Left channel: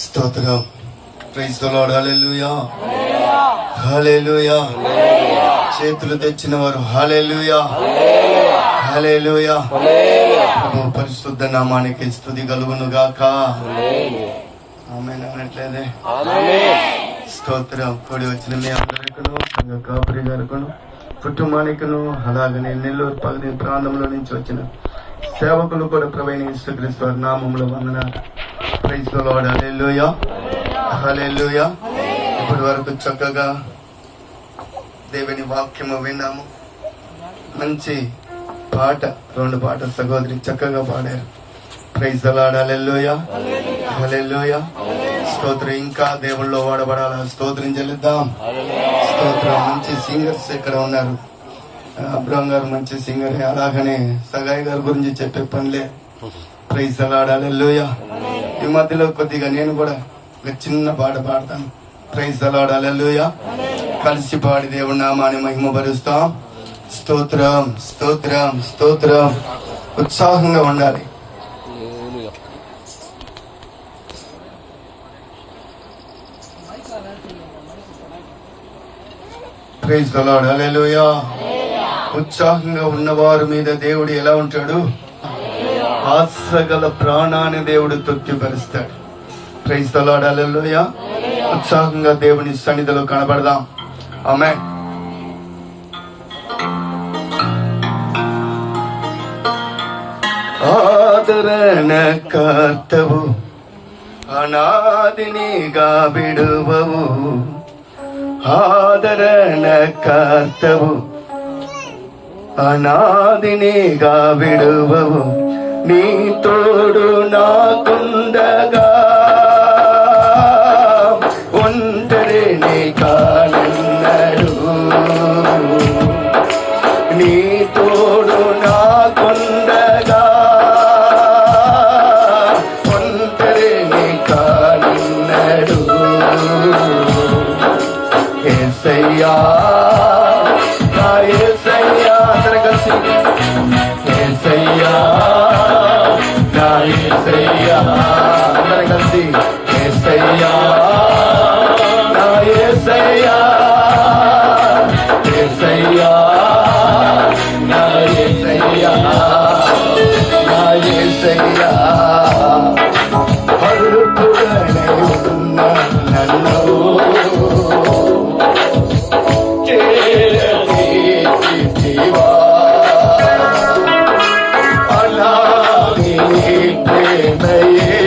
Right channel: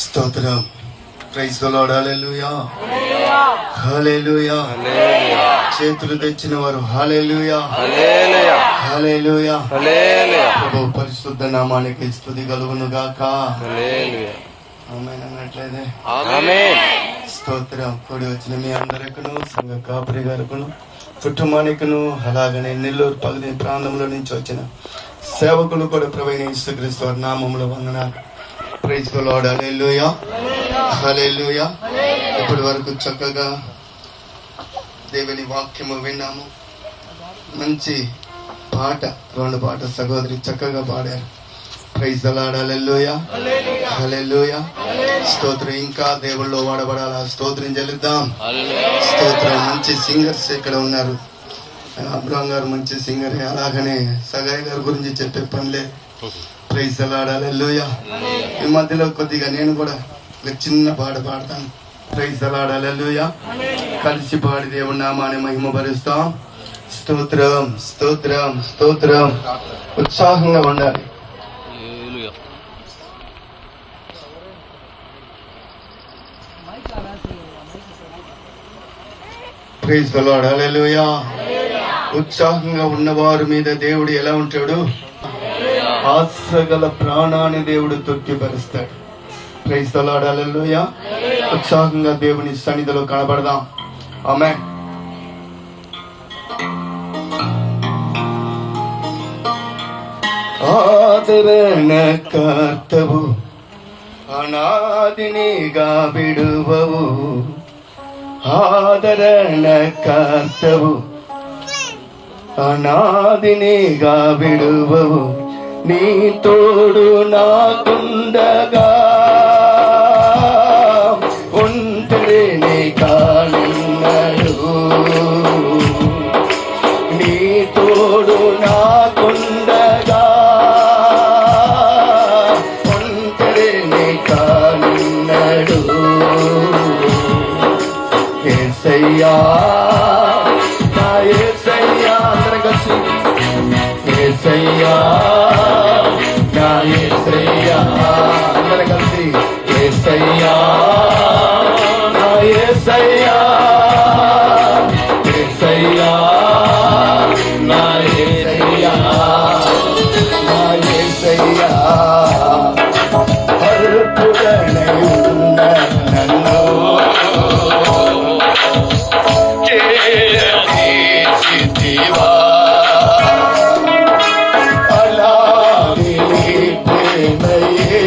స్తోత్రం. Praise the lord. Hallelujah, hallelujah. చేతులు తెచ్చిన వారు హల్లెలూయా, హల్లెలూయా, హల్లెలూయా, హల్లెలూయా. ప్రభు పరిశుద్ధ నామానికి స్తుతి కలుగును గాక. హల్లెలూయా. ఆమేన్ అనట్లేదే? ఆమేన్. స్తోత్రం. కూడి వచ్చిన మీ అందరికను, సంఘ కాపరి గారుకును, కుటుంబానికిను, అలాగనే నెల్లూరు పగది ప్రాంతంలో నుంచి వచ్చిన సేవకులు కూడా ప్రభువైన యేసుక్రీస్తు వారి నామములో వందనాలు. Praise the lord. Hallelujah, hallelujah. ఇప్పటి వరకు చక్కగా దేవుని వాక్యము విన్నాము. మంచి పాట, 2 పాట సహోదరి చక్కగా పాడారు. Praise the lord. Hallelujah, hallelujah. స్తోత్రం. ఇంకా దేవుళ్ళో వాడబడాలా. స్తోత్రం చెల్లిద్దాం. స్తోత్రం. మంచి సింగర్స్ ఇక్కడ ఉన్నారు. అబ్రహం గారు మంచి సింగర్, అలాగనే సగాయ్ గారి గురించి చెప్పే పనిలే. Praise the lord. హల్లెలూయా. ఈ మధ్యలో కొద్దిగా నేను కూడా చిన్న పాట పాడతాను. Praise the lord. హల్లెలూయా. కలిసి పాడి దేవుడి నామాన్ని మహిమపరుస్తాం. స్తోత్రం, స్తోత్రం, స్తోత్రం. ఉత్సాహంగా ఉండాలి. Praise the lord. హల్లెలూయా. ఉత్సాహంగా ఉన్నవారి మీద దేవుడు ఎలా ఉంటాడు? ఆశగల ప్రాణాన్ని దేవుడు తృప్తిపరుస్తాడు. Praise the lord. హల్లెలూయా. ఉత్సాహంగా దేవుని సన్నిధిలో కనబడదాం. ఆమేన్. ఆదరణ కర్తవు, అనాదినిగా విడువవు. ఆదరణ కర్తవు, అనాదినిగా విడువవు. నీ తోడు నాకుండగా ఒంటరిని కానున్నాడు. నీ తోడు నాకుండగా ఒంటరిని కానున్నాడు. యేసయ్యా, నా యేసయ్యా. అందరం కలిసి యేసయ్యా, నా యేసయ్యా. అందరం కలిసి యేసయ్యా, నా యేసయ్యా. యేసయ్యా, నా యేసయ్యా, నా యేసయ్యా. కరుపుగనే ఉన్న నన్ను చేసితివా. అలాగే ప్రేమయే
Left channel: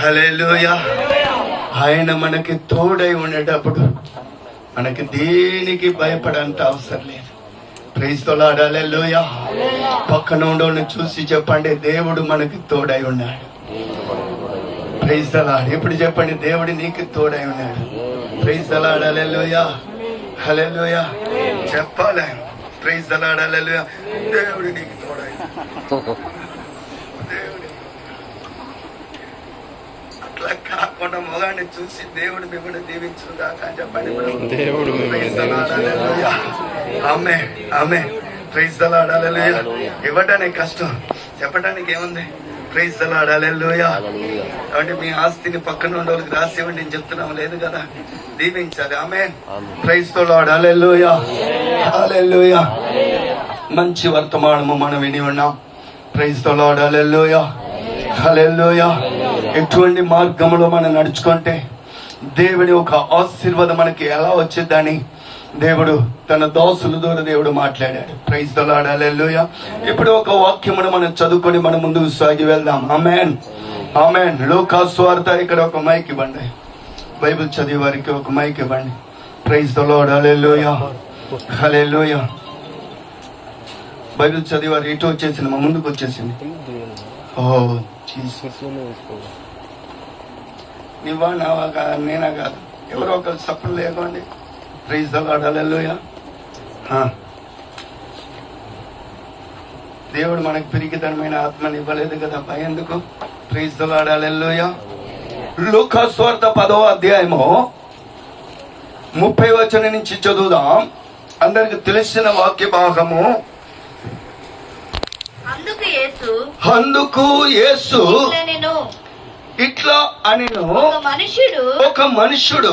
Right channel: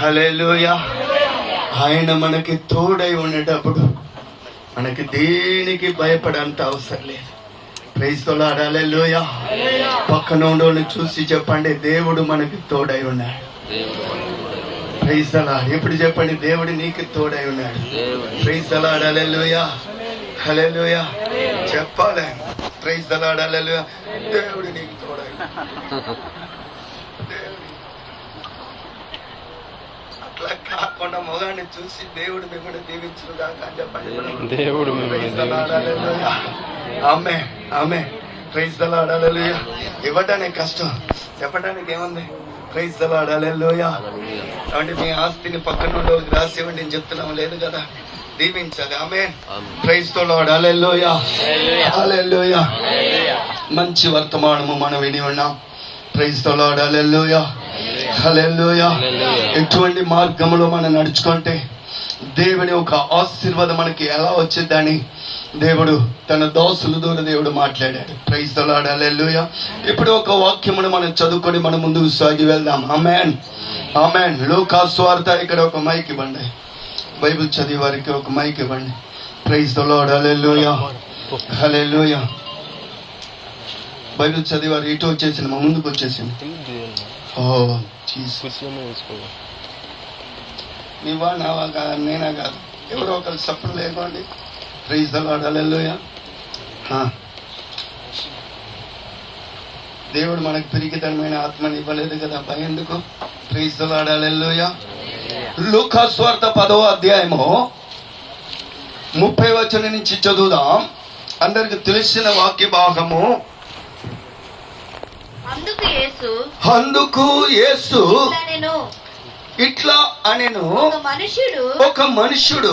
హల్లెలూయా. ఆయన మనకి తోడై ఉండేటప్పుడు మనకి దేనికి భయపడంత అవసరం లేదు. Praise the lord. హల్లెలూయా. పక్కన ఉండోని చూసి చెప్పండి, దేవుడు మనకి తోడై ఉన్నాడు. Praise the Lord. ఇప్పుడు చెప్పండి, దేవుడు నీకు తోడై ఉన్నాడు. Praise the lord. Hallelujah. Hallelujah. చెప్పాలి. Praise the lord. హల్లెలూయా. దేవుడు నీకు తోడై అట్లా కాకుండా మొగాన్ని చూసి దేవుడు మిమ్మల్ని దీవించును గాక అని చెప్పండి. దేవుడు ఆమె ఆమె ప్రైజ్ ది లార్డ్. హల్లెలూయా. ఇవ్వడానికి కష్టం, చెప్పడానికి ఏముంది? Praise the lord. హల్లెలూయా. అంటే మీ ఆస్తిని పక్కన ఉన్న వాళ్ళకి రాసి ఇవ్వండి నేను చెప్తున్నాం, లేదు కదా, దీవించాలి. ఆమె praise the lord. Hallelujah. Hallelujah. మంచి వర్తమానము మనం విని ఉన్నాం. Praise the lord. Hallelujah. Hallelujah. ఎటువంటి మార్గంలో మనం నడుచుకుంటే దేవుని ఒక ఆశీర్వాదం మనకి ఎలా వచ్చిందని దేవుడు తన దాసుల ద్వారా దేవుడు మాట్లాడాడు. Praise the lord. హల్లెలూయా. ఇప్పుడు ఒక వాక్యమును మనం చదువుకొని మనం ముందుకు సాగి వెళ్దాం. ఆమేన్. ఆమేన్. లూకా సువార్త. ఇక్కడ ఒక మైక్ ఇవ్వండి, బైబిల్ చదివే వారికి ఒక మైక్ ఇవ్వండి. Praise the lord. Hallelujah. Hallelujah. Bible చదివారు ఇటు వచ్చేసింది, మా ముందుకు వచ్చేసింది. నీవా నావా కాదు, నేనా కాదు, ఎవరో ఒకరు సపోర్ట్ లేకండి. Praise the lord. హల్లెలూయా. దేవుడు మనకు పిరికితనమైన ఆత్మని ఇవ్వలేదు కదా, భయందుకు. Praise the lord. హల్లెలూయా. లూకా సువార్త 10వ అధ్యాయము 30వ వచనం నుంచి చదువుదాం. అందరికి తెలిసిన వాక్య భాగము. అందుకు యేసు ఇట్లా అనెను, ఒక మనుషుడు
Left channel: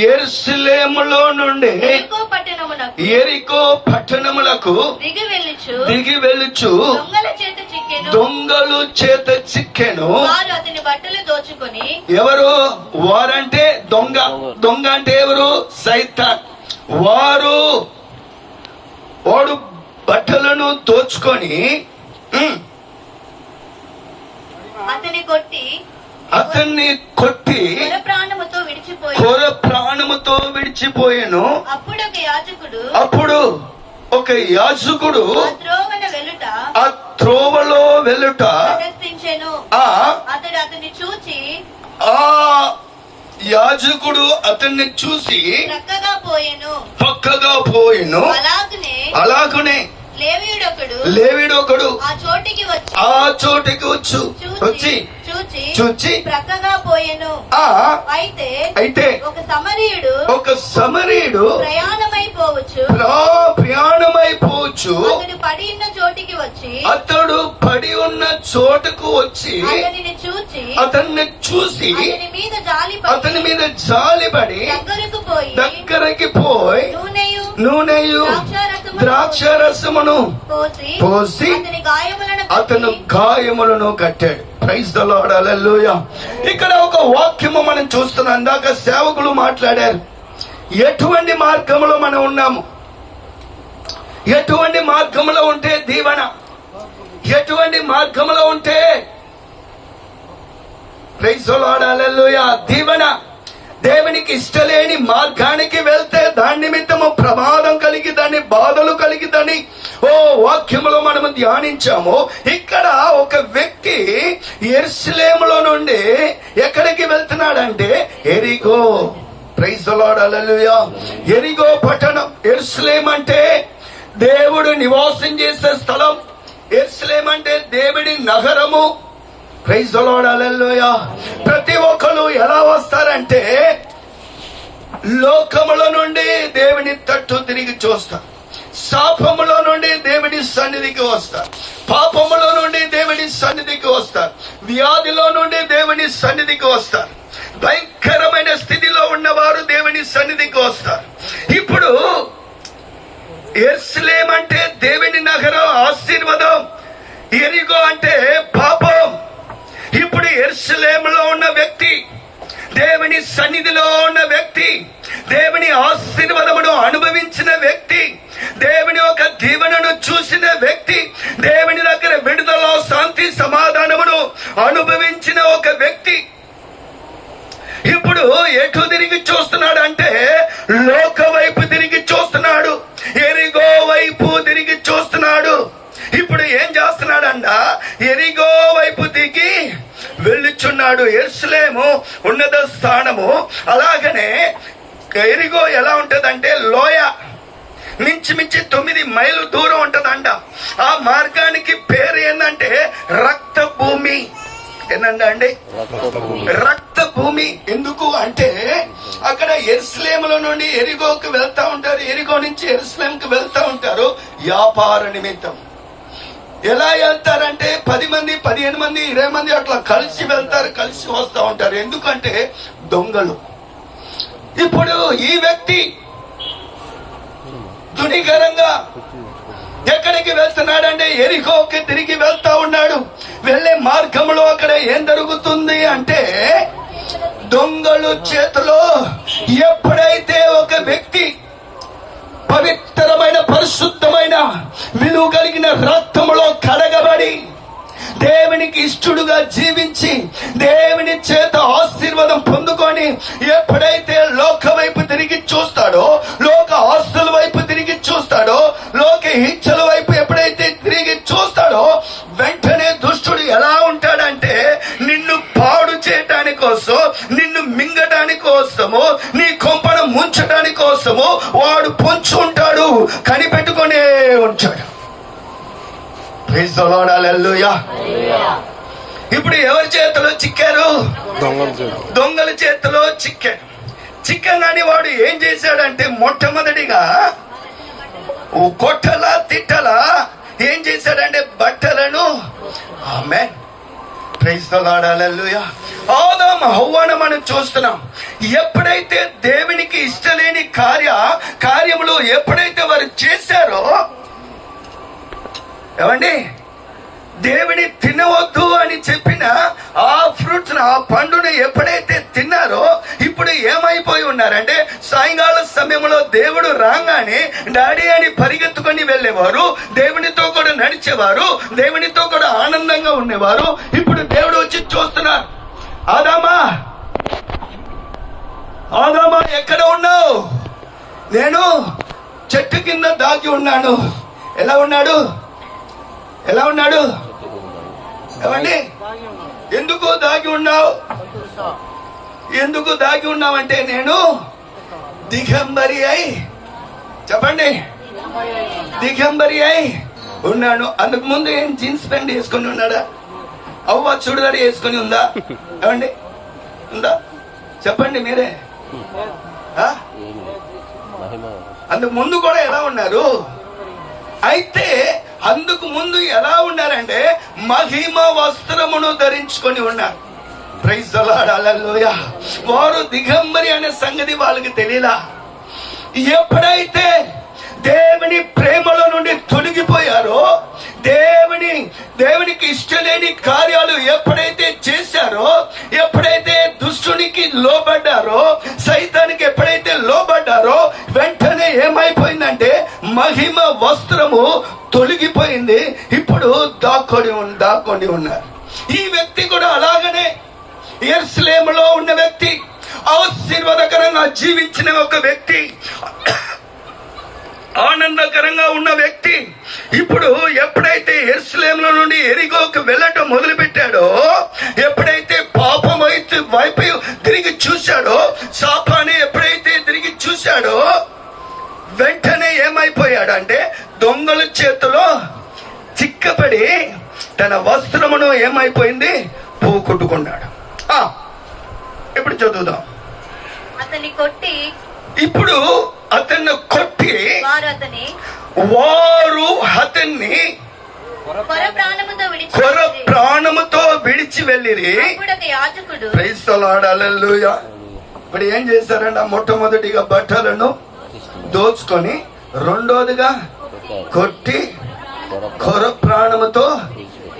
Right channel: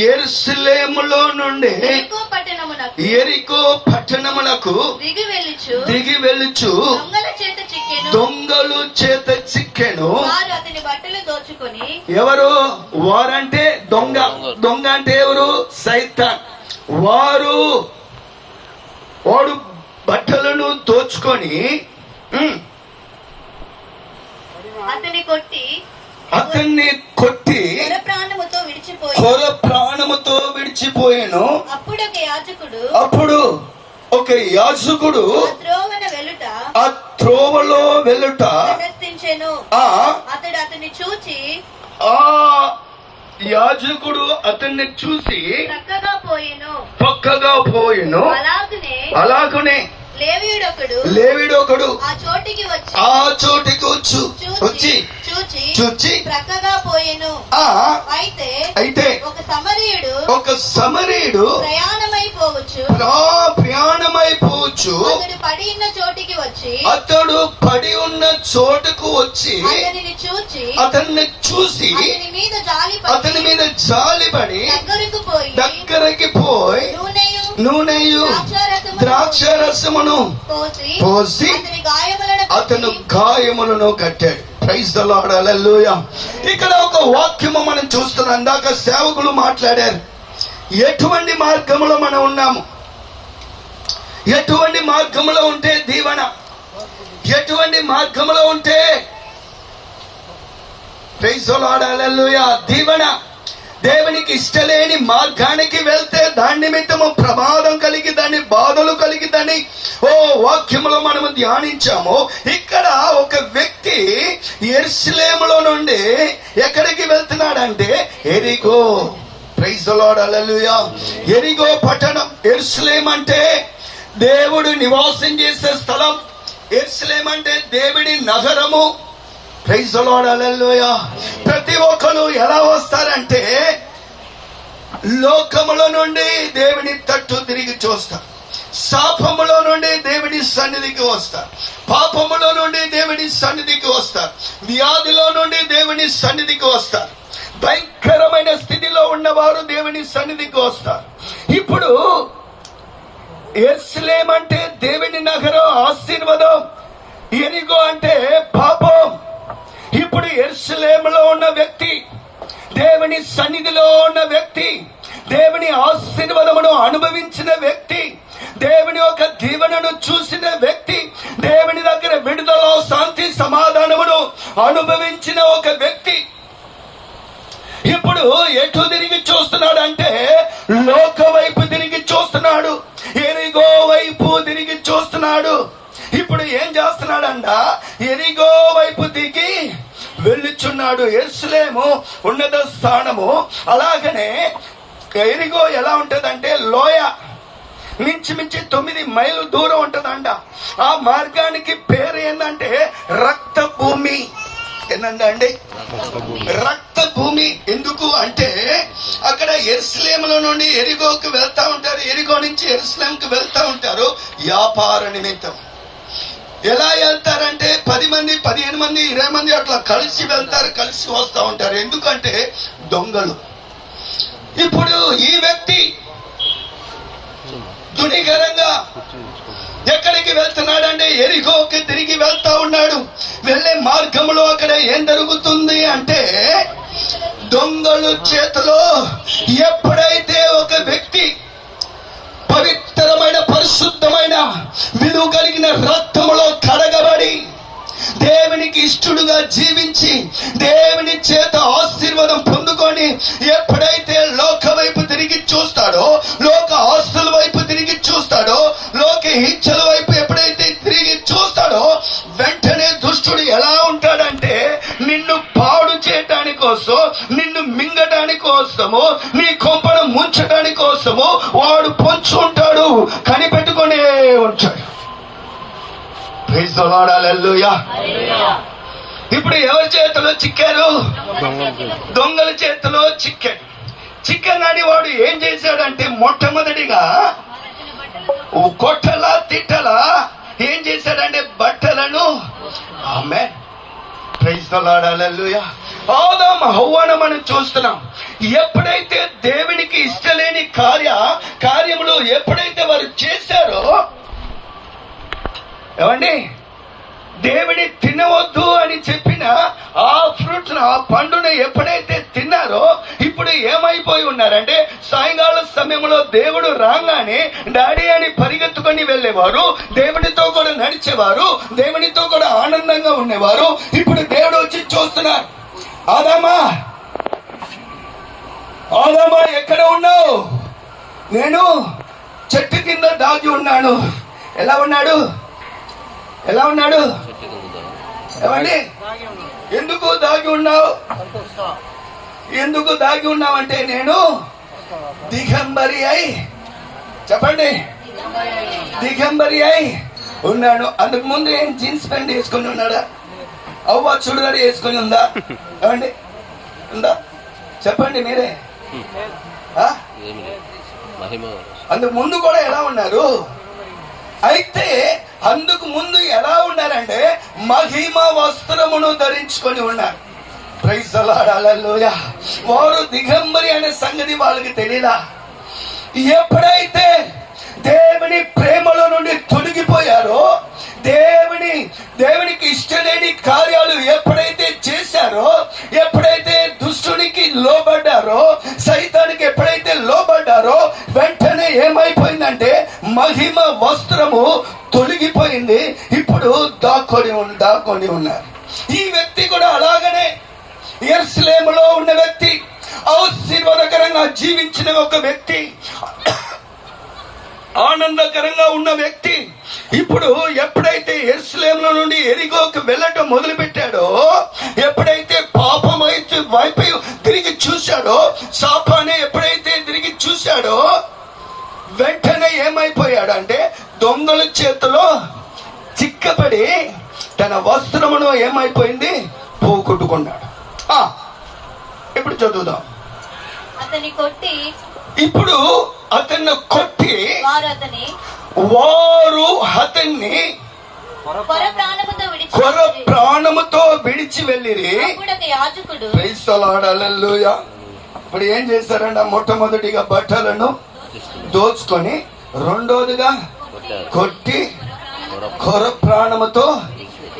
యెరూషలేములో నుండి యెరికో పట్టణములకు దిగి వెళ్ళుచు దొంగలు చేత చిక్కెను. ఎవరు వారంటే? దొంగ. దొంగ అంటే ఎవరు? సైతాన్. వాడు బట్టలను దోచుకొని అతన్ని కొట్టి కొర విడిచిపోయాను. అప్పుడు ఒక యాజకుడు ఆ త్రోవలో వెళ్ళుట ఆ యాజకుడు అతన్ని చూసి పక్కగా పోయెను. అలాగనే లేవీడొకడు ఆ చోటికి వచ్చి చూచి ప్రక్కగా పోయెను. అయితే ఒక సమరీయుడు ప్రయాణమైపోవచ్చు అతడు పడి ఉన్న చోటుకు వచ్చి అతన్ని చూసి అతని మీద జాలిపడి దగ్గరికి పోయి నూనెయు ద్రాక్షరసమును పోసి అతను గాయములను కట్టాడు. ప్రైజ్ ది లార్డ్, హల్లెలూయా. ఇక్కడ ఒక వాక్యము మనం చూస్తున్నాం. ఇందాక సేవకులు మాట్లాడారు. ఎటువంటి మార్గంలో మనం ఉన్నాము, ఎటువంటి మార్గంలో ఉంటే దీవెన, ఎటువంటి మార్గంలో ఉంటే ప్రైజ్ ది లార్డ్, హల్లెలూయా, దీవెన. దేవునికి ఇష్టలేని మార్గానికి వెళ్తే దాని నిమిత్తము ప్రమాదం కలిగి దాన్ని బాధలు కలిగిదని వాక్యములో మనము ధ్యానించాము. ఇక్కడ ఒక వ్యక్తి యెరూషలేములో నుండి ఎక్కడికి వెళ్తున్నాడంటే ఎరిగో. ప్రైజ్ ది లార్డ్, హల్లెలూయా. ఎరిగో పట్టణం. యెరూషలేం అంటే దేవుడు నివాసం చేసే స్థలం. యెరూషలేం అంటే దేవుడి నగరము. ప్రైజ్ ది లార్డ్, హల్లెలూయా. ప్రతి ఒక్కరు ఎలా వస్తారంటే లోకములో నుండి దేవుని తట్టు తిరిగి చూస్తారు, శాపములో నుండి దేవుని సన్నిధికి వస్తారు, పాపములో నుండి దేవుని సన్నిధికి వస్తారు, వ్యాధిలో నుండి దేవుని సన్నిధికి వస్తారు, భయంకరమైన స్థితిలో ఉన్నవారు దేవుని సన్నిధికి వస్తారు. ఇప్పుడు యెరూషలేం అంటే దేవుని నగరం, ఆశీర్వాదం. ఎరిగో అంటే పాపం. ఇప్పుడు యెరూషలేములో ఉన్న వ్యక్తి, దేవుని సన్నిధిలో ఉన్న వ్యక్తి, దేవుని ఆశీర్వాదమును అనుభవించిన వ్యక్తి, దేవుని యొక్క దీవెనను చూసిన వ్యక్తి, దేవుని దగ్గర విడుదల, శాంతి, సమాధానమును అనుభవించిన ఒక వ్యక్తి ఇప్పుడు ఎటు తిరిగి చూస్తున్నాడు అంటే లోక వైపు తిరిగి చూస్తున్నాడు, ఎరిగో వైపు తిరిగి చూస్తున్నాడు. ఇప్పుడు ఏం చేస్తున్నాడంట? ఎరిగో వైపు దిగి వెళ్ళుచున్నాడు. యెరూషలేము ఉన్నత స్థానము. అలాగనే ఎరిగో ఎలా ఉంటదంటే లోయ, మించి 9 మైళ్ళు దూరం ఉంటదంట. ఆ మార్గానికి పేరు ఏంటంటే రక్త భూమి. ఏంటండి? రక్త భూమి. ఎందుకు అంటే అక్కడ యెరూషలేములో నుండి ఎరిగోకి వెళ్తా ఉంటారు, ఎరిగో నుంచి యెరూషలేంకి వెళ్తా ఉంటారు వ్యాపార నిమిత్తం. ఎలా వెళ్తారంటే 10 మంది, 15 మంది, 20 మంది అట్లా కలిసి వెళ్తారు, కలిసి వస్తూ ఉంటారు. ఎందుకంటే దొంగలు. ఇప్పుడు ఈ వ్యక్తి దునికరంగా ఎక్కడికి వెళ్తున్నాడంటే ఎరికోకి తిరిగి వెళ్తా ఉన్నాడు. వెళ్లే మార్గంలో అక్కడ ఏం జరుగుతుంది అంటే దొంగలు చేతిలో ఎప్పుడైతే ఒక వ్యక్తి పవిత్రమైన, పరిశుద్ధమైన, విలువ కలిగిన రక్తములో కడగబడి దేవునికి ఇష్టడుగా జీవించి దేవుని చేత ఆశీర్వాదం పొందుకొని ఎప్పుడైతే లోక వైపు తిరిగి చూస్తాడో, లోక ఆస్తుల వైపు తిరిగి చూస్తాడో, లోక ఇచ్చల వైపు ఎప్పుడైతే తిరిగి చూస్తాడో వెంటనే దుష్టుడు ఎలా ఉంటాడంటే నిన్ను పాడు చేయటానికి కోసం, నిన్ను మింగటానికి కోసము, నీ కొంపను ముంచటానికి కోసము వాడు పొంచి ఉంటాడు, కనిపెట్టుకునే ఉంటాడు. ఇప్పుడు ఎవరి చేతిలో చిక్కారు? దొంగల చేతిలో చిక్కాడు. చిక్కగాని వాడు ఏం చేశాడంటే మొట్టమొదటిగా కొట్టలా తిట్టలా ఏం చేశాడంటే బట్టలను ఆదాము హవ్వను మనం చూస్తున్నాం. ఎప్పుడైతే దేవునికి ఇష్టలేని కార్యములు ఎప్పుడైతే వారు చేశారో, ఏమండి, దేవుని తినవద్దు అని చెప్పిన ఆ ఫ్రూట్స్, ఆ పండును ఎప్పుడైతే తిన్నారో ఇప్పుడు ఏమైపోయి ఉన్నారంటే సాయంకాల సమయంలో దేవుడు రాగానే డాడీ అని పరిగెత్తుకొని వెళ్ళేవారు, దేవునితో కూడా నడిచేవారు, దేవునితో కూడా ఆనందంగా ఉండేవారు. ఇప్పుడు దేవుడు వచ్చి చూస్తున్నారు, ఆదామా ఆదామా ఎక్కడ ఉన్నావు? నేను చెట్టు కింద దాగి ఉన్నాను. ఎలా ఉన్నాడు? ఎలా ఉన్నాడు? ఏమండి, ఎందుకు దాగి ఉన్నావు? ఎందుకు దాగి ఉన్నావంటే నేను దిగంబరి అయి, చెప్పండి, దిగంబరి అయి ఉన్నాడు. అందుకు ముందు ఏం జీన్స్ ప్యాంట్ వేసుకుని ఉన్నాడా? అవ్వ చుడిదారి వేసుకుని ఉందా? ఏమండి ఉందా? చెప్పండి మీరే. అందుకు ముందు కూడా ఎలా ఉన్నారు? అయితే అందుకు ముందు ఎలా ఉన్నారంటే మహిమ వస్త్రమును ధరించుకొని ఉన్నారు. ప్రైజ్ ది లార్డ్, హల్లెలూయా. వారు దిగంబరి అనే సంగతి వాళ్ళకి తెలియలా. ఎప్పుడైతే దేవుని ప్రేమలో నుండి తొలగిపోయారో, దేవునికి ఇష్టలేని కార్యాలు ఎప్పుడైతే చేశారో, ఎప్పుడైతే దుష్టునికి లోబడ్డారో, సైతానికి ఎప్పుడైతే లోబడ్డారో, వెంటనే ఏమైపోయిందంటే మహిమ వస్త్రము తొలగిపోయింది. ఇప్పుడు దాక్కొని ఉన్నారు. ఈ వ్యక్తి కూడా అలాగనే యెరూషలేములో ఉన్న వ్యక్తి, ఆశీర్వాదకరంగా జీవించిన ఒక వ్యక్తి, ఆనందకరంగా ఉన్న వ్యక్తి, ఇప్పుడు ఎప్పుడైతే యెరూషలేములో నుండి యెరికోకు వెళ్ళటం మొదలు పెట్టాడో, ఎప్పుడైతే పాపం వైపు తిరిగి చూశాడో, సాతాను ఎప్పుడైతే తిరిగి చూశాడో, వెంటనే ఏమైపోయాడు అంటే దొంగల చేతిలో చిక్కబడి తన వస్త్రమును ఏమైపోయింది పోగొట్టుకున్నాడు. ఇప్పుడు చదువుదాం. ఇప్పుడు అతన్ని కొట్టి వారు అతన్ని కొర ప్రాణముతో విడిచి వెళ్ళిరి. Praise the lord, hallelujah. ఇప్పుడు ఏం చేశారంటే మొట్టమొదటిగా బట్టలను దోచుకొని, రెండోదిగా కొట్టి కొర ప్రాణముతో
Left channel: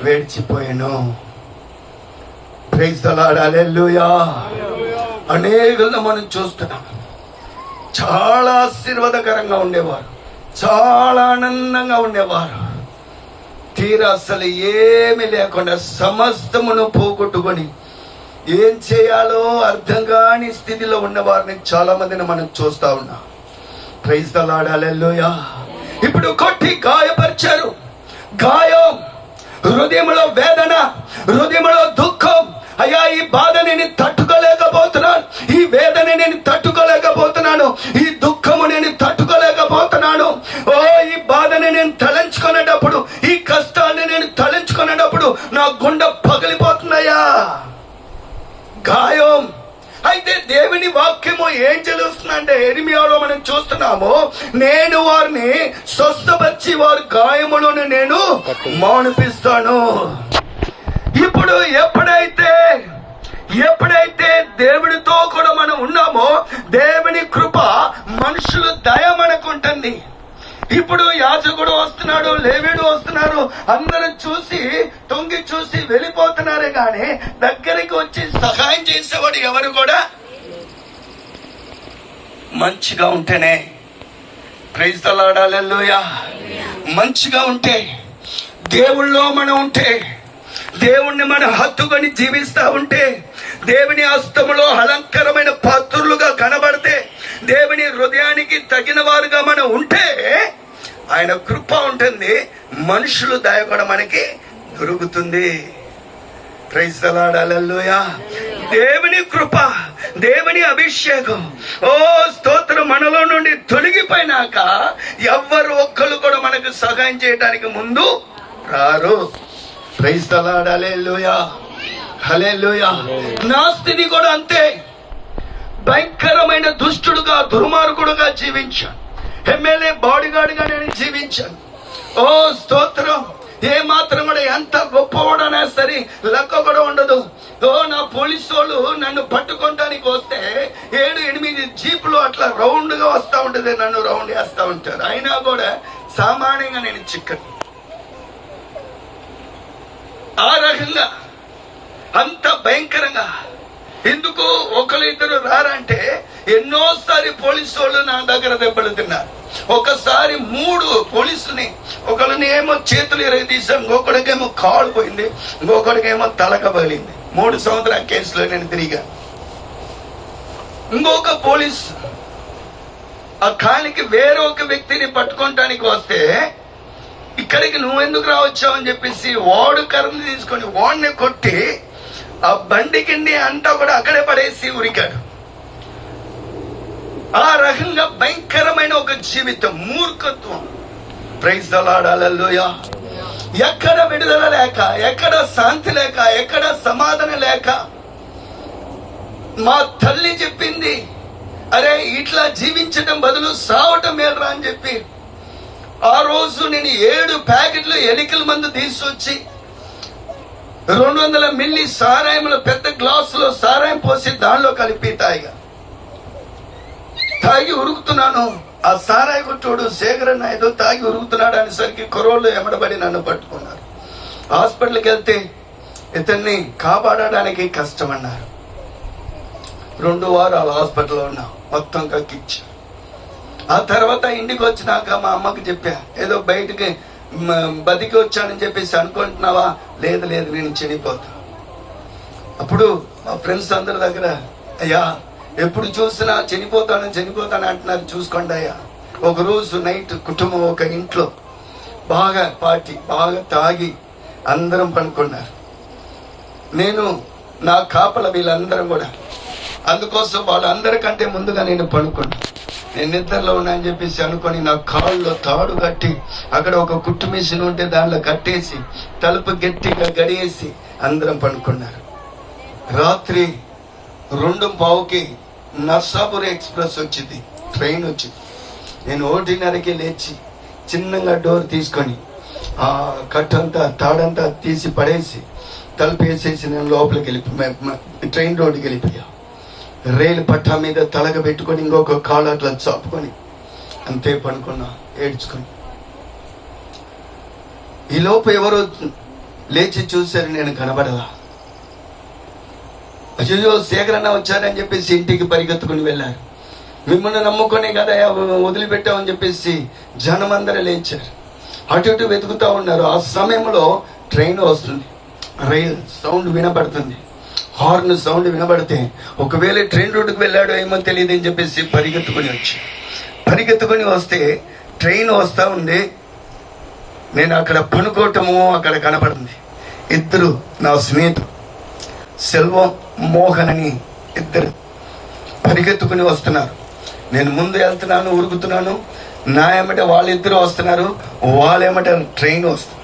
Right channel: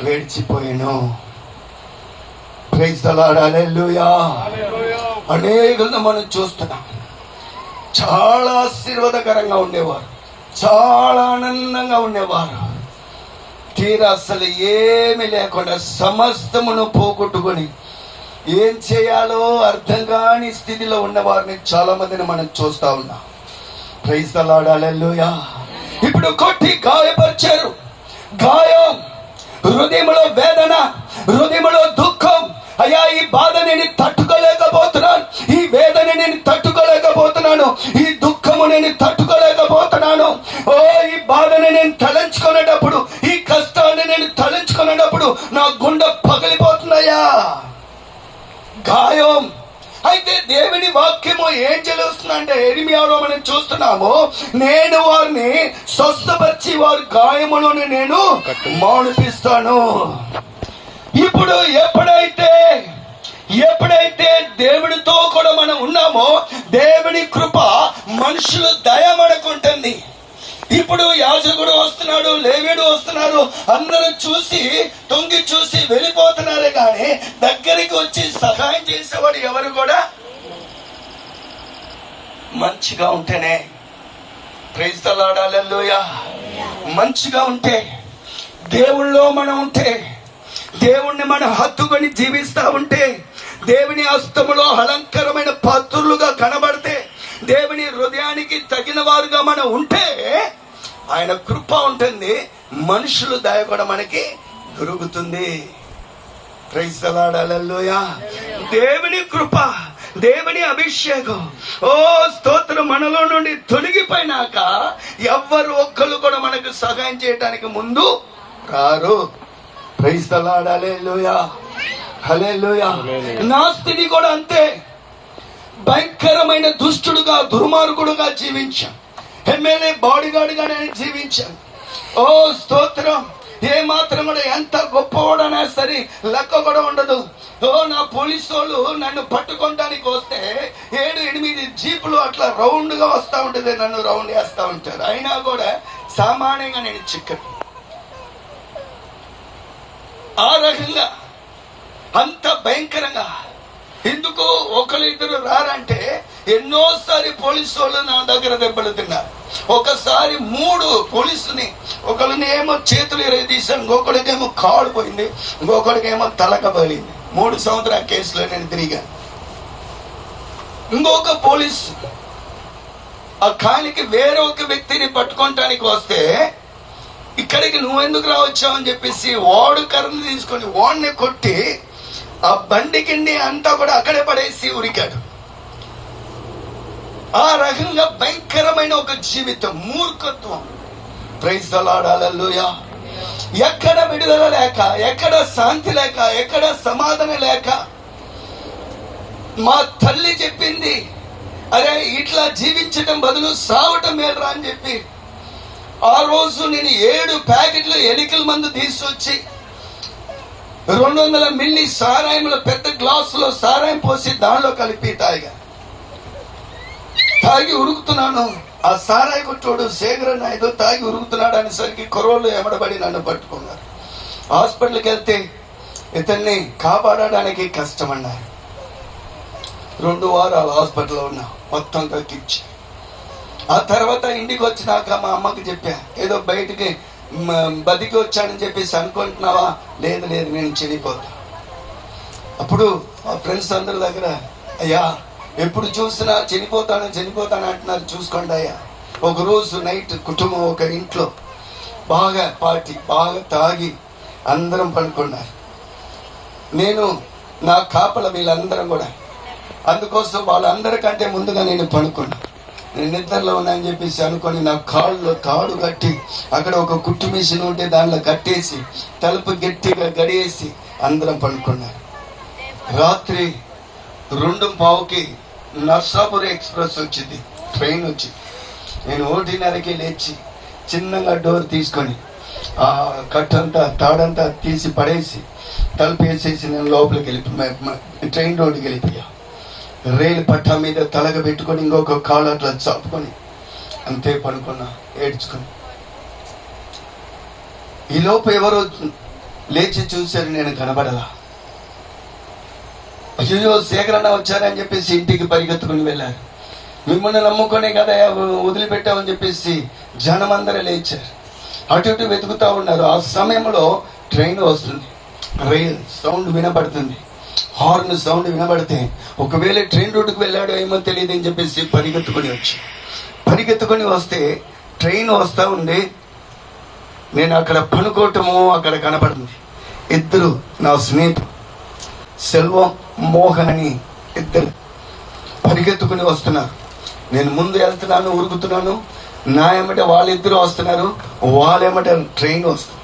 విడిచిపోయాను. ప్రైజ్ ది లార్డ్, హల్లెలూయా. అనేకులను మనం చూస్తున్నాం. చాలా ఆశీర్వాదకరంగా ఉండేవారు, చాలా ఆనందంగా ఉండేవారు. తీరా అసలు ఏమీ లేకుండా సమస్తమును పోగొట్టుకొని ఏం చేయాలో అర్థం కాని స్థితిలో ఉన్న వారిని చాలా మందిని మనం చూస్తా ఉన్నాం. Praise the lord, hallelujah. ఇప్పుడు కొట్టి గాయపరిచారు. గాయం, హృదయంలో వేదన, హృదయంలో దుఃఖం. అయ్యా, ఈ బాధ నేను తట్టుకోలేకపోతున్నాను, ఈ వేదన నేను తట్టుకోలేకపోతున్నాను, ఈ దుఃఖము నేను తట్టుకోలేకపోతున్నాను. ఓ, ఈ బాధని నేను తలంచుకునేటప్పుడు, ఈ కష్టాన్ని నేను తలంచుకునేటప్పుడు నా గుండె పగిలిపోతున్నాయా? గాయం. అయితే దేవుని వాక్యము ఏం చెల్లుస్తుందంటే, యెరెమీయాలో మనం చూస్తున్నాము, నేను వారిని స్వస్థపరిచి వారి గాయములను నేను మాన్పిస్తాను. ఇప్పుడు ఎప్పుడైతే దేవుడితో కూడా మనం ఉన్నామో, దేవుని కృప, మనుషులు దయ మనకుంటుంది. ఇప్పుడు యాజకుడు వస్తున్నాడు, లేవీయుడు వస్తున్నారు, అందరూ చూసి తొంగి చూసి వెళ్ళిపోతున్నారే కానీ దగ్గరికి వచ్చి సహాయం చేసేవాడు ఎవరు కూడా మంచిగా ఉంటేనే. ప్రైజ్ ది లార్డ్, హల్లెలూయా. మంచిగా ఉంటే, దేవుళ్ళో మనం ఉంటే, దేవుణ్ణి మనం హత్తుకొని జీవిస్తా ఉంటే, దేవుని హస్తములో అలంకరమైన పాత్రులుగా కనబడితే, దేవుని హృదయానికి తగిన వారుగా మనం ఉంటే ఆయన కృప ఉంటుంది, మనుషులు దయ కూడా మనకి దొరుకుతుంది. ప్రైజ్ ది లార్డ్, హల్లెలూయా. దేవుని కృప, దేవుని అభిషేకం, ఓ స్తోత్రం, మనలో నుండి తొలగిపోయినాక ఎవ్వరు ఒక్కరు కూడా మనకు సహాయం చేయడానికి ముందు రారు. ప్రైజ్ ది లార్డ్, హల్లెలూయా, హల్లెలూయా. నా స్థితి కూడా అంతే. భయంకరమైన దుష్టుడుగా, దుర్మార్గుడుగా జీవించాను. ఎమ్మెల్యే బాడీగార్డ్ గా నేను జీవించాను. ఓ స్తోత్రం. ఏ మాత్రం కూడా ఎంత గొప్పవాడనే సరే లెక్క కూడా ఉండదు. ఓ, నా పోలీసు వాళ్ళు నన్ను పట్టుకోవడానికి వస్తే 7-8 జీపులు అట్లా రౌండ్ గా వస్తా ఉంటది, నన్ను రౌండ్ వేస్తా ఉంటారు. అయినా కూడా సామాన్యంగా నేను చిక్కను. ఆ రకంగా అంత భయంకరంగా. ఎందుకు ఒకరిద్దరు రారంటే, ఎన్నోసారి పోలీసు వాళ్ళు నా దగ్గర దెబ్బలు తిన్నారు. ఒకసారి 3 పోలీసుని, ఒకరిని ఏమో చేతులు ఎరగదీశాను, ఇంకొకడికేమో కాలు పోయింది, ఇంకొకడికేమో తలక పగిలింది. 3 సంవత్సరాల కేసులో నేను తిరిగాను. ఇంకొక పోలీసు ఆ కాలికి వేరే ఒక వ్యక్తిని పట్టుకోవటానికి వస్తే, ఇక్కడికి నువ్వెందుకు రావచ్చావు అని చెప్పేసి వాడు కర్రను తీసుకొని వాడిని కొట్టి ఆ బండి కింది అంతా కూడా అక్కడే పడేసి ఉరికాడు. ఆ రకంగా భయంకరమైన ఒక జీవితం, మూర్ఖత్వం. ప్రైజ్ ది లార్డ్, హల్లెలూయా. ఎక్కడ విడుదల లేక, ఎక్కడ శాంతి లేక, ఎక్కడ సమాధానం లేక, మా తల్లి చెప్పింది, అరే ఇట్లా జీవించడం బదులు సావటం మేలురా అని చెప్పి ఆ రోజు నేను 7 ప్యాకెట్లు ఎలికల మందు తీసుకొచ్చి 200 మిల్లీ సారాయంలో పెద్ద గ్లాసులో సారాయం పోసి దానిలో కలిపి తాగి ఉరుకుతున్నాను. ఆ సారాయి కొట్టోడు శేఖరన్న ఏదో తాగి ఉరుకుతున్నాడు అనేసరికి కొరవలు ఎమడబడి నన్ను పట్టుకున్నారు. హాస్పిటల్కి వెళ్తే ఇతన్ని కాపాడడానికి కష్టమన్నారు. 2 వారాలు హాస్పిటల్లో ఉన్నా, మొత్తం కక్కిచ్చి. ఆ తర్వాత ఇంటికి వచ్చినాక మా అమ్మకి చెప్పా, ఏదో బయటికి బతికి వచ్చానని చెప్పేసి అనుకుంటున్నావా? లేదు లేదు, నేను చనిపోతా. అప్పుడు మా ఫ్రెండ్స్ అందరి దగ్గర, అయ్యా ఎప్పుడు చూసినా చనిపోతాను అంటున్నారు, చూసుకోండి అయ్యా. ఒక రోజు నైట్ కుటుంబం ఒక ఇంట్లో బాగా పార్టీ, బాగా తాగి అందరం పనుకున్నారు. నేను నా కాపల వీళ్ళందరం కూడా, అందుకోసం వాళ్ళందరికంటే ముందుగా నేను పనుకున్నా. నేను నిద్రలో ఉన్నానని చెప్పేసి అనుకొని నా కాళ్ళలో తాడు కట్టి, అక్కడ ఒక కుట్టు మిషన్ ఉంటే దానిలో కట్టేసి తలుపు గట్టిగా గడియేసి అందరం పనుకున్నారు. రాత్రి 2:15కి నర్సాపురం ఎక్స్ప్రెస్ వచ్చింది, ట్రైన్ వచ్చింది. నేను 1:30కి లేచి చిన్నగా డోర్ తీసుకొని ఆ కట్టంతా తాడంతా తీసి పడేసి తలుపు వేసేసి నేను లోపలికి వెళ్ళిపోయి ట్రైన్ రోడ్డుకి వెళ్ళిపోయా. రైలు పట్టా మీద తలగ పెట్టుకొని ఇంకొక కాళ్ళు అట్లా చాపుకొని అంతే పనుకున్నా ఏడ్చుకుని. ఈ లోపు ఎవరో లేచి చూశారు, నేను కనబడలా. అయ్యో శేఖరన్న వచ్చారని చెప్పేసి ఇంటికి పరిగెత్తుకుని వెళ్ళారు. మిమ్మల్ని నమ్ముకునే కదా వదిలిపెట్టామని చెప్పేసి జనం అందరూ లేచారు. అటు ఇటు వెతుకుతా ఉన్నారు. ఆ సమయంలో ట్రైన్ వస్తుంది, రైల్ సౌండ్ వినబడుతుంది. హార్న్ సౌండ్ వినబడితే ఒకవేళ ట్రైన్ రోడ్డుకు వెళ్ళాడో ఏమో తెలియదు అని చెప్పేసి పరిగెత్తుకొని వస్తే ట్రైన్ వస్తా ఉంది. నేను అక్కడ పనుకోవటము అక్కడ కనపడింది. 2 నా స్నేహితులు సెల్వం, మోహన్ అని 2 పరిగెత్తుకుని వస్తున్నారు. నేను ముందు వెళ్తున్నాను, ఉరుకుతున్నాను. నా ఏమంటే వాళ్ళిద్దరూ వస్తున్నారు, వాళ్ళేమంటే ట్రైన్ వస్తుంది.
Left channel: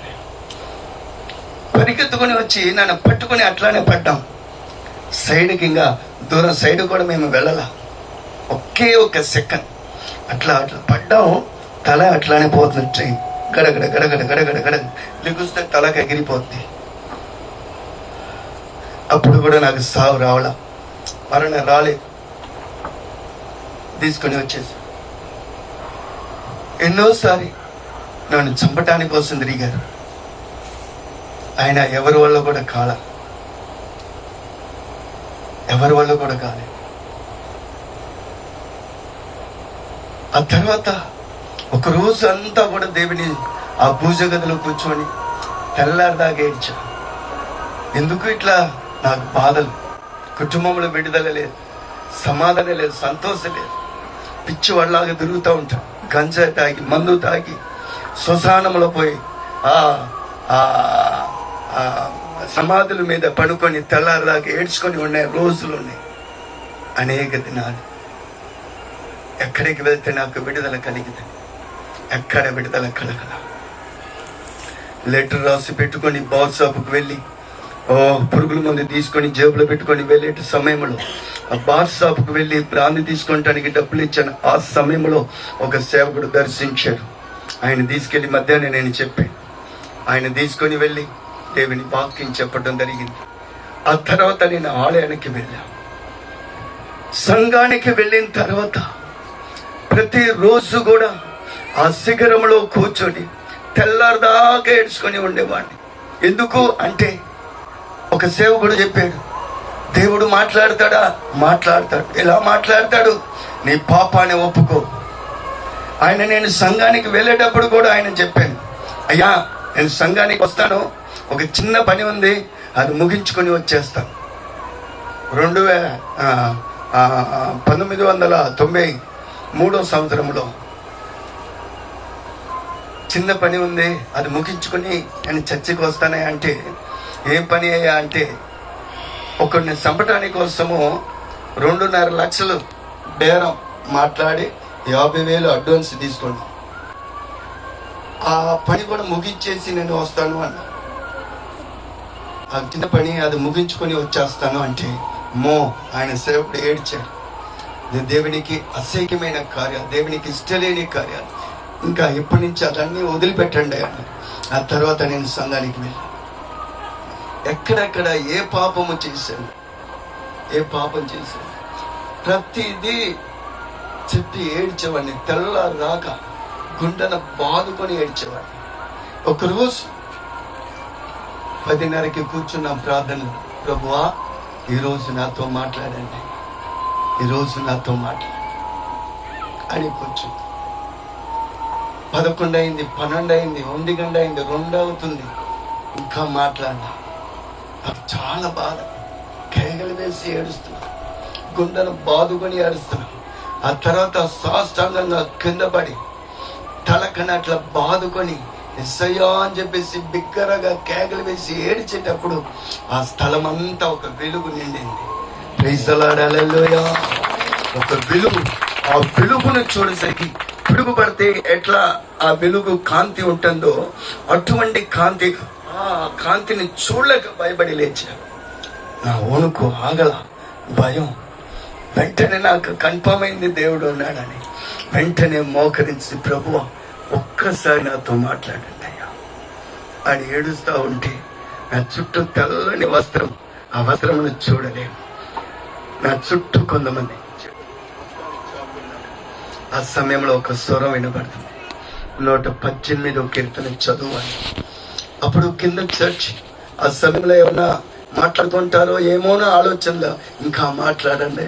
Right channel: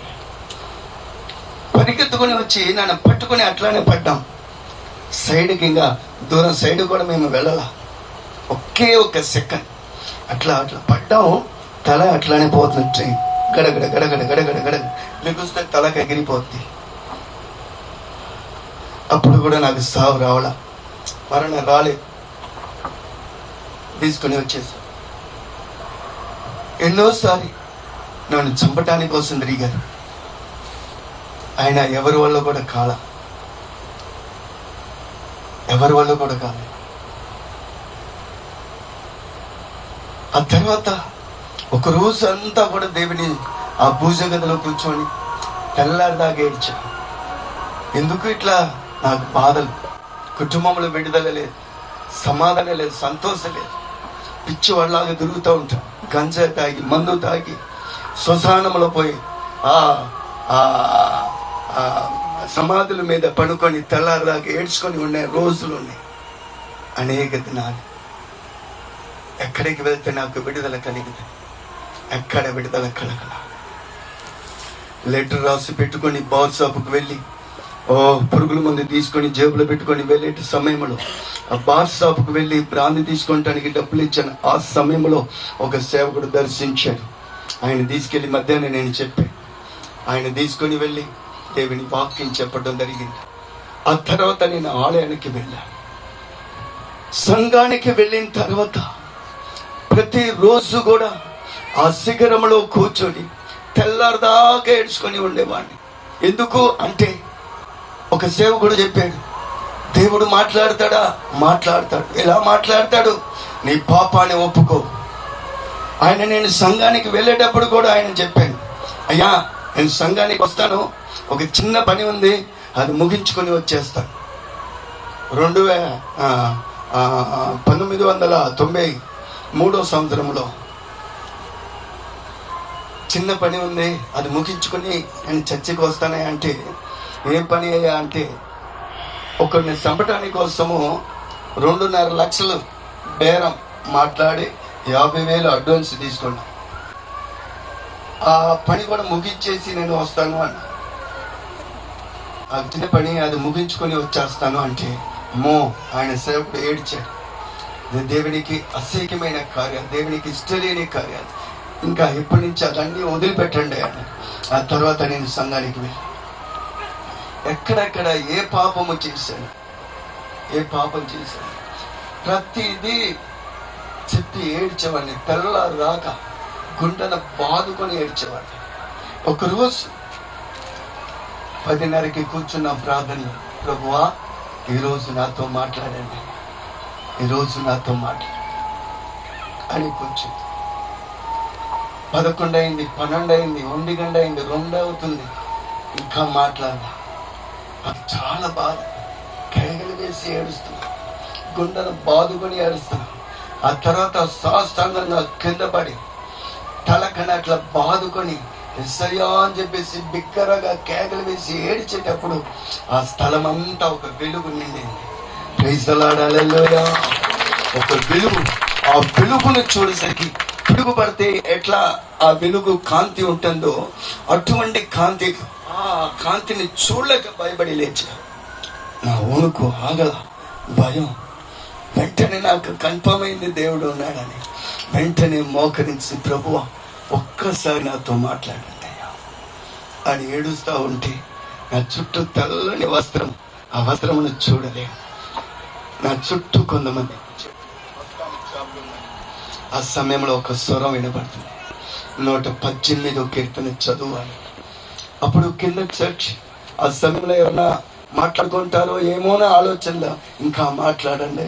పరిగెత్తుకుని వచ్చి నన్ను పట్టుకుని అట్లానే పడ్డాం. సైడ్కి ఇంకా దూరం సైడ్ కూడా మేము వెళ్ళాల. ఒకే ఒక సెకండ్ అట్లా పడ్డాము. తల అట్లానే పోతుంది. ట్రైన్ గడగడ గడగడ గడగడ గడగడ లెగుస్తే తలకి ఎగిరిపోద్ది. అప్పుడు కూడా నాకు సావు రావలా, మరణ రాలేదు. తీసుకొని వచ్చేసి ఎన్నోసారి నన్ను చంపటానికి కోసం తిరిగారు. ఆయన ఎవరి వల్ల కూడా కాలేదు. ఆ తర్వాత ఒక రోజు అంతా కూడా దేవుని ఆ పూజ గదిలో కూర్చొని తెల్లారిదాకా ఏడ్చా. ఎందుకు ఇట్లా నాకు బాధలు, కుటుంబంలో విడుదల లేదు, సమాధానం లేదు, సంతోషం లేదు. పిచ్చి వాళ్ళలాగా తిరుగుతూ ఉంటాం. గంజా తాగి, మందు తాగి, శ్మశానంలో పోయి సమాధుల మీద పడుకొని తెల్లారిదాకా ఏడ్చుకొని ఉండే రోజులు ఉన్నాయి. అనేక దినాలు. ఎక్కడికి వెళ్తే నాకు విడుదల కలిగింది, ఎక్కడ విడుదల కలగల. లెటర్ రాసి పెట్టుకొని బాల్ షాపుకి వెళ్ళి పురుగుల మందు తీసుకొని జేబులో పెట్టుకొని వెళ్ళే సమయంలో ఆ బార్ షాపుకి వెళ్ళి బ్రాంది తీసుకోవటానికి డబ్బులు ఇచ్చాను. ఆ సమయంలో ఒక సేవకుడు దర్శించాడు. ఆయన తీసుకెళ్లి మధ్యాహ్నం నేను చెప్పాను. ఆయన తీసుకొని వెళ్ళి దేవుని వాక్యం చెప్పడం జరిగింది. ఆ తర్వాత నేను ఆలయానికి వెళ్ళాను. సంఘానికి వెళ్ళిన తర్వాత ప్రతిరోజు కూడా ఆ శిఖరంలో కూర్చొని తెల్లారిదాకా ఏడ్చుకొని ఉండేవాడిని. ఎందుకు అంటే ఒక సేవకుడు చెప్పాడు, దేవుడు మాట్లాడతాడా? మాట్లాడతాడు. ఎలా మాట్లాడతాడు? నీ పాపాన్ని ఒప్పుకో. నేను సంఘానికి వెళ్ళేటప్పుడు కూడా ఆయన చెప్పాను, అయ్యా నేను సంఘానికి వస్తాను, ఒక చిన్న పని ఉంది, అది ముగించుకొని వచ్చేస్తాను. 1993 సంవత్సరంలో చిన్న పని ఉంది, అది ముగించుకొని నేను చర్చికి వస్తానే. అంటే ఏం పని అయ్యా అంటే, ఒకరిని చంపటానికి కోసము 2.5 లక్షలు బేరం మాట్లాడి 50,000 అడ్వాన్స్ తీసుకున్నాం. ఆ పని కూడా ముగించేసి నేను వస్తాను అన్న. ఆ చిన్న పని అది ముగించుకొని వచ్చేస్తాను అంటే ఆయన సేవకుడు ఏడ్చాడు. దేవునికి అసహ్యమైన కార్యాలు, దేవునికి ఇష్టలేని కార్యాలు, ఇంకా ఇప్పటి నుంచి అదన్నీ వదిలిపెట్టండి అన్న. ఆ తర్వాత నేను సంఘానికి వెళ్ళి ఎక్కడెక్కడ ఏ పాపం చేశాను ప్రతిదీ చెప్పి ఏడ్చేవాడిని. తెల్లవారు రాక గుండెను బాదుకొని ఏడ్చేవాడిని. ఒకరోజు 10:30కి కూర్చున్న ప్రార్థన, ప్రభువా ఈరోజు నాతో మాట్లాడండి, ఈరోజు నాతో మాట్లాడు అని కూర్చుంది. 11 అయింది, 12 అయింది, 1 గంట అయింది, 2 అవుతుంది, ఇంకా మాట్లాడినా. నాకు చాలా బాధ, కేకలు వేసి ఏడుస్తున్నా, గుండెను బాదుకొని ఏడుస్తున్నా. ఆ తర్వాత సాష్టాంగంగా కింద పడి తలకని అట్లా బాదుకొని ఎస్సయ్యా అని చెప్పేసి బిగ్గరగా కేకలు వేసి ఏడ్చేటప్పుడు ఆ స్థలం అంతా ఒక వెలుగు నిండింది. ప్రైజ్ ది లార్డ్, హల్లెలూయా. ఒక వెలుగు, ఆ వెలుగును చూడసరికి పిడుగు పడితే ఎట్లా ఆ వెలుగు కాంతి ఉంటుందో అటువంటి కాంతి, ఆ కాంతిని చూడలేక భయపడి లేచా. నా వణుకు ఆగల, భయం. వెంటనే నాకు కన్ఫర్మ్ అయింది దేవుడు ఉన్నాడని. వెంటనే మోకరించి, ప్రభువా ఒక్కసారి నాతో మాట్లాడండి అయ్యా అని ఏడుస్తా ఉంటే నా చుట్టూ తెల్లని వస్త్రం, ఆ వస్త్రమును చూడలేను. నా చుట్టూ కొంతమంది. ఆ సమయంలో ఒక స్వరం వినపడుతుంది, 118వ కీర్తన చదువాలి. అప్పుడు కింద చర్చ్, ఆ సమయంలో ఏమన్నా మాట్లాడుకుంటారో ఏమోనో ఆలోచనలో ఇంకా మాట్లాడండి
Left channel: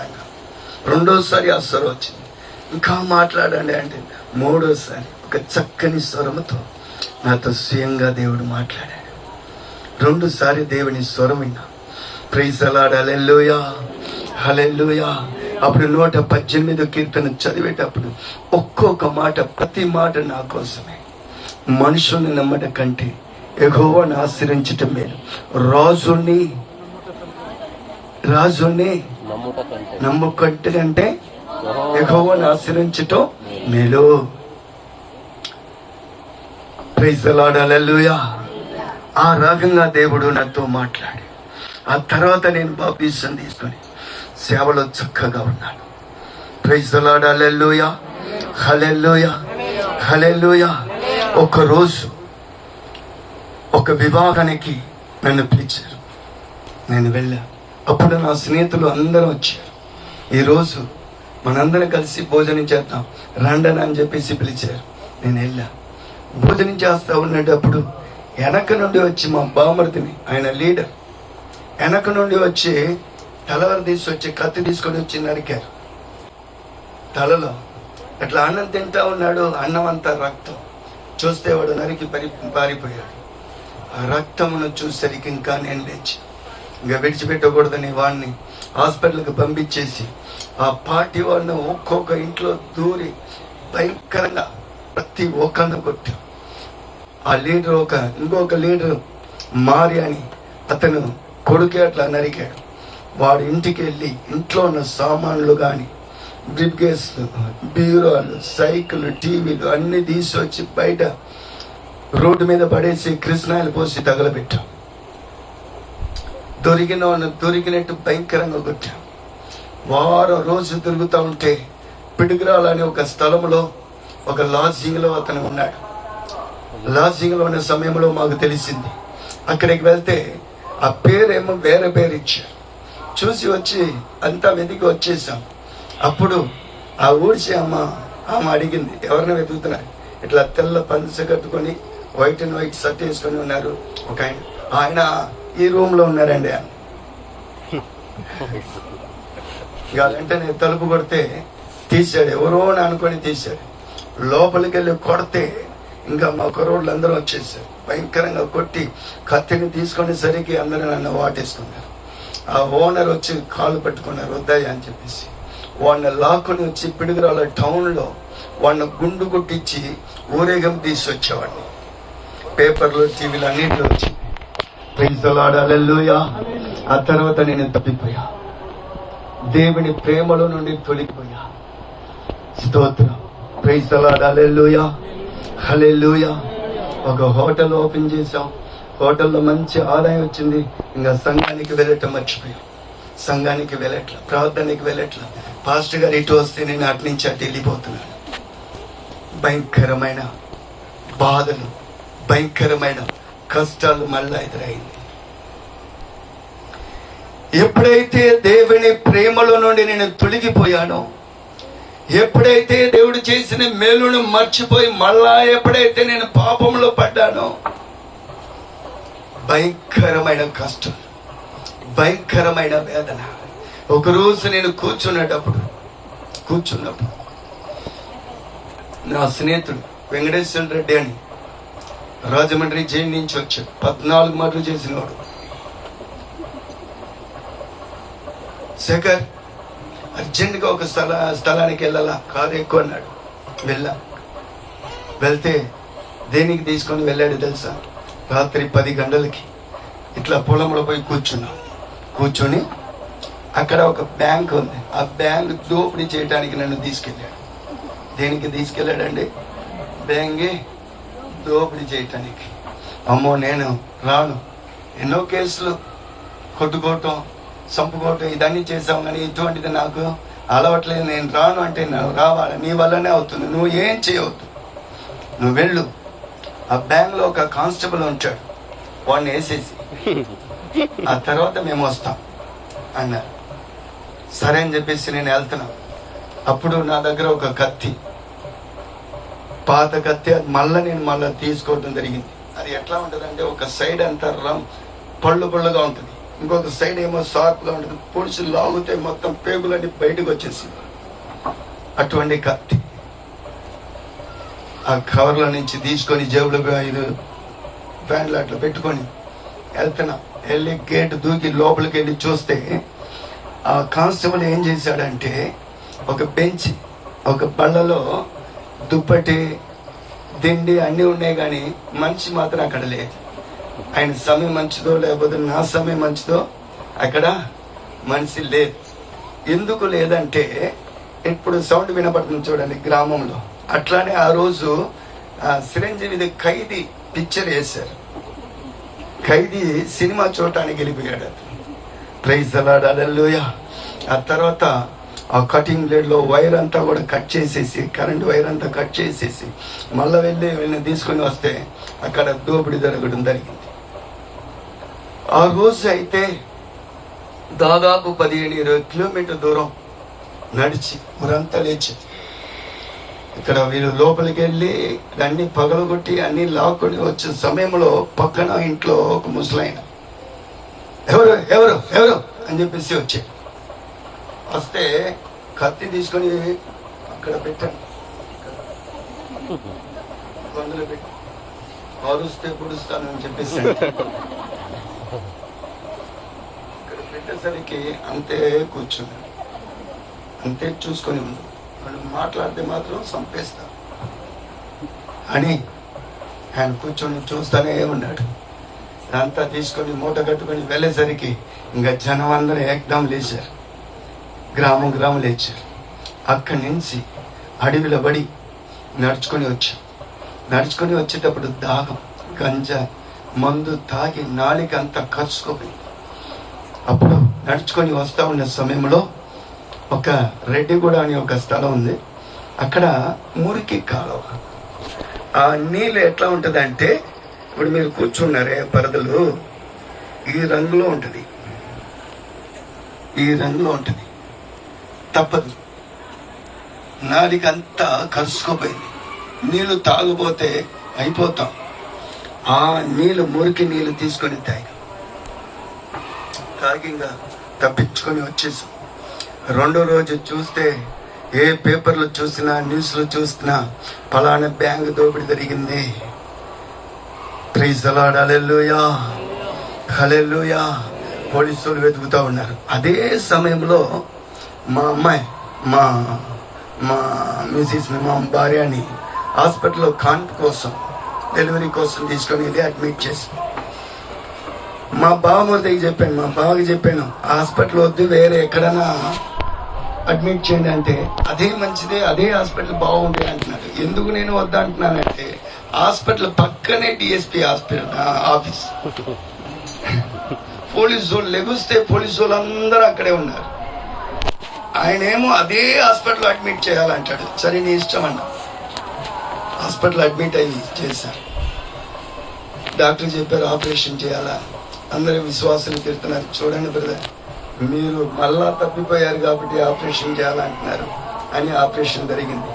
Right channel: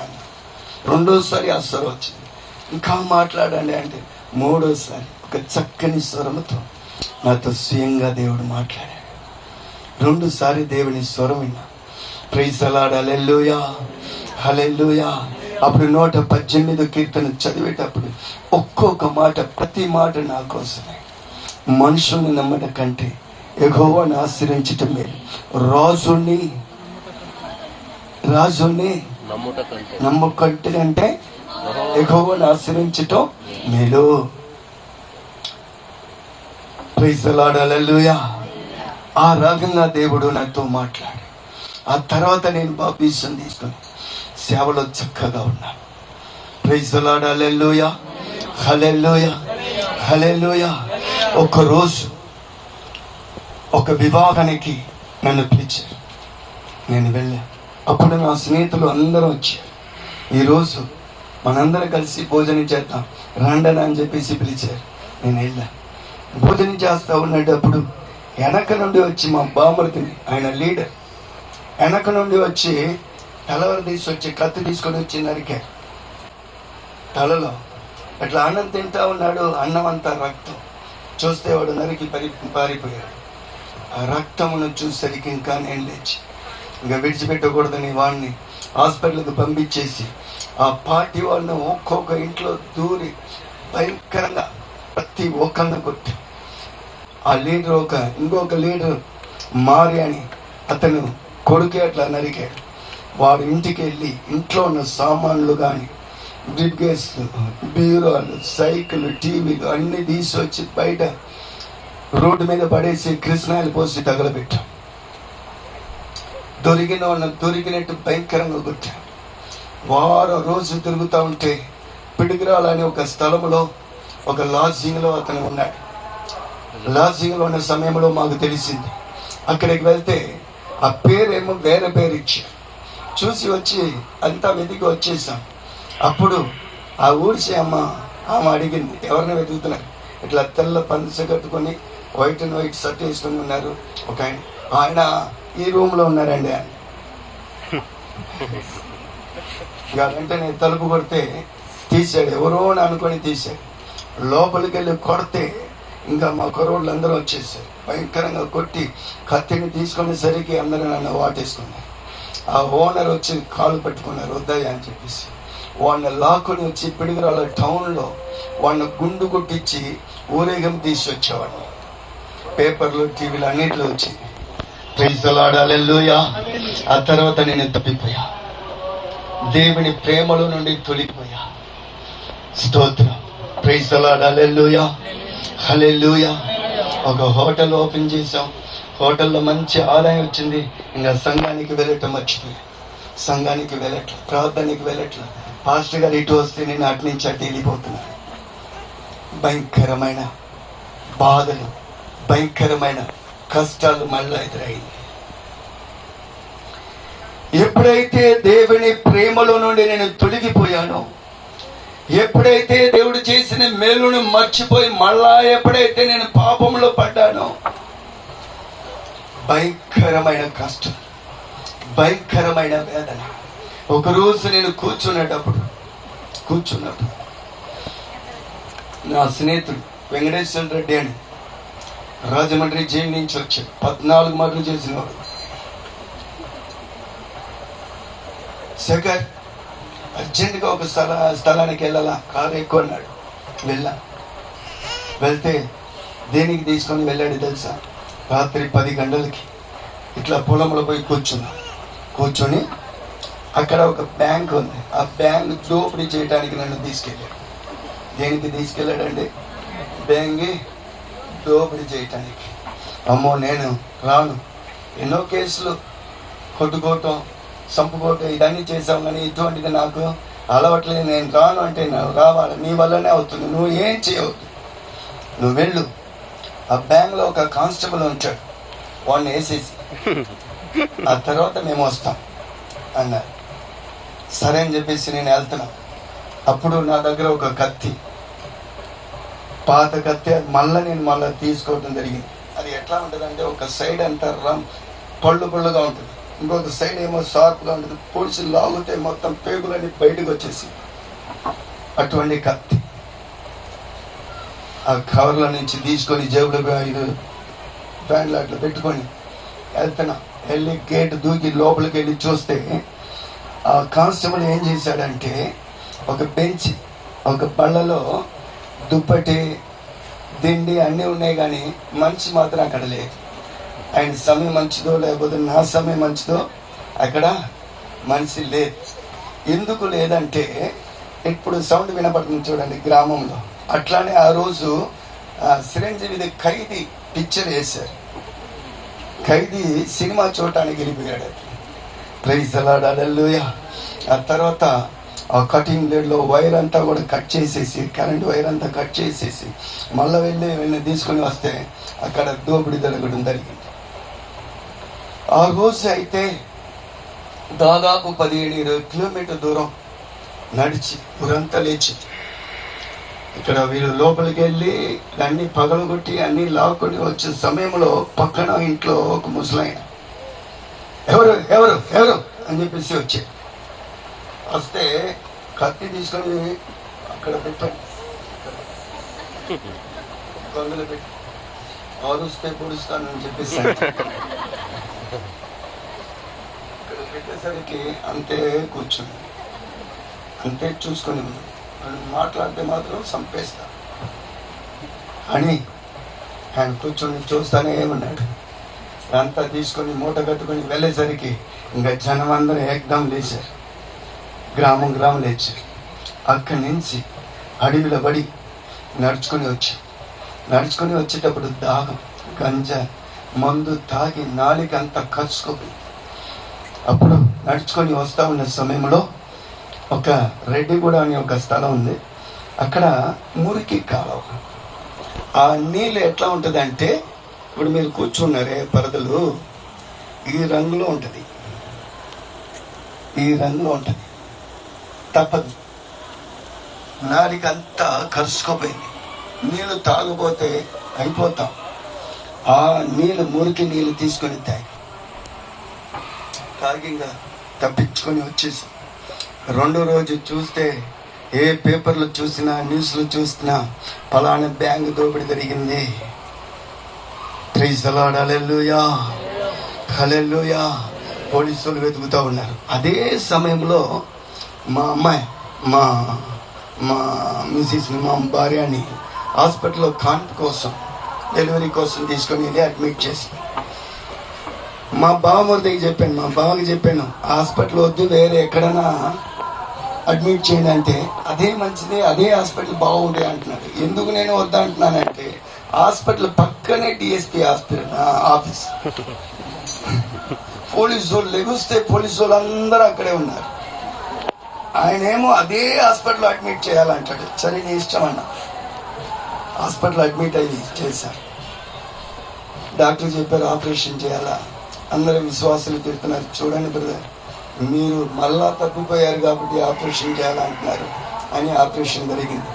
ఆయన. రెండోసారి ఆ స్వరం వచ్చింది, ఇంకా మాట్లాడండి అంటే. మూడోసారి ఒక చక్కని స్వరముతో నాతో స్వయంగా దేవుడు మాట్లాడాడు. 2సారి దేవుని స్వరం విన్నా. ప్రైజ్ ది లార్డ్, హల్లెలూయా, హల్లెలూయా. అప్పుడు 118వ కీర్తన చదివేటప్పుడు ఒక్కొక్క మాట, ప్రతి మాట నా కోసమే. మనుషుల్ని నమ్మట కంటే యెహోవాను ఆశ్రయించటం మేలు. రాజుని నమ్మకంటే అంటే యెహోవాను ఆశ్రయించటం మేలు. Praise the lord, hallelujah. ఆ రకంగా దేవుడు నాతో మాట్లాడి ఆ తర్వాత నేను బాప్తిసం తీసుకొని సేవలో చక్కగా ఉన్నాను. ప్రైజ్ ది లార్డ్, హల్లెలూయా, హల్లెలూయా, హల్లెలూయా. ఒకరోజు ఒక వివాహానికి నన్ను పిలిచారు, నేను వెళ్ళాను. అప్పుడు నా స్నేహితులు అందరూ వచ్చారు. ఈరోజు మనందరం కలిసి భోజనం చేద్దాం రండని అని చెప్పేసి పిలిచారు. నేను వెళ్ళాను. భోజనం చేస్తా ఉన్నప్పుడు వెనక నుండి వచ్చి మా బామర్దిని, ఆయన లీడర్, వెనక నుండి వచ్చి తలవారు తీసుకొచ్చి కత్తి తీసుకొని వచ్చి నరికారు తలలో. అట్లా అన్నం తింటా ఉన్నాడు, అన్నం అంతా రక్తం. చూస్తే వాడు నరికి పారిపోయాడు. ఆ రక్తమును చూసరికి ఇంకా నేను లేచి ఇంకా విడిచిపెట్టకూడదని వాడిని హాస్పిటల్కి పంపించేసి ఆ పార్టీ వాళ్ళని ఒక్కొక్క ఇంట్లో దూరి భయంకరంగా ప్రతి ఒక్కరిని కొట్టి, ఆ లీడర్ ఇంకొక లీడర్ మారి అని అతను కొడుకే అట్లా నరికాడు. వాడు ఇంటికి వెళ్ళి ఇంట్లో ఉన్న సామాన్లు కానీ, బ్రిడ్గేస్, బీరోలు, సైకిల్, టీవీలు అన్ని తీసుకొచ్చి బయట రోడ్డు మీద పడేసి కృష్ణాయిలు పోసి తగలబెట్టాం. దొరికినట్టు భయంకరంగా కొట్టాం. వారం రోజు తిరుగుతూ ఉంటే పిడుగురాలని ఒక స్థలంలో ఒక లాడ్జింగ్లో అతను ఉన్నాడు. లాడ్జింగ్లో ఉన్న సమయంలో మాకు తెలిసింది. అక్కడికి వెళ్తే ఆ పేరేమో వేరే పేరు ఇచ్చారు. చూసి వచ్చి అంతా వెతికి వచ్చేసాం. అప్పుడు ఆ ఊడిసే ఆమె అడిగింది, ఎవరిని వెతుకుతున్నారు? ఇట్లా తెల్ల పంచ కట్టుకొని వైట్ అండ్ వైట్ షర్ట్ వేసుకొని ఉన్నారు ఒక ఆయన ఈ రూమ్ లో ఉన్నారండి అని. ఇక వెంటనే తలుపు కొడితే తీశాడు, ఎవరో అని అనుకొని తీశాడు. లోపలికి వెళ్ళి కొడితే ఇంకా మా కుర్రోళ్ళు అందరూ వచ్చేసారు. భయంకరంగా కొట్టి కత్తిని తీసుకునేసరికి అందరూ నన్ను వాటేసుకున్నారు. ఆ ఓనర్ వచ్చి కాళ్ళు పట్టుకున్నారు, వద్దయ్య అని చెప్పేసి. వాడిని లాక్కుని వచ్చి పిడుగురాల టౌన్లో వాడిని గుండు కొట్టించి ఊరేగం తీసుకొచ్చేవాడిని. పేపర్లు, టీవీలు అన్నింటిలో వచ్చి. Praise the lord, hallelujah. ఆ తర్వాత నేను తప్పిపోయా, దేవుని ప్రేమలో నుండి తొలిపోయా. స్తోత్రం. Praise the lord, hallelujah. హల్లెలూయా. ఒక హోటల్ ఓపెన్ చేసాం, హోటల్లో మంచి ఆదాయం వచ్చింది. ఇంకా సంఘానికి వెళ్ళటం మర్చిపోయి, సంఘానికి వెళ్ళట్ల, ప్రార్థనకి వెళ్ళట్ల. పాస్టర్ గారు ఇటు వస్తే నేను అటు నుంచి అటు వెళ్ళిపోతున్నాను. భయంకరమైన బాధలు, భయంకరమైన కష్టాలు మళ్ళా ఎదురైంది. ఎప్పుడైతే దేవుని ప్రేమలో నుండి నేను తొలగిపోయానో, ఎప్పుడైతే దేవుడు చేసిన మేలును మర్చిపోయి మళ్ళా ఎప్పుడైతే నేను పాపంలో పడ్డానో, భయంకరమైన కష్టం, భయంకరమైన వేదన. ఒకరోజు నేను కూర్చున్నప్పుడు నా స్నేహితుడు వెంకటేశ్వర రెడ్డి అని రాజమండ్రి జైలు నుంచి వచ్చాడు. 14 మర్డర్లు చేసినవాడు. శేఖర్ అర్జెంటుగా ఒక స్థలానికి వెళ్ళాలా, కారు ఎక్కువ అన్నాడు. వెళ్తే దేనికి తీసుకొని వెళ్ళాడు తెలుసా? రాత్రి 10 గంటలకి ఇట్లా పొలంలో పోయి కూర్చొని అక్కడ ఒక బ్యాంక్ ఉంది, ఆ బ్యాంక్ దోపిడీ చేయడానికి నన్ను తీసుకెళ్ళాడు. దేనికి తీసుకెళ్ళాడండి? బ్యాంక్ దోపిడీ చేయటానికి. అమ్మో నేను రాను, ఎన్నో కేసులు కొట్టుకోవటం, చంపుకోవటం ఇదన్నీ చేసావు, కానీ ఇటువంటిది నాకు అలవాట్లేదు, నేను రాను అంటే రావాలి, నీ వల్లనే అవుతుంది, నువ్వు ఏం చేయవద్దు, నువ్వు వెళ్ళు. ఆ బ్యాంక్ లో ఒక కానిస్టేబుల్ ఉంటాడు, వాడిని వేసేసి ఆ తర్వాత మేము వస్తాం అన్నారు. సరే అని చెప్పేసి నేను వెళ్తున్నాను. అప్పుడు నా దగ్గర ఒక కత్తి, పాత కత్తి, అది మళ్ళా తీసుకోవడం జరిగింది. అది ఎట్లా ఉంటుందంటే, ఒక సైడ్ అంతా పళ్ళుగా ఉంటుంది, ఇంకొక సైడ్ ఏమో షార్ప్ గా ఉంటుంది. పోలీసులు లాగితే మొత్తం పేగులన్నీ బయటకు వచ్చేసి అటువంటి కత్తి ఆ కవర్లో నుంచి తీసుకొని జేబులో 5 ప్యాంట్లు అట్లా పెట్టుకొని వెళ్తున్నా. వెళ్ళి గేట్ దూకి లోపలికి వెళ్ళి చూస్తే ఆ కానిస్టేబుల్ ఏం చేశాడంటే, ఒక బెంచ్, ఒక బళ్ళలో దుప్పటి, దిండి అన్నీ ఉన్నాయి, కానీ మనిషి మాత్రం అక్కడ లేదు. ఆయన సమయం మంచిదో లేకపోతే నా సమయం మంచిదో, అక్కడ మనిషి లేదు. ఎందుకు లేదంటే, ఇప్పుడు సౌండ్ వినపడుతుంది చూడండి గ్రామంలో. అట్లానే ఆ రోజు చిరంజీవి ఖైదీ పిక్చర్ వేశారు. ఖైదీ సినిమా చూడటానికి వెళ్ళిపోయాడు. Praise the lord, hallelujah. ఆ తర్వాత ఆ కటింగ్ బ్లేడ్ లో వైర్ అంతా కూడా కట్ చేసేసి, కరెంట్ వైర్ అంతా కట్ చేసేసి మళ్ళీ వెళ్ళి తీసుకొని వస్తే అక్కడ దోపిడీ జరగడం జరిగింది. ఆ రోజు అయితే దాదాపు 15-20 కిలోమీటర్ దూరం నడిచి ఊరంతా లేచి ఇక్కడ వీళ్ళు లోపలికి వెళ్ళి అన్ని పగలగొట్టి అన్ని లాక్కొని వచ్చిన సమయంలో పక్కన ఇంట్లో ఒక ముసలాయన ఎవరు ఎవరు ఎవరు అని చెప్పేసి వస్తే కత్తి తీసుకొని అక్కడ పెట్టాను, గొంతులు పెట్టి అరుస్తే పుడుస్తాను అని చెప్పేసి పెట్టేసరికి అంతే కూర్చుని అంతే చూసుకొని ఉంది. వాళ్ళు మాట్లాడితే మాత్రం చంపేస్తా అని ఆయన కూర్చొని చూస్తానే ఉన్నాడు. అంతా తీసుకొని మూట కట్టుకొని వెళ్ళేసరికి ఇంకా జనం అందరూ ఏకదం లేచారు, గ్రామం లేచారు. అక్కడి నుంచి అడవిలో పడి నడుచుకొని వచ్చేటప్పుడు దాహం, గంజా మందు తాగి నాలిక అంతా కరుచుకోపోయింది. అప్పుడు నడుచుకొని వస్తా ఉన్న సమయంలో ఒక రెడ్డిగూడ అనే ఒక స్థలం ఉంది, అక్కడ మురికి కాలువ. ఆ నీళ్ళు ఎట్లా ఉంటుంది అంటే, ఇప్పుడు మీరు కూర్చున్నారే పరదలు, ఈ రంగులో ఉంటుంది, తప్పదు. నాలిక అంతా కరుచుకోపోయింది. నీళ్లు తాగబోతే అయిపోతాం. ఆ నీళ్లు, మురికి నీళ్లు తీసుకొని తాగింగా తప్పించుకొని వచ్చేసాం. రెండో రోజు చూస్తే ఏ పేపర్లు చూసినా, న్యూస్లు చూసినా పలానా బ్యాంక్ దోపిడీ జరిగింది. ప్రైజ్ ది లార్డ్, హల్లెలూయా, హల్లెలూయా. పోలీసులు వెతుకుతా ఉన్నారు. అదే సమయంలో మా అమ్మాయి, మా మిసిస్, మా భార్యని హాస్పిటల్లో కాన్పు కోసం, డెలివరీ కోసం తీసుకొని వెళ్ళి అడ్మిట్ చేసి మా బావమరిదికి చెప్పాను, హాస్పిటల్ వద్దు, వేరే ఎక్కడైనా అడ్మిట్ చేయండి అంటే, అదే మంచిదే, అదే హాస్పిటల్ బాగుంది అంటున్నాడు. ఎందుకు నేను వద్దంటున్నానంటే, అంటే హాస్పిటల్ పక్కనే డిఎస్పీ ఆఫీస్. పోలీసు వాళ్ళు లెగుస్తే పోలీసు వాళ్ళు అందరూ అక్కడే ఉన్నారు. ఆయనేమో అదే హాస్పిటల్ అడ్మిట్ చేయాలంటాడు. సరే నీ ఇష్టం అన్న. హాస్పిటల్ అడ్మిట్ అయ్యి చేశారు. డాక్టర్ చెప్పారు ఆపరేషన్ చేయాలా. అందరూ విశ్వాసులు తిరుగుతున్నారు, చూడండి బ్రదర్ మీరు మళ్ళా తప్పిపోయారు కాబట్టి ఆపరేషన్ చేయాలంటున్నారు అని ఆపరేషన్ జరిగింది.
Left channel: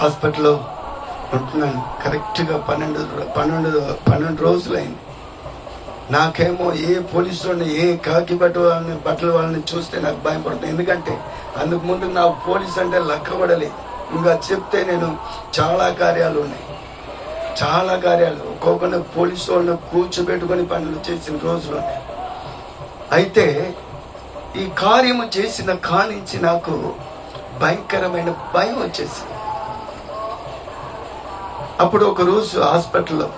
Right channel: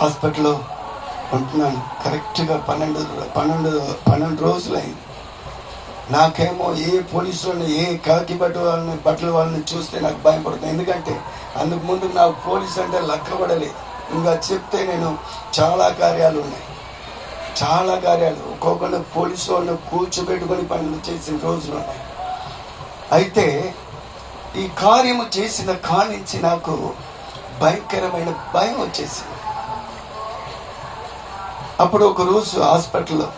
హాస్పిటల్లో ఉంటున్నాను కరెక్ట్గా 12 రోజులైంది. నాకేమో ఏ పోలీసు వాళ్ళని ఏ కాకి బట్టల వాళ్ళని చూస్తే నాకు భయం పడుతుంది. ఎందుకంటే అందుకు ముందు నాకు పోలీసు అంటే లెక్కబడలేదు. ఇంకా చెప్తే నేను చాలా కార్యాలు ఉన్నాయి, చాలా కార్యాలు ఒక్కొక్కరిని పోలీసు వాళ్ళని కూర్చోబెట్టుకుని పనులు చేసిన రోజులు ఉన్నాయి. అయితే ఈ కార్యము చేసిన కానించి నాకు భయంకరమైన భయం వచ్చేసింది. అప్పుడు ఒక రోజు హాస్పిటల్లో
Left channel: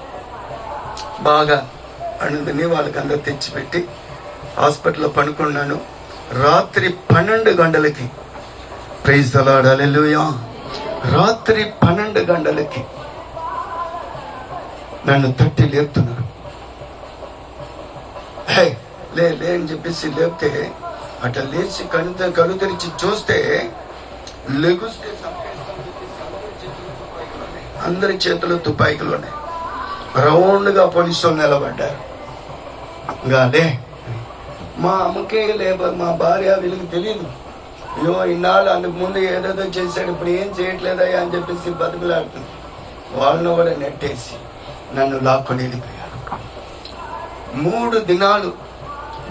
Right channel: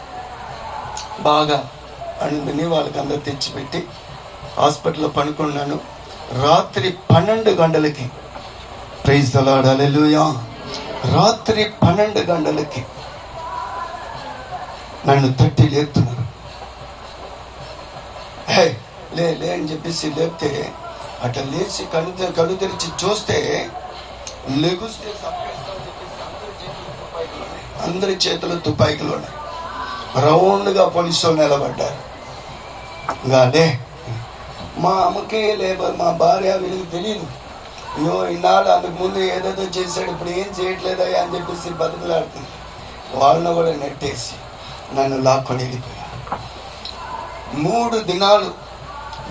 బాగా అణుదని వాళ్ళకి అందరూ తెచ్చిపెట్టి హాస్పిటల్లో పనుకున్నాను. రాత్రి 12 గంటలకి, ప్రైజ్ ది లార్డ్, హల్లెలూయా, రాత్రి 12 గంటలకి నన్ను తట్టి లేపుతున్నారు. హే లే అని చెప్పేసి లేపితే అట్లా లేచి కళ్ళు తెరిచి చూస్తే లెగుస్తే అందరి చేతులు తుపాయిలు ఉన్నాయి. రౌండ్ గా పోలీసు నిలబడ్డారు. ఇంకా అదే మా అమ్మకే లేకపోతే మా భార్య వీళ్ళకి తెలియదు. అయ్యో ఇన్నాళ్ళు అందుకు ముందు ఏదేదో చేశాడు, ఇప్పుడు ఏం చేయట్లేదయ్యా అని చెప్పేసి బతుకులాడుతుంది. వాళ్ళను కూడా నెట్టేసి నన్ను లాక్కొని వెళ్ళిపోయారు. 3 దినాలు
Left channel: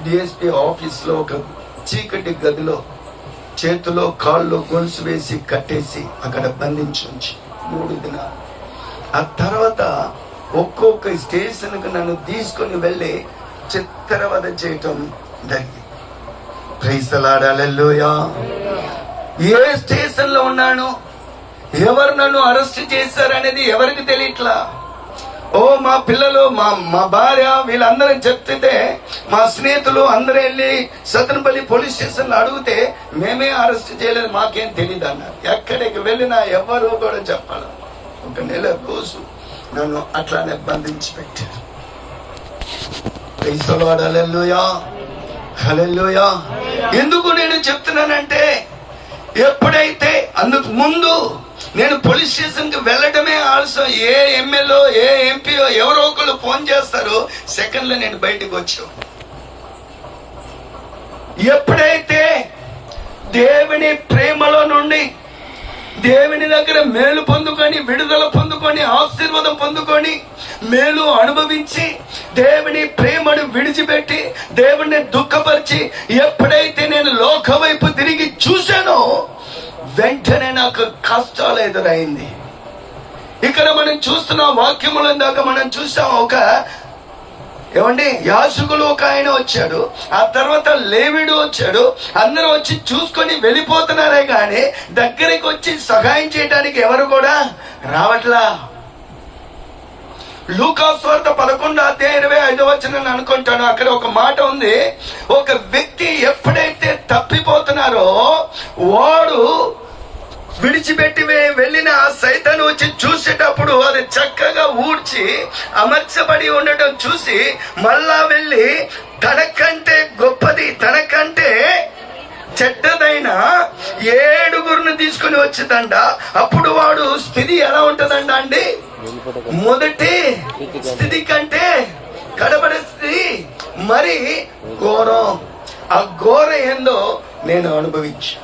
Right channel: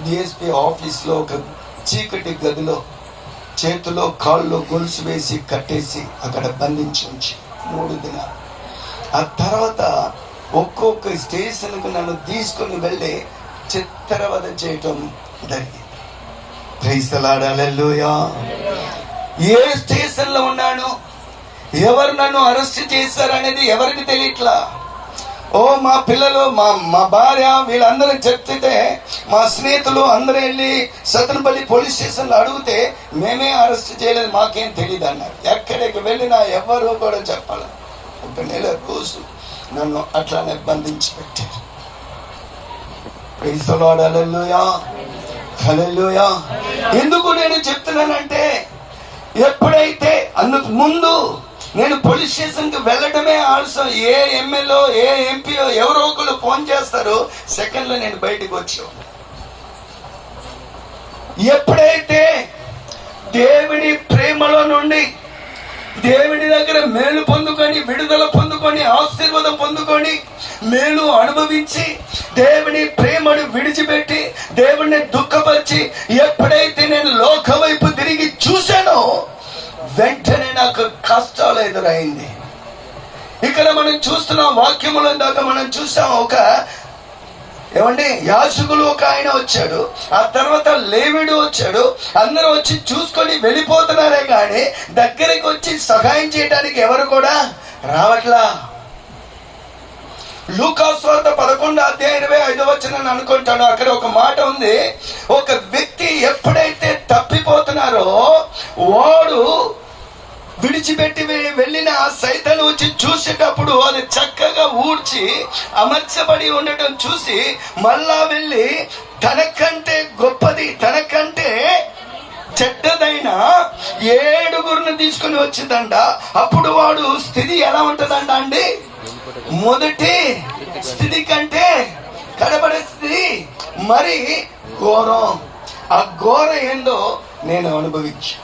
డిఎస్పీ ఆఫీస్లో ఒక చీకటి గదిలో చేతిలో కాళ్ళు గొలుసు వేసి కట్టేసి అక్కడ బంధించి 3 దినాలు. ఆ తర్వాత ఒక్కొక్క స్టేషన్కి నన్ను తీసుకుని వెళ్ళి చిత్రవద చేయటం జరిగింది. Praise the lord, hallelujah. ఏ స్టేషన్ లో ఉన్నాను, ఎవరు నన్ను అరెస్ట్ చేశారనేది ఎవరికి తెలియట్లా. ఓ మా పిల్లలు మా భార్య వీళ్ళందరూ చెప్తే మా స్నేహితులు అందరూ వెళ్ళి సతనపల్లి పోలీస్ స్టేషన్ లో అడిగితే మేమే అరెస్ట్ చేయలేదు, మాకేం తెలియదు అన్నారు. ఎక్కడికి వెళ్ళినా ఎవరు కూడా చెప్పాలి. 1 నెల రోజు నన్ను అట్లానే బంధించి పెట్టారు. ప్రైజ్ ది లార్డ్, హల్లెలూయా, హల్లెలూయా. ఎందుకు నేను చెప్తున్నానంటే ఎప్పుడైతే అందుకు ముందు నేను పోలీస్ స్టేషన్ కి వెళ్ళడమే ఆలస్యం. ఏ ఎమ్మెల్యే ఏ ఎంపీఓ ఎవరో ఒకళ్ళు ఫోన్ చేస్తారు, సెకండ్ లో నేను బయటకు వచ్చాను. ఎప్పుడైతే దేవుని ప్రేమలో నుండి దేవుని దగ్గర మేలు పొందుకొని విడుదల పొందుకొని ఆశీర్వాదం పొందుకొని మేలు అనుభవించి దేవుని ప్రేమను విడిచిపెట్టి దేవుణ్ణి దుఃఖపరిచి ఎప్పుడైతే నేను లోక వైపు తిరిగి చూశానో వెంటనే నాకు కష్టాలు ఎదురైంది. ఇక్కడ మనం చూస్తున్న వాక్యముల దాకా మనం చూసాం. ఏమండి యాజకులు ఒక ఆయన వచ్చాడు, ఆ తర్వాత లేవీడు వచ్చాడు. అందరూ వచ్చి చూసుకొని వెళ్ళిపోతున్నారే కానీ దగ్గరికి వచ్చి సహాయం చేయడానికి ఎవరు కూడా రావట్లా. లూకా సువార్త 11:25 అనుకుంటాను. అక్కడ ఒక మాట ఉంది, ఒక వ్యక్తి ఎప్పుడైతే తప్పిపోతున్నారో వాడు విడిచిపెట్టి వెళ్ళిన సైతాను వచ్చి చూసేటప్పుడు అది చక్కగా ఊడ్చి అమర్చబడి ఉండటం చూసి మళ్ళా వెళ్ళి తనకంటే గొప్పది తనకంటే చెడ్డదైన 7 తీసుకుని వచ్చిందంట. అప్పుడు వాడు స్థితి ఎలా ఉంటుందంట అండి, మొదటి స్థితి కంటే కడబడే స్థితి మరి ఘోరం. ఆ ఘోరం ఏందో నేను అనుభవించా.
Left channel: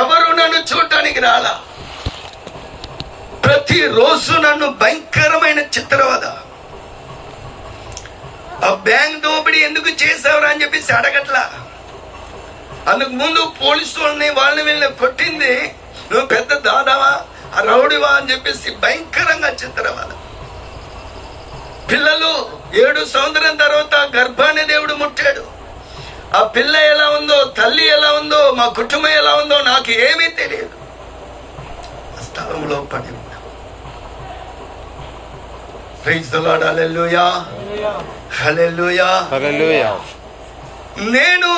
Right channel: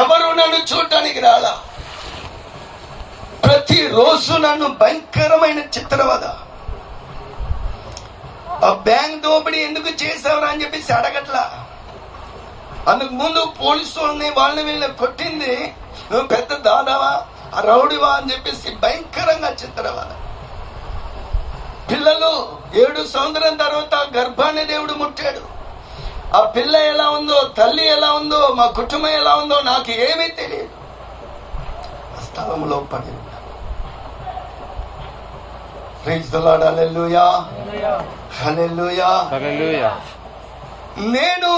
ఎవరు నన్ను చూడటానికి రాలా. ప్రతిరోజు నన్ను భయంకరమైన చిత్రవద. ఆ బ్యాంక్ దోపిడీ ఎందుకు చేసావురా అని చెప్పేసి అడగట్లా. అందుకు ముందు పోలీసు వాళ్ళని వీళ్ళని కొట్టింది నువ్వు పెద్ద దాదావా రౌడివా అని చెప్పేసి భయంకరంగా చిత్రవద. పిల్లలు 7 సంవత్సరం తర్వాత గర్భాన్ని దేవుడు ముట్టాడు. ఆ పిల్ల ఎలా ఉందో, తల్లి ఎలా ఉందో, మా కుటుంబం ఎలా ఉందో నాకు ఏమీ తెలియదు. స్థలంలో పడి ఉన్నా. ప్రైజ్ ది లార్డ్, హల్లెలూయా, హల్లెలూయా, హల్లెలూయా. నేను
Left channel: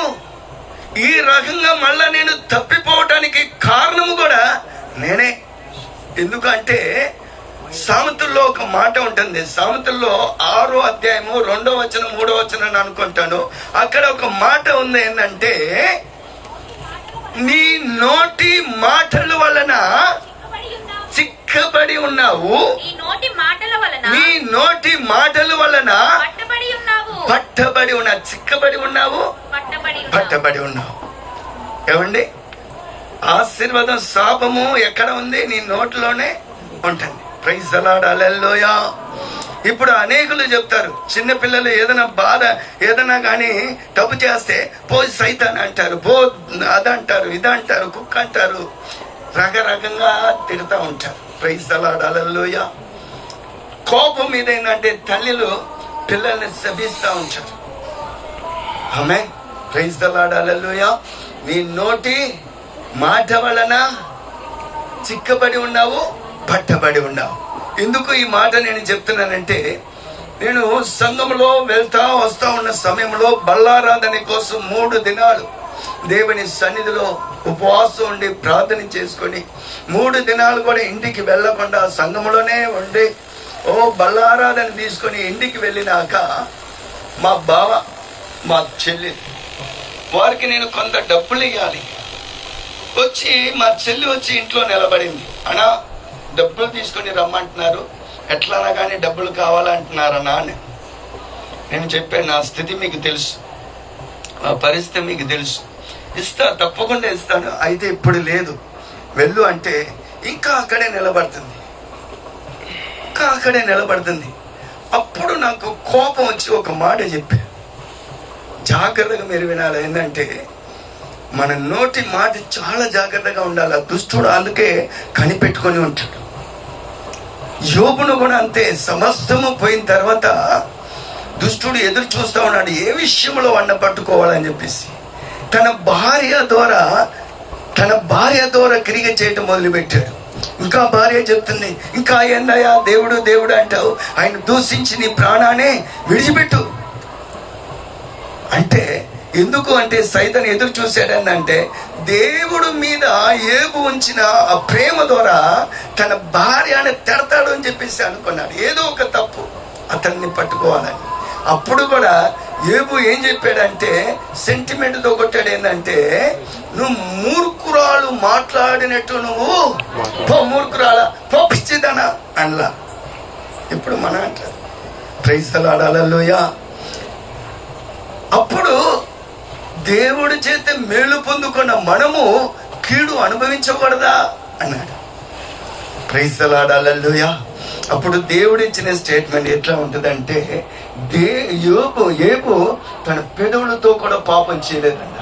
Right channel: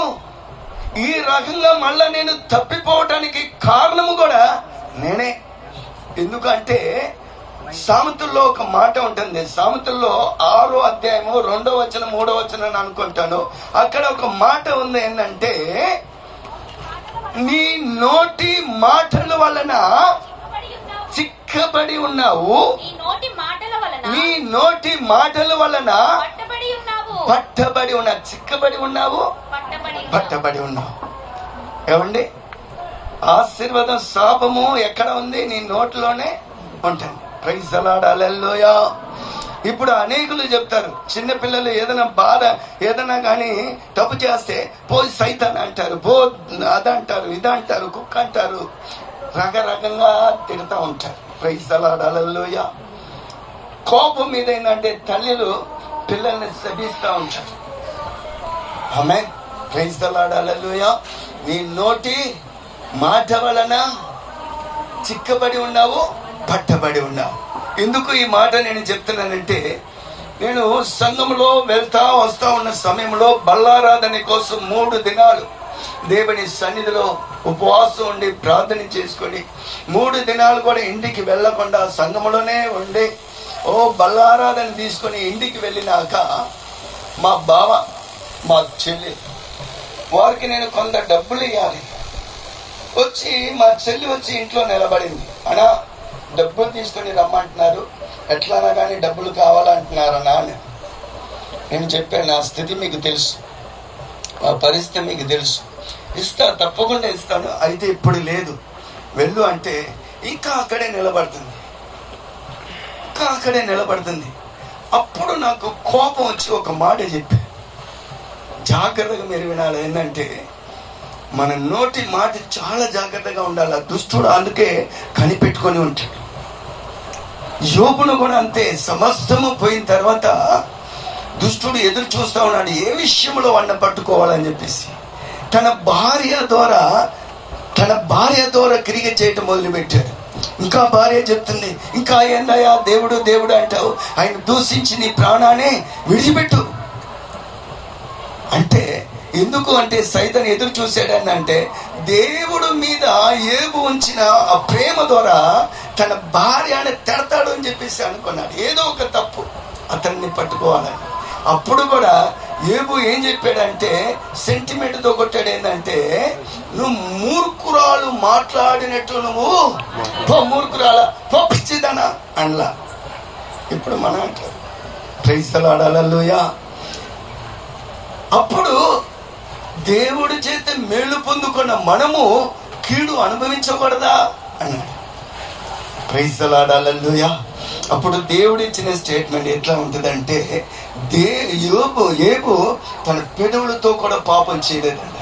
ఈ రకంగా మళ్ళా నేను తప్పిపోవటానికి కారణము కూడా నేనే. ఎందుకంటే సామెతల్లో ఒక మాట ఉంటుంది. సామెతల్లో 6వ అధ్యాయము 2వ వచనం 3వ వచనం అని అనుకుంటాను. అక్కడ ఒక మాట ఉంది ఏంటంటే, నీ నోటి మాటల వలన చిక్కబడి ఉన్నావు, నీ నోటి మాటల వలన పట్టబడి ఉన్నావు. చిక్కబడి ఉన్నావు, పట్టబడి ఉన్నావు. ఏమండి, ఆశీర్వాదం శాపము ఎక్కడ ఉంది? నీ నోట్లోనే ఉంటుంది. Praise the lord, hallelujah. ఇప్పుడు అనేకులు చెప్తారు, చిన్నపిల్లలు ఏదైనా బాధ ఏదైనా కానీ తప్పు చేస్తే పో సైతాన్ అంటారు, పో అదంటారు, ఇదంటారు, కుక్క అంటారు, రకరకంగా తిడుతూ ఉంటారు. ప్రైజ్ ది లార్డ్, హల్లెలూయా. కోపం మీద ఏంటంటే తల్లులు పిల్లల్ని శపిస్తూ ఉంటారు. ఆమె ప్రైజ్ ది లార్డ్, హల్లెలూయా. నీ నోటి మాట వలన చిక్కబడి ఉన్నావు, పట్టబడి ఉన్నావు. ఎందుకు ఈ మాట నేను చెప్తున్నానంటే, నేను సంఘంలో వెళ్తా వస్తా ఉన్న సమయంలో బల్లారాధన కోసం 3 దినాలు దేవుని సన్నిధిలో ఉపవాసం ఉండి ప్రార్థన చేసుకొని 3 దినాలు కూడా ఇంటికి వెళ్లకుండా సంఘంలోనే ఉండి బల్లారాధన తీసుకొని ఇంటికి వెళ్ళినాక మా బావ మా చెల్లి వారికి నేను కొంత డబ్బులు ఇవ్వాలి. వచ్చి మా చెల్లి వచ్చి ఇంట్లో నిలబడింది. అన్నా డబ్బులు తీసుకొని రమ్మంటున్నారు, ఎట్లానా కానీ డబ్బులు కావాలంటున్నారన్నా అని నేను చెప్పాను. నా స్థితి మీకు తెలుసు, ఆ పరిస్థితి మీకు తెలుసు, ఇస్తా, తప్పకుండా ఇస్తాను, అయితే ఇప్పుడు లేదు, వెళ్ళు అంటే ఇంకా అక్కడే నిలబడుతుంది. అప్పుడు నాకు కోపం వచ్చి ఒక మాట చెప్పాను. జాగ్రత్తగా మీరు వినాలి. ఏంటంటే, మన నోటి మాట చాలా జాగ్రత్తగా ఉండాలి. దుష్టుడు అందుకే కనిపెట్టుకొని ఉంటాడు. యోబును కూడా అంతే. సమస్తము పోయిన తర్వాత దుష్టుడు ఎదురు చూస్తా ఉన్నాడు, ఏ విషయంలో వంట పట్టుకోవాలని చెప్పేసి. తన భార్య ద్వారా క్రియ చేయటం మొదలుపెట్టాడు. ఇంకా భార్య చెప్తుంది, ఇంకా ఏందయ్యా దేవుడు దేవుడు అంటావు, ఆయన దూషించి నీ ప్రాణాన్ని విడిచిపెట్టు అంటే. ఎందుకు అంటే సైతాను ఎదురు చూశాడనంటే, దేవుడు మీద యోబు ఉంచిన ఆ ప్రేమ ద్వారా తన భార్యని తిడతాడు అని చెప్పేసి అనుకున్నాడు. ఏదో ఒక తప్పు అతన్ని పట్టుకోవాలని. అప్పుడు కూడా యోబు ఏం చెప్పాడంటే, సెంటిమెంట్ తో కొట్టాడు. ఏంటంటే, నువ్వు మూర్ఖురాలు మాట్లాడినట్టు నువ్వు మూర్ఖురాల పిచ్చిదనా అనలా. ఇప్పుడు మనం అంటారు. ప్రైజ్ ది లార్డ్, హల్లెలూయా. అప్పుడు దేవుడి చేత మేలు పొందుకున్న మనము కీడు అనుభవించకూడదా అన్నాడు. ప్రైజ్ ది లార్డ్, హల్లెలూయా. అప్పుడు దేవుడు ఇచ్చిన స్టేట్మెంట్ ఎట్లా ఉంటుందంటే, యోబు తన పెదవులతో కూడా పాపం చేయలేదంట.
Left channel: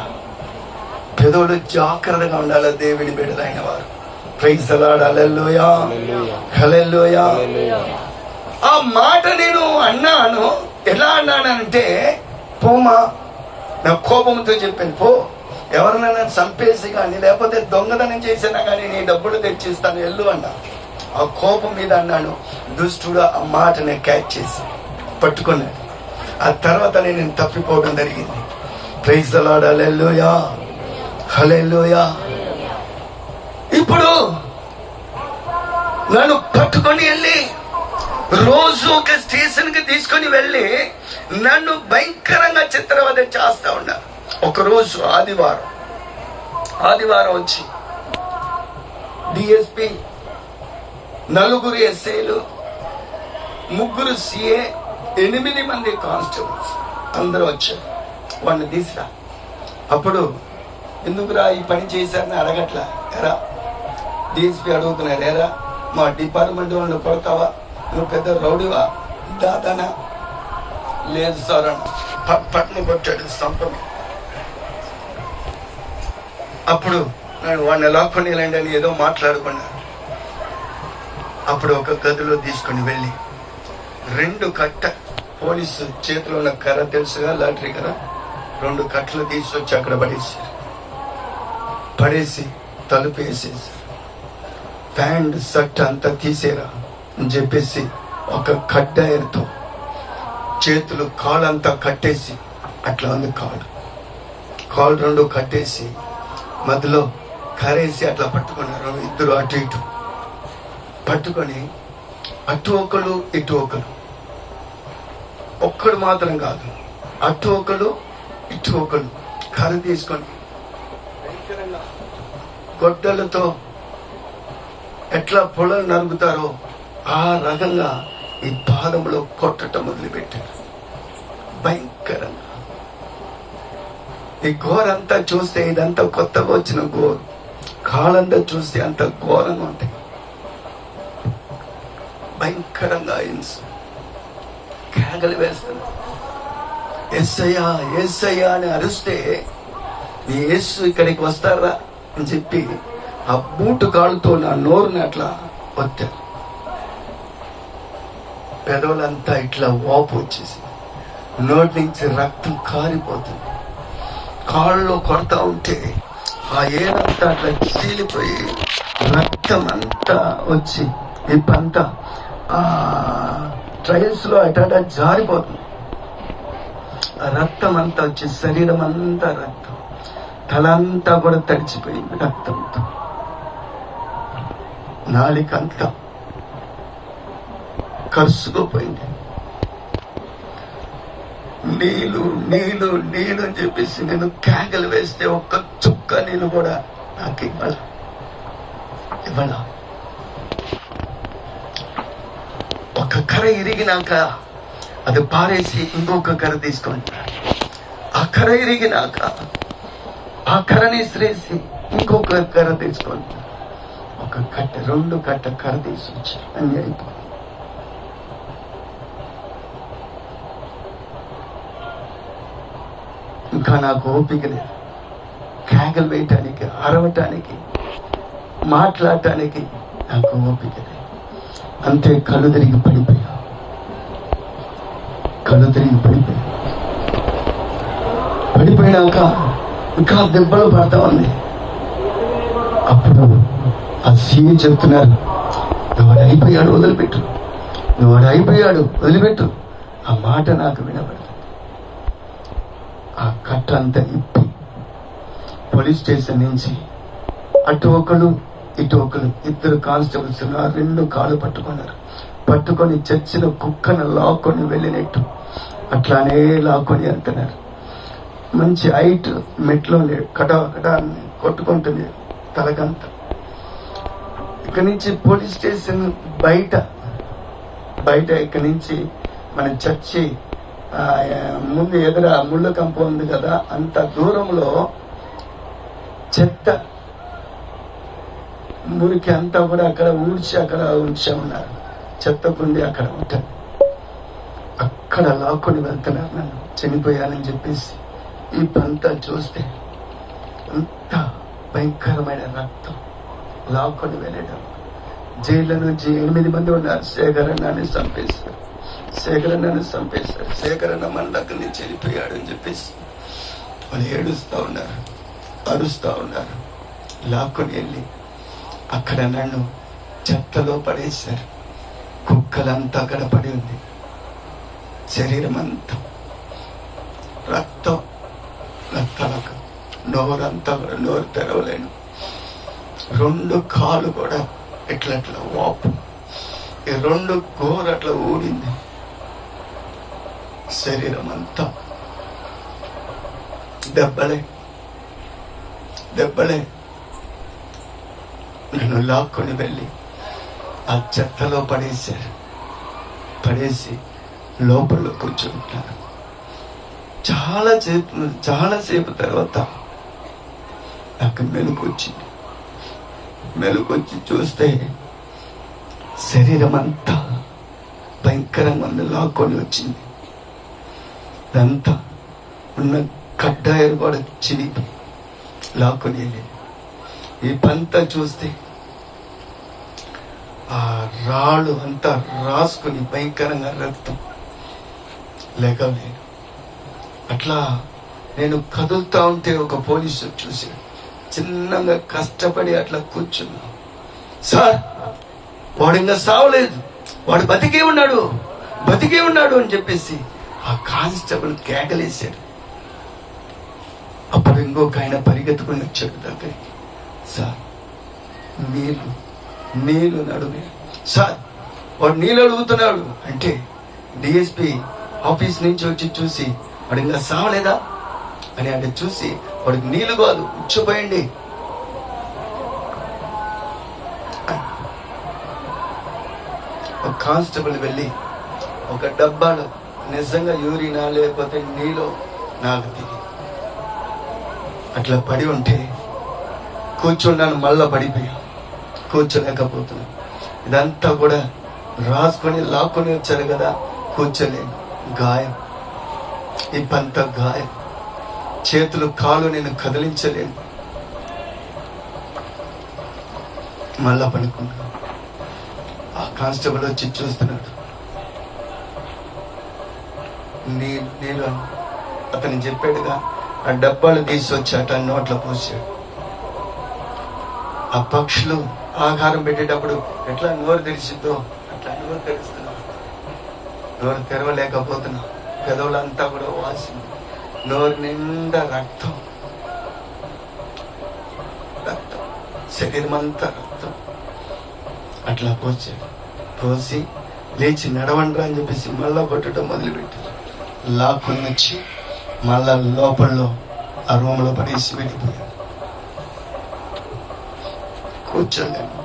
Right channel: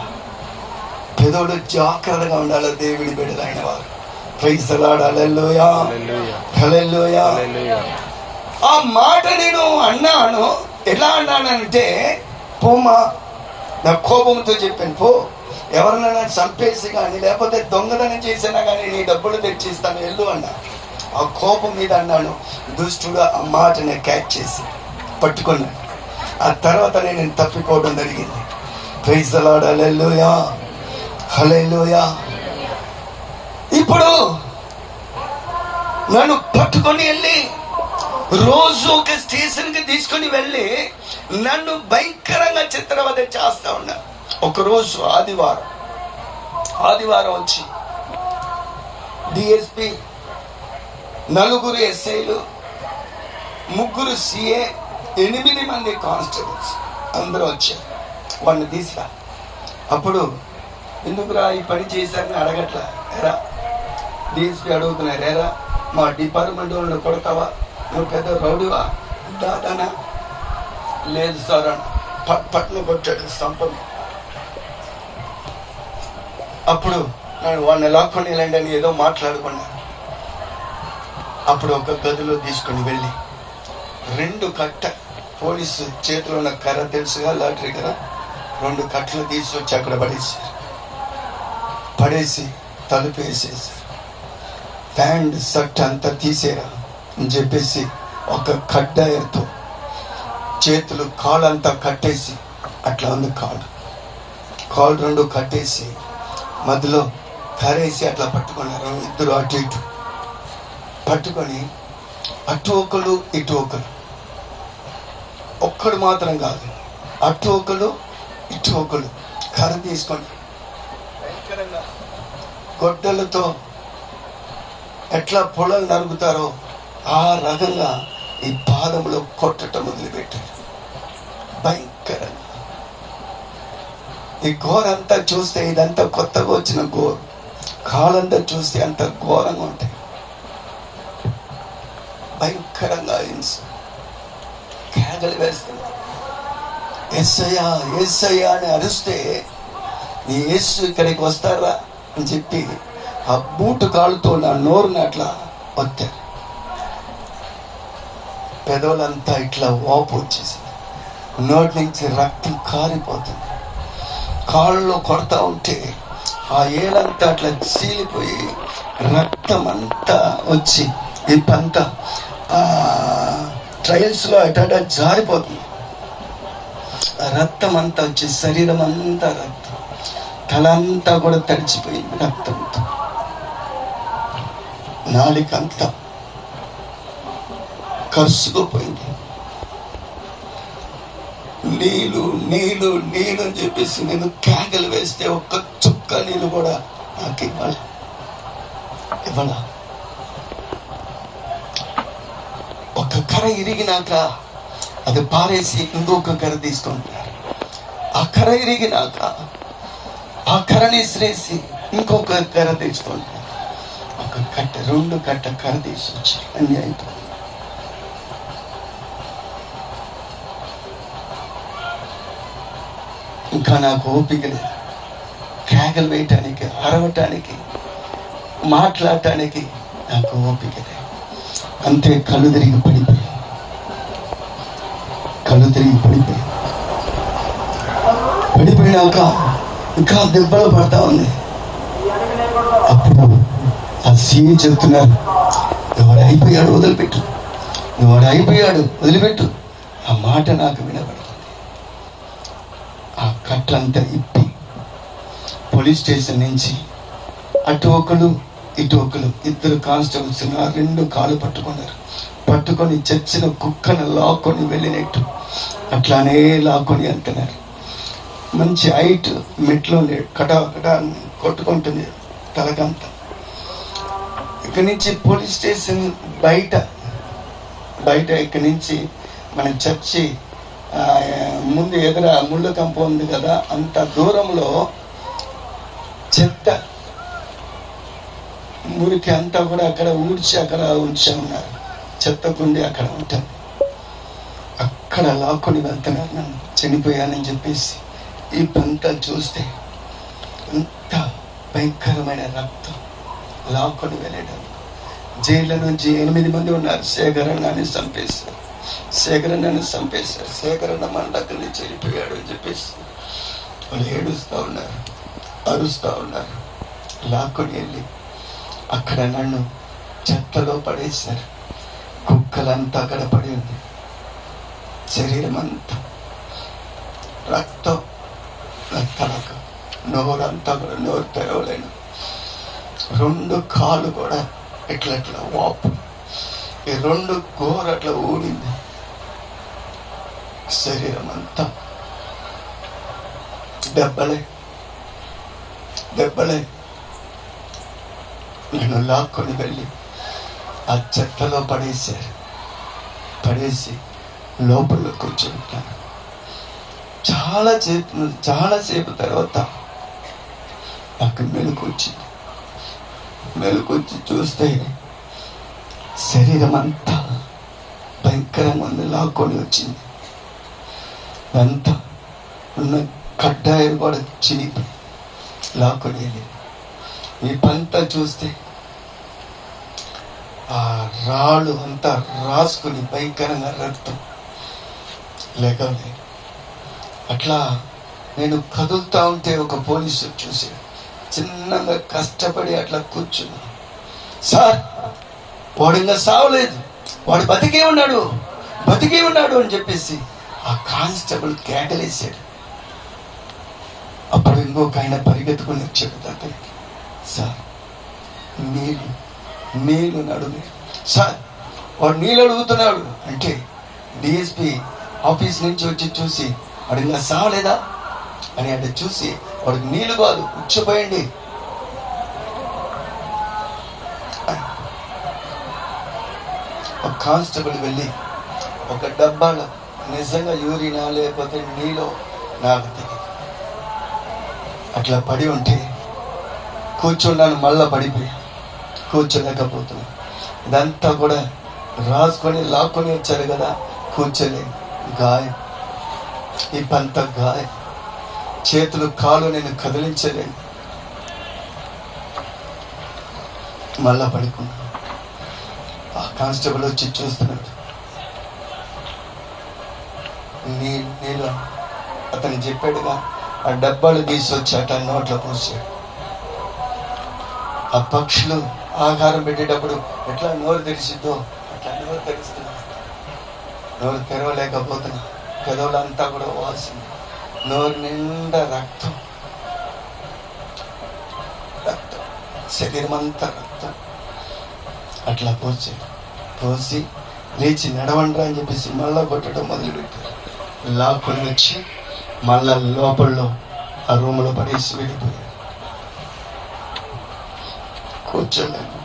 పెదవులు జాగ్రత్తగా ఉండాలి దేవుడి బిడ్డలైన వారు. Praise the lord, hallelujah, hallelujah. ఆ మాట నేను అన్నాను. ఎలా అన్నానంటే, పోమా, నా కోపంతో చెప్పాను, పో, ఎవరినైనా చంపేసి కానీ లేకపోతే దొంగతనం చేసినా కానీ నీ డబ్బులు తెచ్చిస్తాను, వెళ్ళు అన్నా. ఆ కోపం మీద అన్నాను. దుష్టుడు ఆ మాటని క్యాచ్ చేసి పట్టుకున్నాడు. ఆ తర్వాత నేను తప్పిపోవడం జరిగింది. ప్రైజ్ ది లార్డ్, హల్లెలూయా, హల్లెలూయా. ఇప్పుడు నన్ను పట్టుకొని వెళ్ళి రోజు ఒక స్టేషన్ కి తీసుకొని వెళ్ళి నన్ను భయంకరంగా చిత్రవద చేస్తా ఉన్నా. ఒకరోజు ఆదివారం వచ్చి డిఎస్పి, 4 ఎస్ఐలు, 3 సిఏ, 8 మంది కానిస్టేబుల్స్ అందరూ వచ్చారు. వాడిని తీసురా. అప్పుడు ఎందుకురా ఈ పని చేశారని అడగట్లా. ఎరా డిఎస్పి అడుగుతున్నారు, ఎరా మా డిపార్ట్మెంట్ వాళ్ళని కొడతావా, నువ్వు పెద్ద రౌడీవా, దాదానా? లేదు సార్, పట్టణం కొట్టాడు, సంపండి. అప్పుడు వాడిని లాక్కొని వెళ్ళండి అని ఏదో మాట్లాడుకున్నాను. అప్పుడు ఒక గదిలో తీసుకుని వెళ్ళి 2 కట్ట, పోలీసు చేతిలో ఉన్న కర్ర తెలుసుగా, లాటరీ కదా, 2 కట్టలు తీసుకొచ్చి అక్కడ పడేసి తలుపు వేసేసారు. ప్యాంట్ షర్ట్ అంతా తీసేరా అని చెప్పేసి ఒక కడ్డాయర్తో చేతులు కాళ్ళంతా కట్టేసి, అట్లా ఉంది కాళ్ళు రెండు కట్టేసి మధ్యలో కరేసి అట్లా పట్టుకున్నారు. ఇద్దరు అటు ఇటు పట్టుకొని అటు ఒకరు ఇటు ఒకరు, ఒక్కడు మాత్రం కాదు, అటు ఒకడు ఇటు ఒకడు కర్ర తీసుకొని భయంకరంగా గొడ్డలతో ఎట్లా పొలం నరుగుతారో ఆ రకంగా ఈ పాదంలో కొట్టడం మొదలుపెట్టారు. భయంకరంగా ఈ ఘోరంతా చూస్తే, ఇదంతా కొత్తగా వచ్చిన ఘోరం, కాలంతా చూస్తే అంత ఘోరంగా ఉంటాయి. భయంకరంగా హింస, కేకలు వేస్తుంది. యేసయ్యా యేసయ్యా అని అరిస్తే నీ యేసు ఇక్కడికి వస్తారా అని చెప్పి ఆ బూటు కాళ్ళతో నా నోరుని అట్లా వత్తారు. పెదవులంతా ఇట్లా వాపు వచ్చేసి నోటి నుంచి రక్తం కారిపోతుంది. కాళ్ళలో కొడతా ఉంటే ఆ ఏడంతా అట్లా చీలిపోయి రక్తం అంతా వచ్చి ఇప్పంతా ట్రైల్స్ లో అట్లా జారిపోతుంది. ఆ రక్తం అంతా వచ్చి శరీరం అంతా రక్తం, తల అంతా కూడా తడిచిపోయింది రక్తంతో, నాలికంతా కరుసుకుపోయింది. నీళ్ళు నీళ్ళు నీళ్ళు అని చెప్పేసి నేను కేకలు వేస్తే ఒక్క చుక్క నీళ్ళు కూడా నాకు ఇవ్వాల. ఒక కర్ర ఇరిగినాక అది పారేసి ఇంకొక కర్ర తీసుకుంటారు. ఆ కర్ర ఇరిగినాక ఆ కర్రని ఇసిరేసి ఇంకొక కర్ర తీసుకుంటారు. ఒక కట్ట రెండు కట్ట కర్ర తీసుకొచ్చి అన్ని అయిపోయింది. ఇంకా నాకు ఓపిక లేదు కేకలు వేయటానికి, అరవటానికి, మాట్లాడటానికి నాకు ఓపిక లేదు. అంతే కళ్ళు తిరిగి పడిపోయా. పడిపోయినాక ఇంకా దెబ్బలు పడతా ఉంది. అప్పుడు ఆ సీఏ చెప్తున్నారు, నువ్వు అయిపోయాడు వదిలిపెట్టు, నువ్వు అయిపోయాడు వదిలిపెట్టు. ఆ మాట నాకు వినబడుతుంది. ఆ కట్టంతా ఇప్పి పోలీస్ స్టేషన్ నుంచి అటు ఒకరు ఇటు ఒకరు ఇద్దరు కానిస్టేబుల్స్ ఆ రెండు కాళ్ళు పట్టుకున్నారు. పట్టుకొని చచ్చిన కుక్కను లాక్కొని వెళ్ళినట్టు అట్లానే లాక్కొని వెళ్తున్నారు. మంచి హైట్ మెట్లు కటా కొట్టుకుంటుంది తలకంతా. ఇక్కడి నుంచి పోలీస్ స్టేషన్ బయట ఇక్కడి నుంచి మన చర్చి ముందు ఎదుర ముళ్ళ కంప ఉంది కదా, అంత దూరంలో చెత్త మురికి అంతా కూడా అక్కడ ఊడ్చి అక్కడ ఉంచే ఉన్నారు. చెత్త కుండి అక్కడ ఉంటుంది. అక్కడ లాక్కొని వెళ్తున్నారు నన్ను, చనిపోయానని చెప్పేసి. ఈ పంట చూస్తే ఎంత భయంకరమైన రక్తం, లాక్కొని వెళ్ళడం. జైళ్ళ నుంచి 8 మంది ఉన్నారు. శేఖరన్నని చంపేస్తారు. శేఖరన్న మండకం నుంచి వెళ్ళిపోయాడు అని చెప్పేసి వాళ్ళు ఏడుస్తూ ఉన్నారు, అరుస్తూ ఉన్నారు. లాక్కొని వెళ్ళి అక్కడ నన్ను చెత్తలో పడేశారు. కుక్కలంతా అక్కడ పడి ఉంది. శరీరం అంతా రక్తం, తలకు నోరంతా కూడా నోరు తెరవలేను. 2 కాళ్ళు కూడా ఎట్లా వాపు, 2 గోరు అట్లా ఊడింది. శరీరం అంతా దెబ్బలే. నేను లాక్కొని వెళ్ళి ఆ చెత్తలో పడేసి లోపల కూర్చుంటాను. చాలాసేపు తర్వాత నాకు మెలుకొచ్చి చూస్తే శరీరం అంతా భయంకరంగా ఉంది, లాక్కొని వచ్చింది. అంతా ఉన్న కడ్డాయిలు కూడా చిరిగి లాక్కొని వెళ్ళి ఈ పంట చూస్తే ఆ రాళ్ళు అంతా రాసుకుని భయంకరంగా రక్తం లేకనే. అట్లా నేను కదులుతా ఉంటే ఒక పోలీసు చూసి చిన్నగా కష్టపడి అట్లా కూర్చుని, సార్ వాడు ఇంకా సావలేదు, వాడు బతికే ఉన్నాడు అని చెప్పేసి ఆ కానిస్టేబుల్ కేకలేశాడు. అప్పుడు ఇంకొక ఆయన పరిగెత్తుకుని వచ్చాడు దగ్గరికి. సార్ నీళ్ళు నడుగు సార్. వాడు నీళ్ళు అడుగుతున్నాడు అంటే డిఎస్పి ఆఫీస్ నుంచి వచ్చి చూసి వాడు ఇంకా సావలేదా అని అంటే చూసి వాడికి నీళ్ళు కాదు ఉచ్చపోయండి. కానిస్టేబుల్ వెళ్ళి ఒక డబ్బాలో నిజంగా యూరినా లేకపోతే నీళ్ళు నాకు దిగి అట్లా పడి ఉంటే కూర్చున్నాను, మళ్ళా పడిపోయి కూర్చోలేకపోతున్నాను. ఇదంతా కూడా రాసుకొని లాక్కొని వచ్చారు కదా, కూర్చోలేను. గాయం, ఈ పంత గాయం, చేతులు కాళ్ళు నేను కదిలించలేను. మళ్ళా పడుకున్నాను. ఆ కానిస్టేబుల్ వచ్చి చూస్తున్నాడు. నేను అతను చెప్పాడుగా, ఆ డబ్బాలు తీసి అట్లా నోట్లో పోసాడు. ఆ పక్షులు ఆహారం పెట్టేటప్పుడు ఎట్లా నోరు తెరిచిద్దో అట్లా నోరు తెరుస్తున్నా. నోరు తెరవలేకపోతున్నా. పెదవులంతా కూడా వాసన, నోరు నిండా రక్తం, శరీరం అంతా రక్తం. అట్లా పోసి లేచి నడవండ్రా అని చెప్పేసి మళ్ళా కొట్టడం మొదలుపెట్టారు. లాక్కుని వచ్చి మళ్ళా లోపల్లో ఆ రూమ్లో పడేసి వెళ్ళిపోయారు. కూర్చోలేను,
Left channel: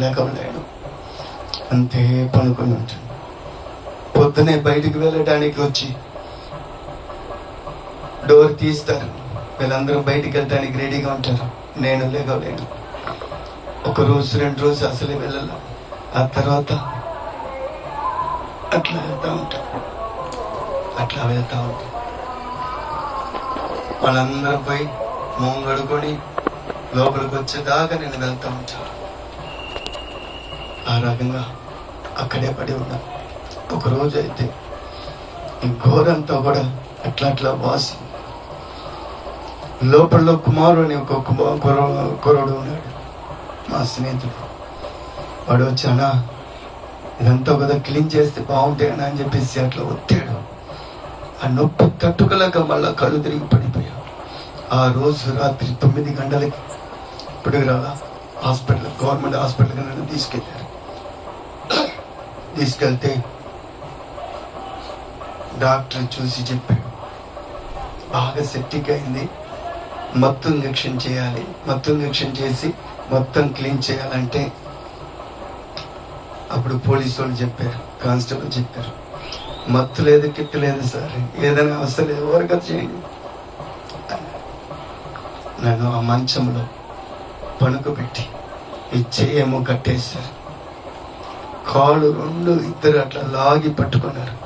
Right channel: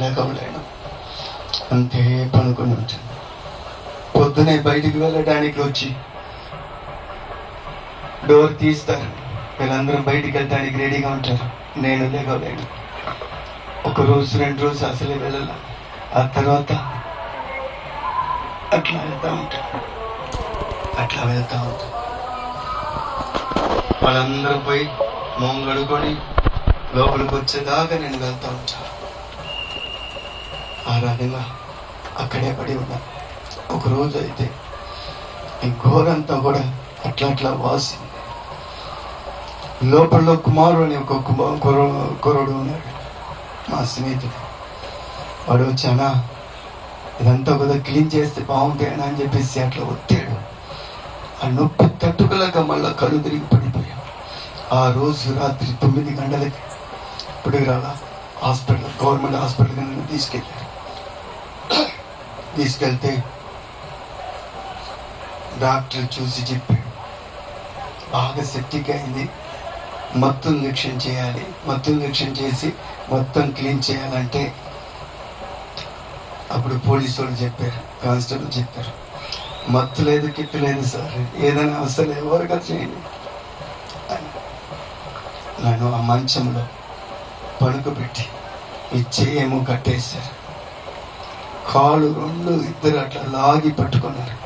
లేకపోలేను, అంతే పనుకొని ఉంటుంది. పొద్దునే బయటికి వెళ్ళడానికి వచ్చి డోర్ తీస్తారు. వీళ్ళందరూ బయటికి వెళ్ళడానికి రెడీగా ఉంటారు. నేను లేకపోలేను. 1 రోజు 2 రోజు అసలే వెళ్ళాలి. ఆ తర్వాత అట్లా వెళ్తా ఉంటా. వాళ్ళందరూ పోయి మొహం కడుకొని లోపలికి వచ్చేదాకా నేను వెళ్తా ఉంటాను. ఆ రకంగా అక్కడే పడి ఉన్నా. 1 రోజు అయితే ఈ ఘోరంతా కూడా అట్లా వాసి లోపల కుమారుడు అని ఒక కుర్రోడు ఉన్నాడు, మా స్నేహితుడు. వాడు వచ్చానా ఇదంతా కూడా క్లీన్ చేస్తే బాగుంటాయనా అని చెప్పేసి అట్లా ఒత్తాడు. ఆ నొప్పి తట్టుకోలేక మళ్ళా కళ్ళు తిరిగి పడిపోయాడు. ఆ రోజు రాత్రి 9 గంటలకి పిడుగురాల హాస్పిటల్, గవర్నమెంట్ హాస్పిటల్కి నన్ను తీసుకెళ్తే డాక్టర్ చూసి చెప్పాడు, బాగా సెప్టిక్ అయింది, మత్తు ఇంజెక్షన్ చేయాలి. మత్తు ఇంజెక్షన్ చేసి మొత్తం క్లీన్ చేయాలంటే అప్పుడు పోలీసు వాళ్ళు చెప్పారు, కానిస్టేబుల్ చెప్పారు, మత్తు లేదు కిట్టు లేదు సార్, ఏదైనా అసలు ఎవరిగా చేయండి. నన్ను ఆ మంచంలో పడుకోబెట్టి ఇచ్చేయేమో కట్టేశారు. కాళ్ళు 2 ఇద్దరు అట్లా లాగి పట్టుకున్నారు.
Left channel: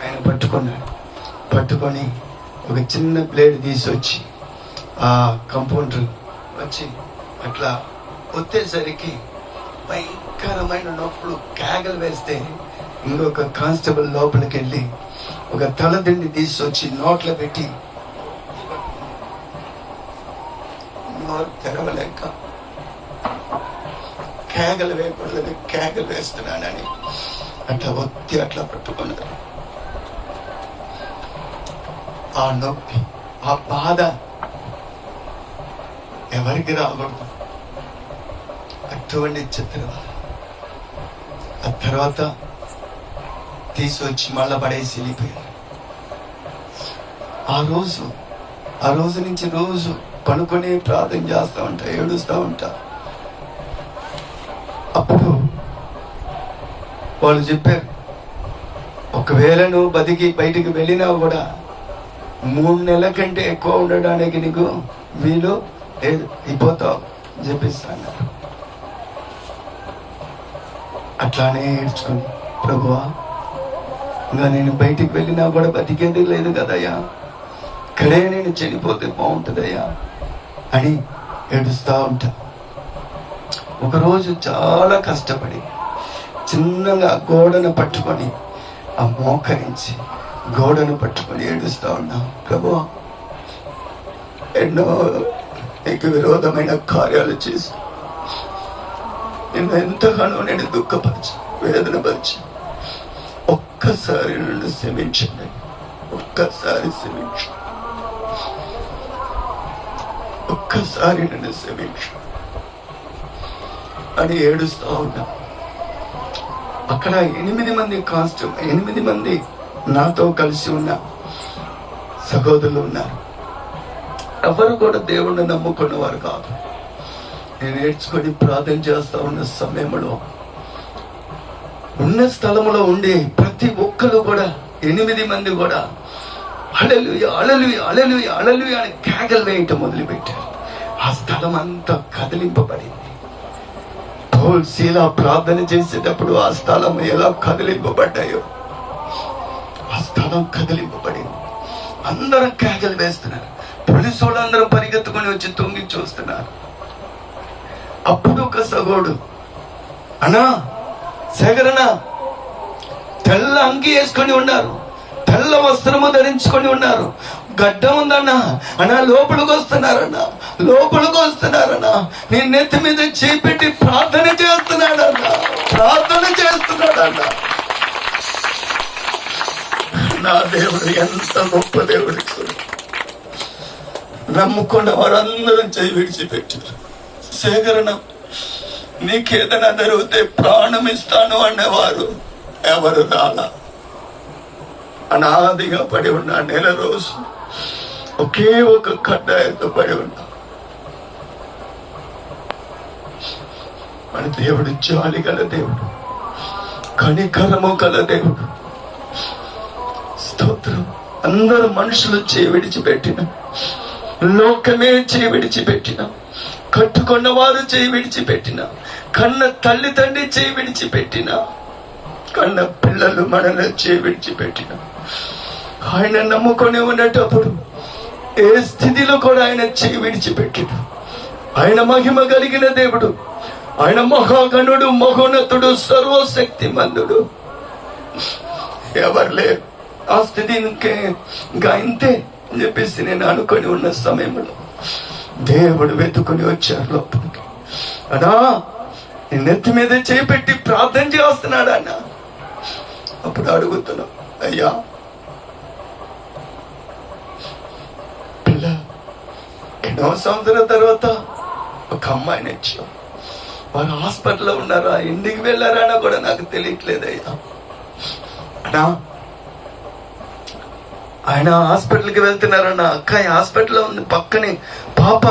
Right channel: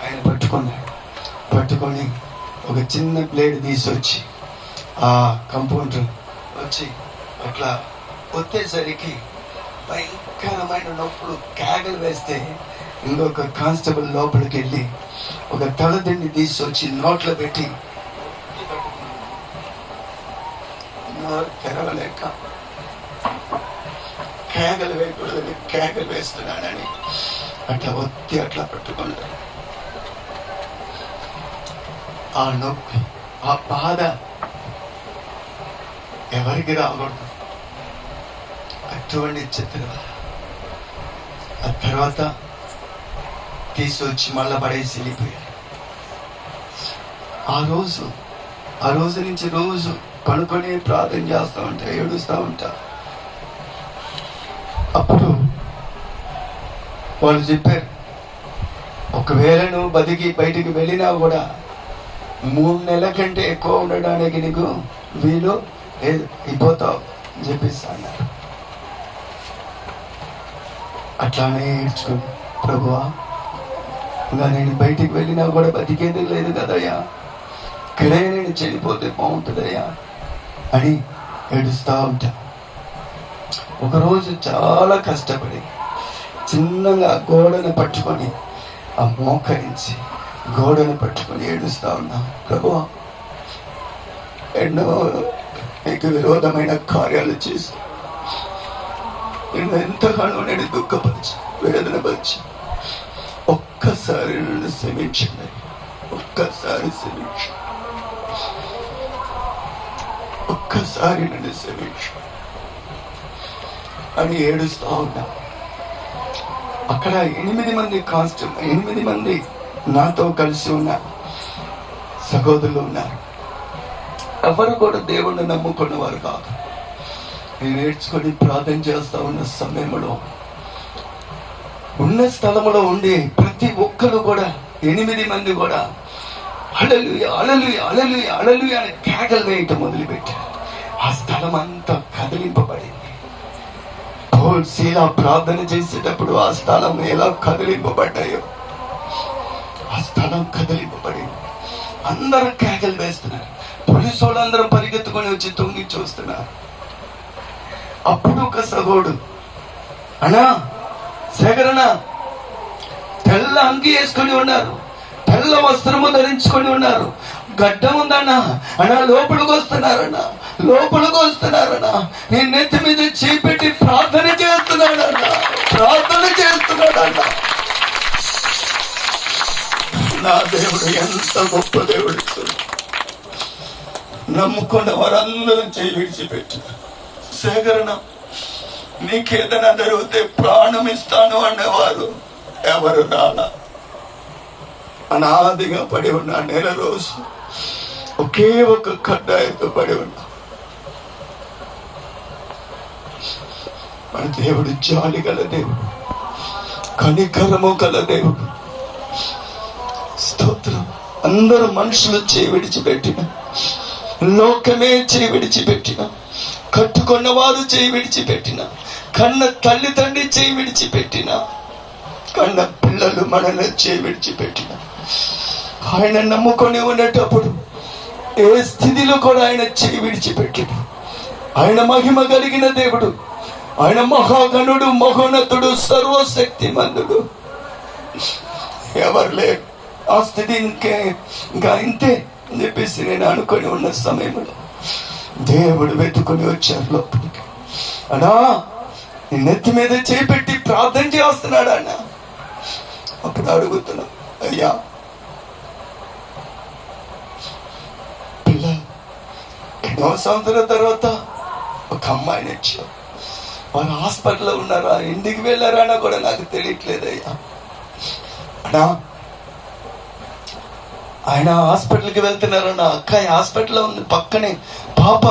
ఆయన పట్టుకొని ఒక చిన్న ప్లేట్ తీసుకొచ్చి ఆ కంపౌండర్ వచ్చి అట్లా ఒత్తేసరికి భయంకరమైన నొప్పులు, కేకలు వేస్తే ఇంకొక కానిస్టేబుల్ లోపలికి వెళ్ళి ఒక తలదిండి తీసుకొచ్చి నోట్లో పెట్టి నోరు తెరవలేక కేకలు వేయకూడదని కేకలు వేస్తున్నాడని అట్లా ఒత్తి అట్లా పట్టుకున్నారు. ఆ నొప్పి, ఆ బాధ ఎవరికి రాకూడదు. అటువంటి చిత్రం. ఆ తర్వాత తీసుకొచ్చి మళ్ళా పడేసి వెళ్ళిపోయాడు. ఆ రోజు నుంచి రోజు పనుకొని ప్రార్థన చేస్తూ ఉంటా, ఏడుస్తూ ఉంటా. అప్పుడు వాళ్ళు చెప్పారు, ఒకవేళ నువ్వు బతికి బయటికి వెళ్ళినా కూడా 3 నెలల కంటే ఎక్కువ ఉండడానికి నీకు వీలు లేదు, అయిపోతావు చెప్పిస్తాను. అట్లానే ఏడ్చుకుని, ప్రభువా ఇంకా నేను బయటికి వెళ్ళినా కూడా బతికేది లేదు కదయ్యా, ఇక్కడే నేను చనిపోతే బాగుంటుందయ్యా అని ఏడుస్తూ ఉంటా. ఒకరోజు చాలా కష్టపడి చిన్నగా గోడను పట్టుకొని ఆ మోకరించి గోడను పట్టుకొని ఏడుస్తూ ఉన్నాం. ప్రభువా ఎన్నో నీకు విరోధమైన కార్యాలు చేసి నేను ఎంతగానో నేను దుఃఖపరిచి వేదనపరిచి, ఒక్కసారి నన్ను క్షమించండి, ఒక్కసారి క్షమించండి. ఒక్కసారి నన్ను క్షమించు అని ఏడుస్తా ఉన్నా. అక్కడ 8 మంది నాతో కలిసి ఉన్న సహోదరులు ఉన్నారు. ఎవరు కూడా దేవుణ్ణి నమ్ముకున్నవారు కాదు. నేను నేర్చుకొని ప్రార్థన చేస్తా ఉన్న సమయంలో ఉన్న స్థలంలో ఉండి ప్రతి ఒక్కరు కూడా 8 మంది కూడా హల్లెలూయా హల్లెలూయా హల్లెలూయా హల్లెలూయా అని కేకలు వేయటం మొదలుపెట్టారు. ఆ స్థలం అంతా కదిలింపబడింది. పౌలు శీల ప్రార్థన చేసేటప్పుడు ఆ స్థలం ఎలా కదిలింపబడ్డాయో ఆ స్థలం కదిలింపబడింది. అందరూ కేకలు వేస్తున్నారు. పోలీసు వాళ్ళందరూ పరిగెత్తుకొని వచ్చి తొంగి చూస్తున్నారు. అప్పుడు ఒక సగోడు, అన్నా శేఖరణ, తెల్ల అంగి వేసుకొని ఉన్నారు, తెల్ల వస్త్రము ధరించుకొని ఉన్నారు, గడ్డం ఉందన్నా అన్నా, లోపలికి వస్తున్నారన్నా, నేను నెత్తి మీద చేపెట్టి ప్రార్థన చేస్తున్నాడన్నా. నా దేవుడు ఎంత గొప్ప దేవుడు! నమ్ముకున్న వారందరూ చేయి విడిచిపెట్టారు. సేకరణ, నీకేదైనా జరిగితే ప్రాణం ఇస్తాను అనేవారు ఎవరు రాలా. అనాదిగా పడి ఉన్నా, 1 నెల రోజు ఒకే ఒక కడ్డాయంతో పడి ఉన్నా. మన దేవుడు జాలి గల దేవుడు, కనికరము గల దేవుడు. స్తోత్రం. అందరూ మనుషులు చేయి విడిచిపెట్టిన, లోకమే చేయి విడిచిపెట్టిన, కట్టుకున్న వారు చేయి విడిచిపెట్టిన, కన్న తల్లిదండ్రి చేయి విడిచిపెట్టిన, కన్న పిల్లలు మనల్ని చేయి విడిచిపెట్టిన, ఆయన నమ్ముకొని ఉండేటప్పుడు ఏ స్థితిలో కూడా ఆయన చేయి విడిచిపెట్టిన. ఆయన మహిమ కలిగిన దేవుడు, ఆయన మహాగణుడు, మహోన్నతుడు, సర్వశక్తిమంతుడు. ఎవరు లేరు ఆ స్థితి. ఇంకా ఇంతే అని చెప్పేసి నేను అనుకొని ఉన్న సమయంలో దేవుడు వెతుకొని వచ్చారు లోపలికి. అన్నా, నెత్తి మీద చేపెట్టి ప్రార్థన చేస్తున్నాడు అన్న. అప్పుడు అడుగుతున్నా, అయ్యా పిల్ల 2వ సంవత్సరం తర్వాత ఒక అమ్మాయిని వచ్చా, వారు హాస్పిటల్లో ఉన్నారా, ఇంటికి వెళ్ళారా కూడా నాకు తెలియట్లేదు అయ్యా. అన్నా, ఆయన హాస్పిటల్కి వెళ్తున్నారన్న, అక్కాయి హాస్పిటల్లో ఉంది, పక్కనే పాప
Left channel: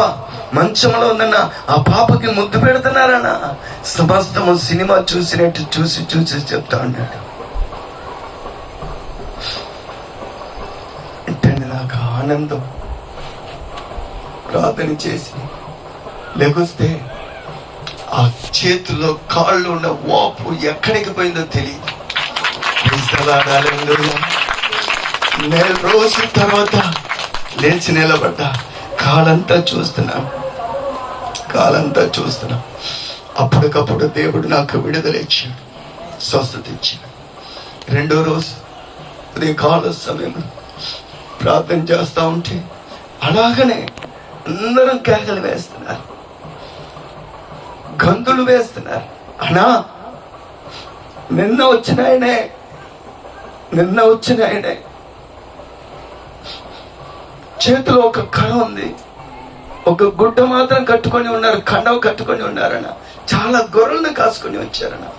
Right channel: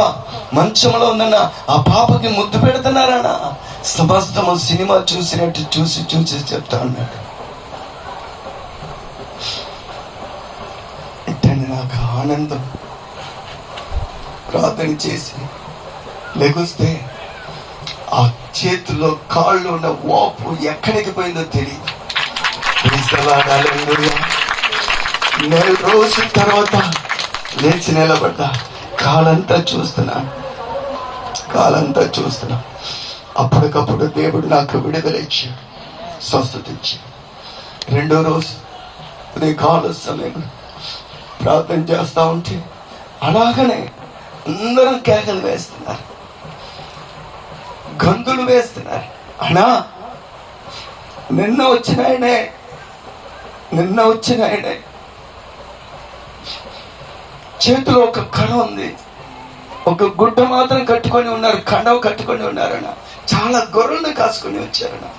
మంచంలో ఉందన్న, ఆ పాపకి ముద్దు పెడుతున్నారన్న. సమస్తము సినిమా చూసినట్టు చూసి చెప్తా ఉన్నాడు. అంటే నాకు ఆనందం. ప్రార్థన చేసి లెగుస్తే ఆ చేతుల్లో కాళ్ళు ఉన్న వాపు ఎక్కడికి పోయిందో తెలియదు. 1 రోజుల తర్వాత లేచి నిలబడ్డా. కాలంతా చూస్తున్నా. అప్పటికప్పుడు దేవుడు నాకు విడుదల ఇచ్చి స్వస్థత ఇచ్చి 2వ రోజు అదే కాల సమయంలో ప్రార్థన చేస్తా ఉంటే అలాగనే అందరం కేకలు వేస్తున్నారు, గంతులు వేస్తున్నారు. అన్నా, నిన్న వచ్చిన ఆయనే చేతిలో ఒక కళ ఉంది, ఒక గుడ్డ మాత్రం కట్టుకొని ఉన్నారు, కండవ కట్టుకొని ఉన్నారన్న. చాలా గొర్రెలను కాసుకొని వచ్చారన్న,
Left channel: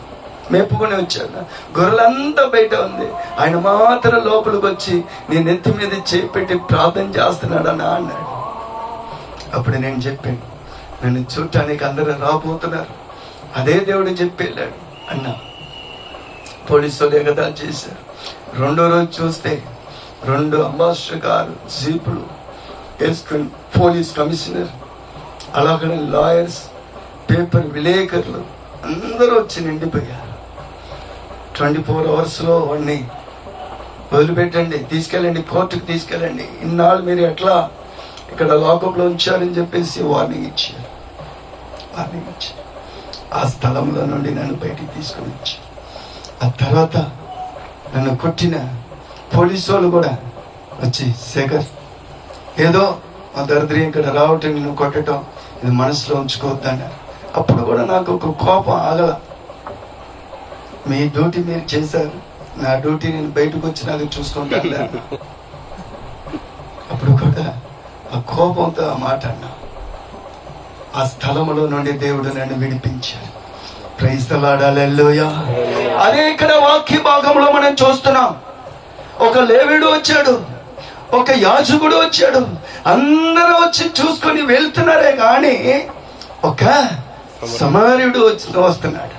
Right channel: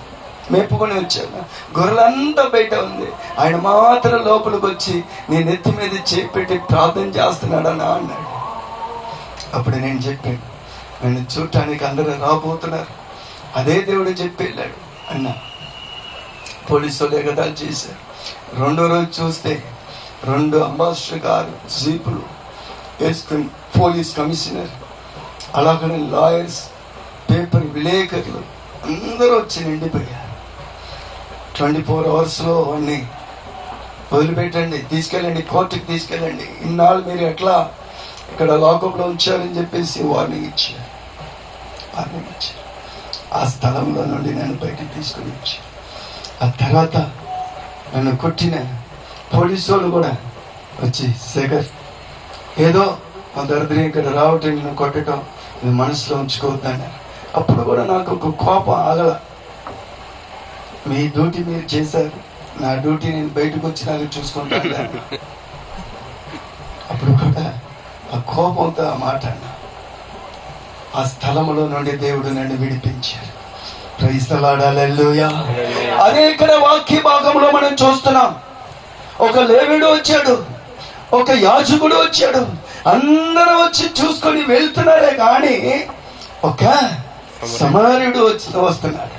మేపుకొని వచ్చారన్న. గొర్రెలంతా బయట ఉంది, ఆయన మాత్రం లోపలికి వచ్చి నీ నెత్తి మీద చేపెట్టి ప్రార్థన చేస్తున్నాడన్నా అన్నాడు. అప్పుడు నేను చెప్పాను, నన్ను చూడటానికి అందరూ రాబోతున్నారు, అదే దేవుడు చెప్పి వెళ్ళాడు అన్న. పోలీసులు ఎగతాళి చేశారు. 2వ రోజు చూస్తే 2 అంబాసిడర్ కారు జీపులు వేసుకుని పోలీస్ కమిషనర్, అలాగనే లాయర్స్, పేపర్ విలేకరులు అందరూ వచ్చి నిండిపోయారు. 24 అవర్స్లో వాడిని వదిలిపెట్టండి, తీసుకెళ్ళండి, కోర్టుకి తీసుకెళ్ళండి, ఇన్నాళ్ళు మీరు ఎట్లా ఇక్కడ లాకప్లో ఉంచారని చెప్పేసి వార్నింగ్ ఇచ్చారు. ఆ స్థలంలో నుండి నన్ను బయటికి తీసుకుని వచ్చి, ఆ తర్వాత నన్ను కొట్టిన పోలీసు వాళ్ళు కూడా వచ్చి, శేఖర్, ఏదో ఆ దరిద్రం ఇక్కడ రావటం, నిన్ను కొట్టడం ఇది మనసులో ఉంచుకోవద్దన్నారు. అప్పుడు కూడా నాకు ఒక కోపం ఆగల. మీ డ్యూటీ మీరు చేశారు, నా డ్యూటీ నేను బయటకు వచ్చి నాకు చూసుకుంటాను. అప్పుడు కూడా ఆ కోపంతో ఆ మాట అన్నా. ఆ స్థలములో నుండి దేవుడు నన్ను విడిపించాడు. ప్రైజ్ ది లార్డ్, హల్లెలూయా. అదే ఇక్కడ వాక్య భాగంలో మనం చూస్తున్నాం. ఒక లేవీయుడు వచ్చాడు, ఒక యాజకుడు వచ్చాడు, అందరూ వచ్చి చూసుకొని వెళ్తున్నారే గాని ఒక సమరయుడు వస్తున్నాడు.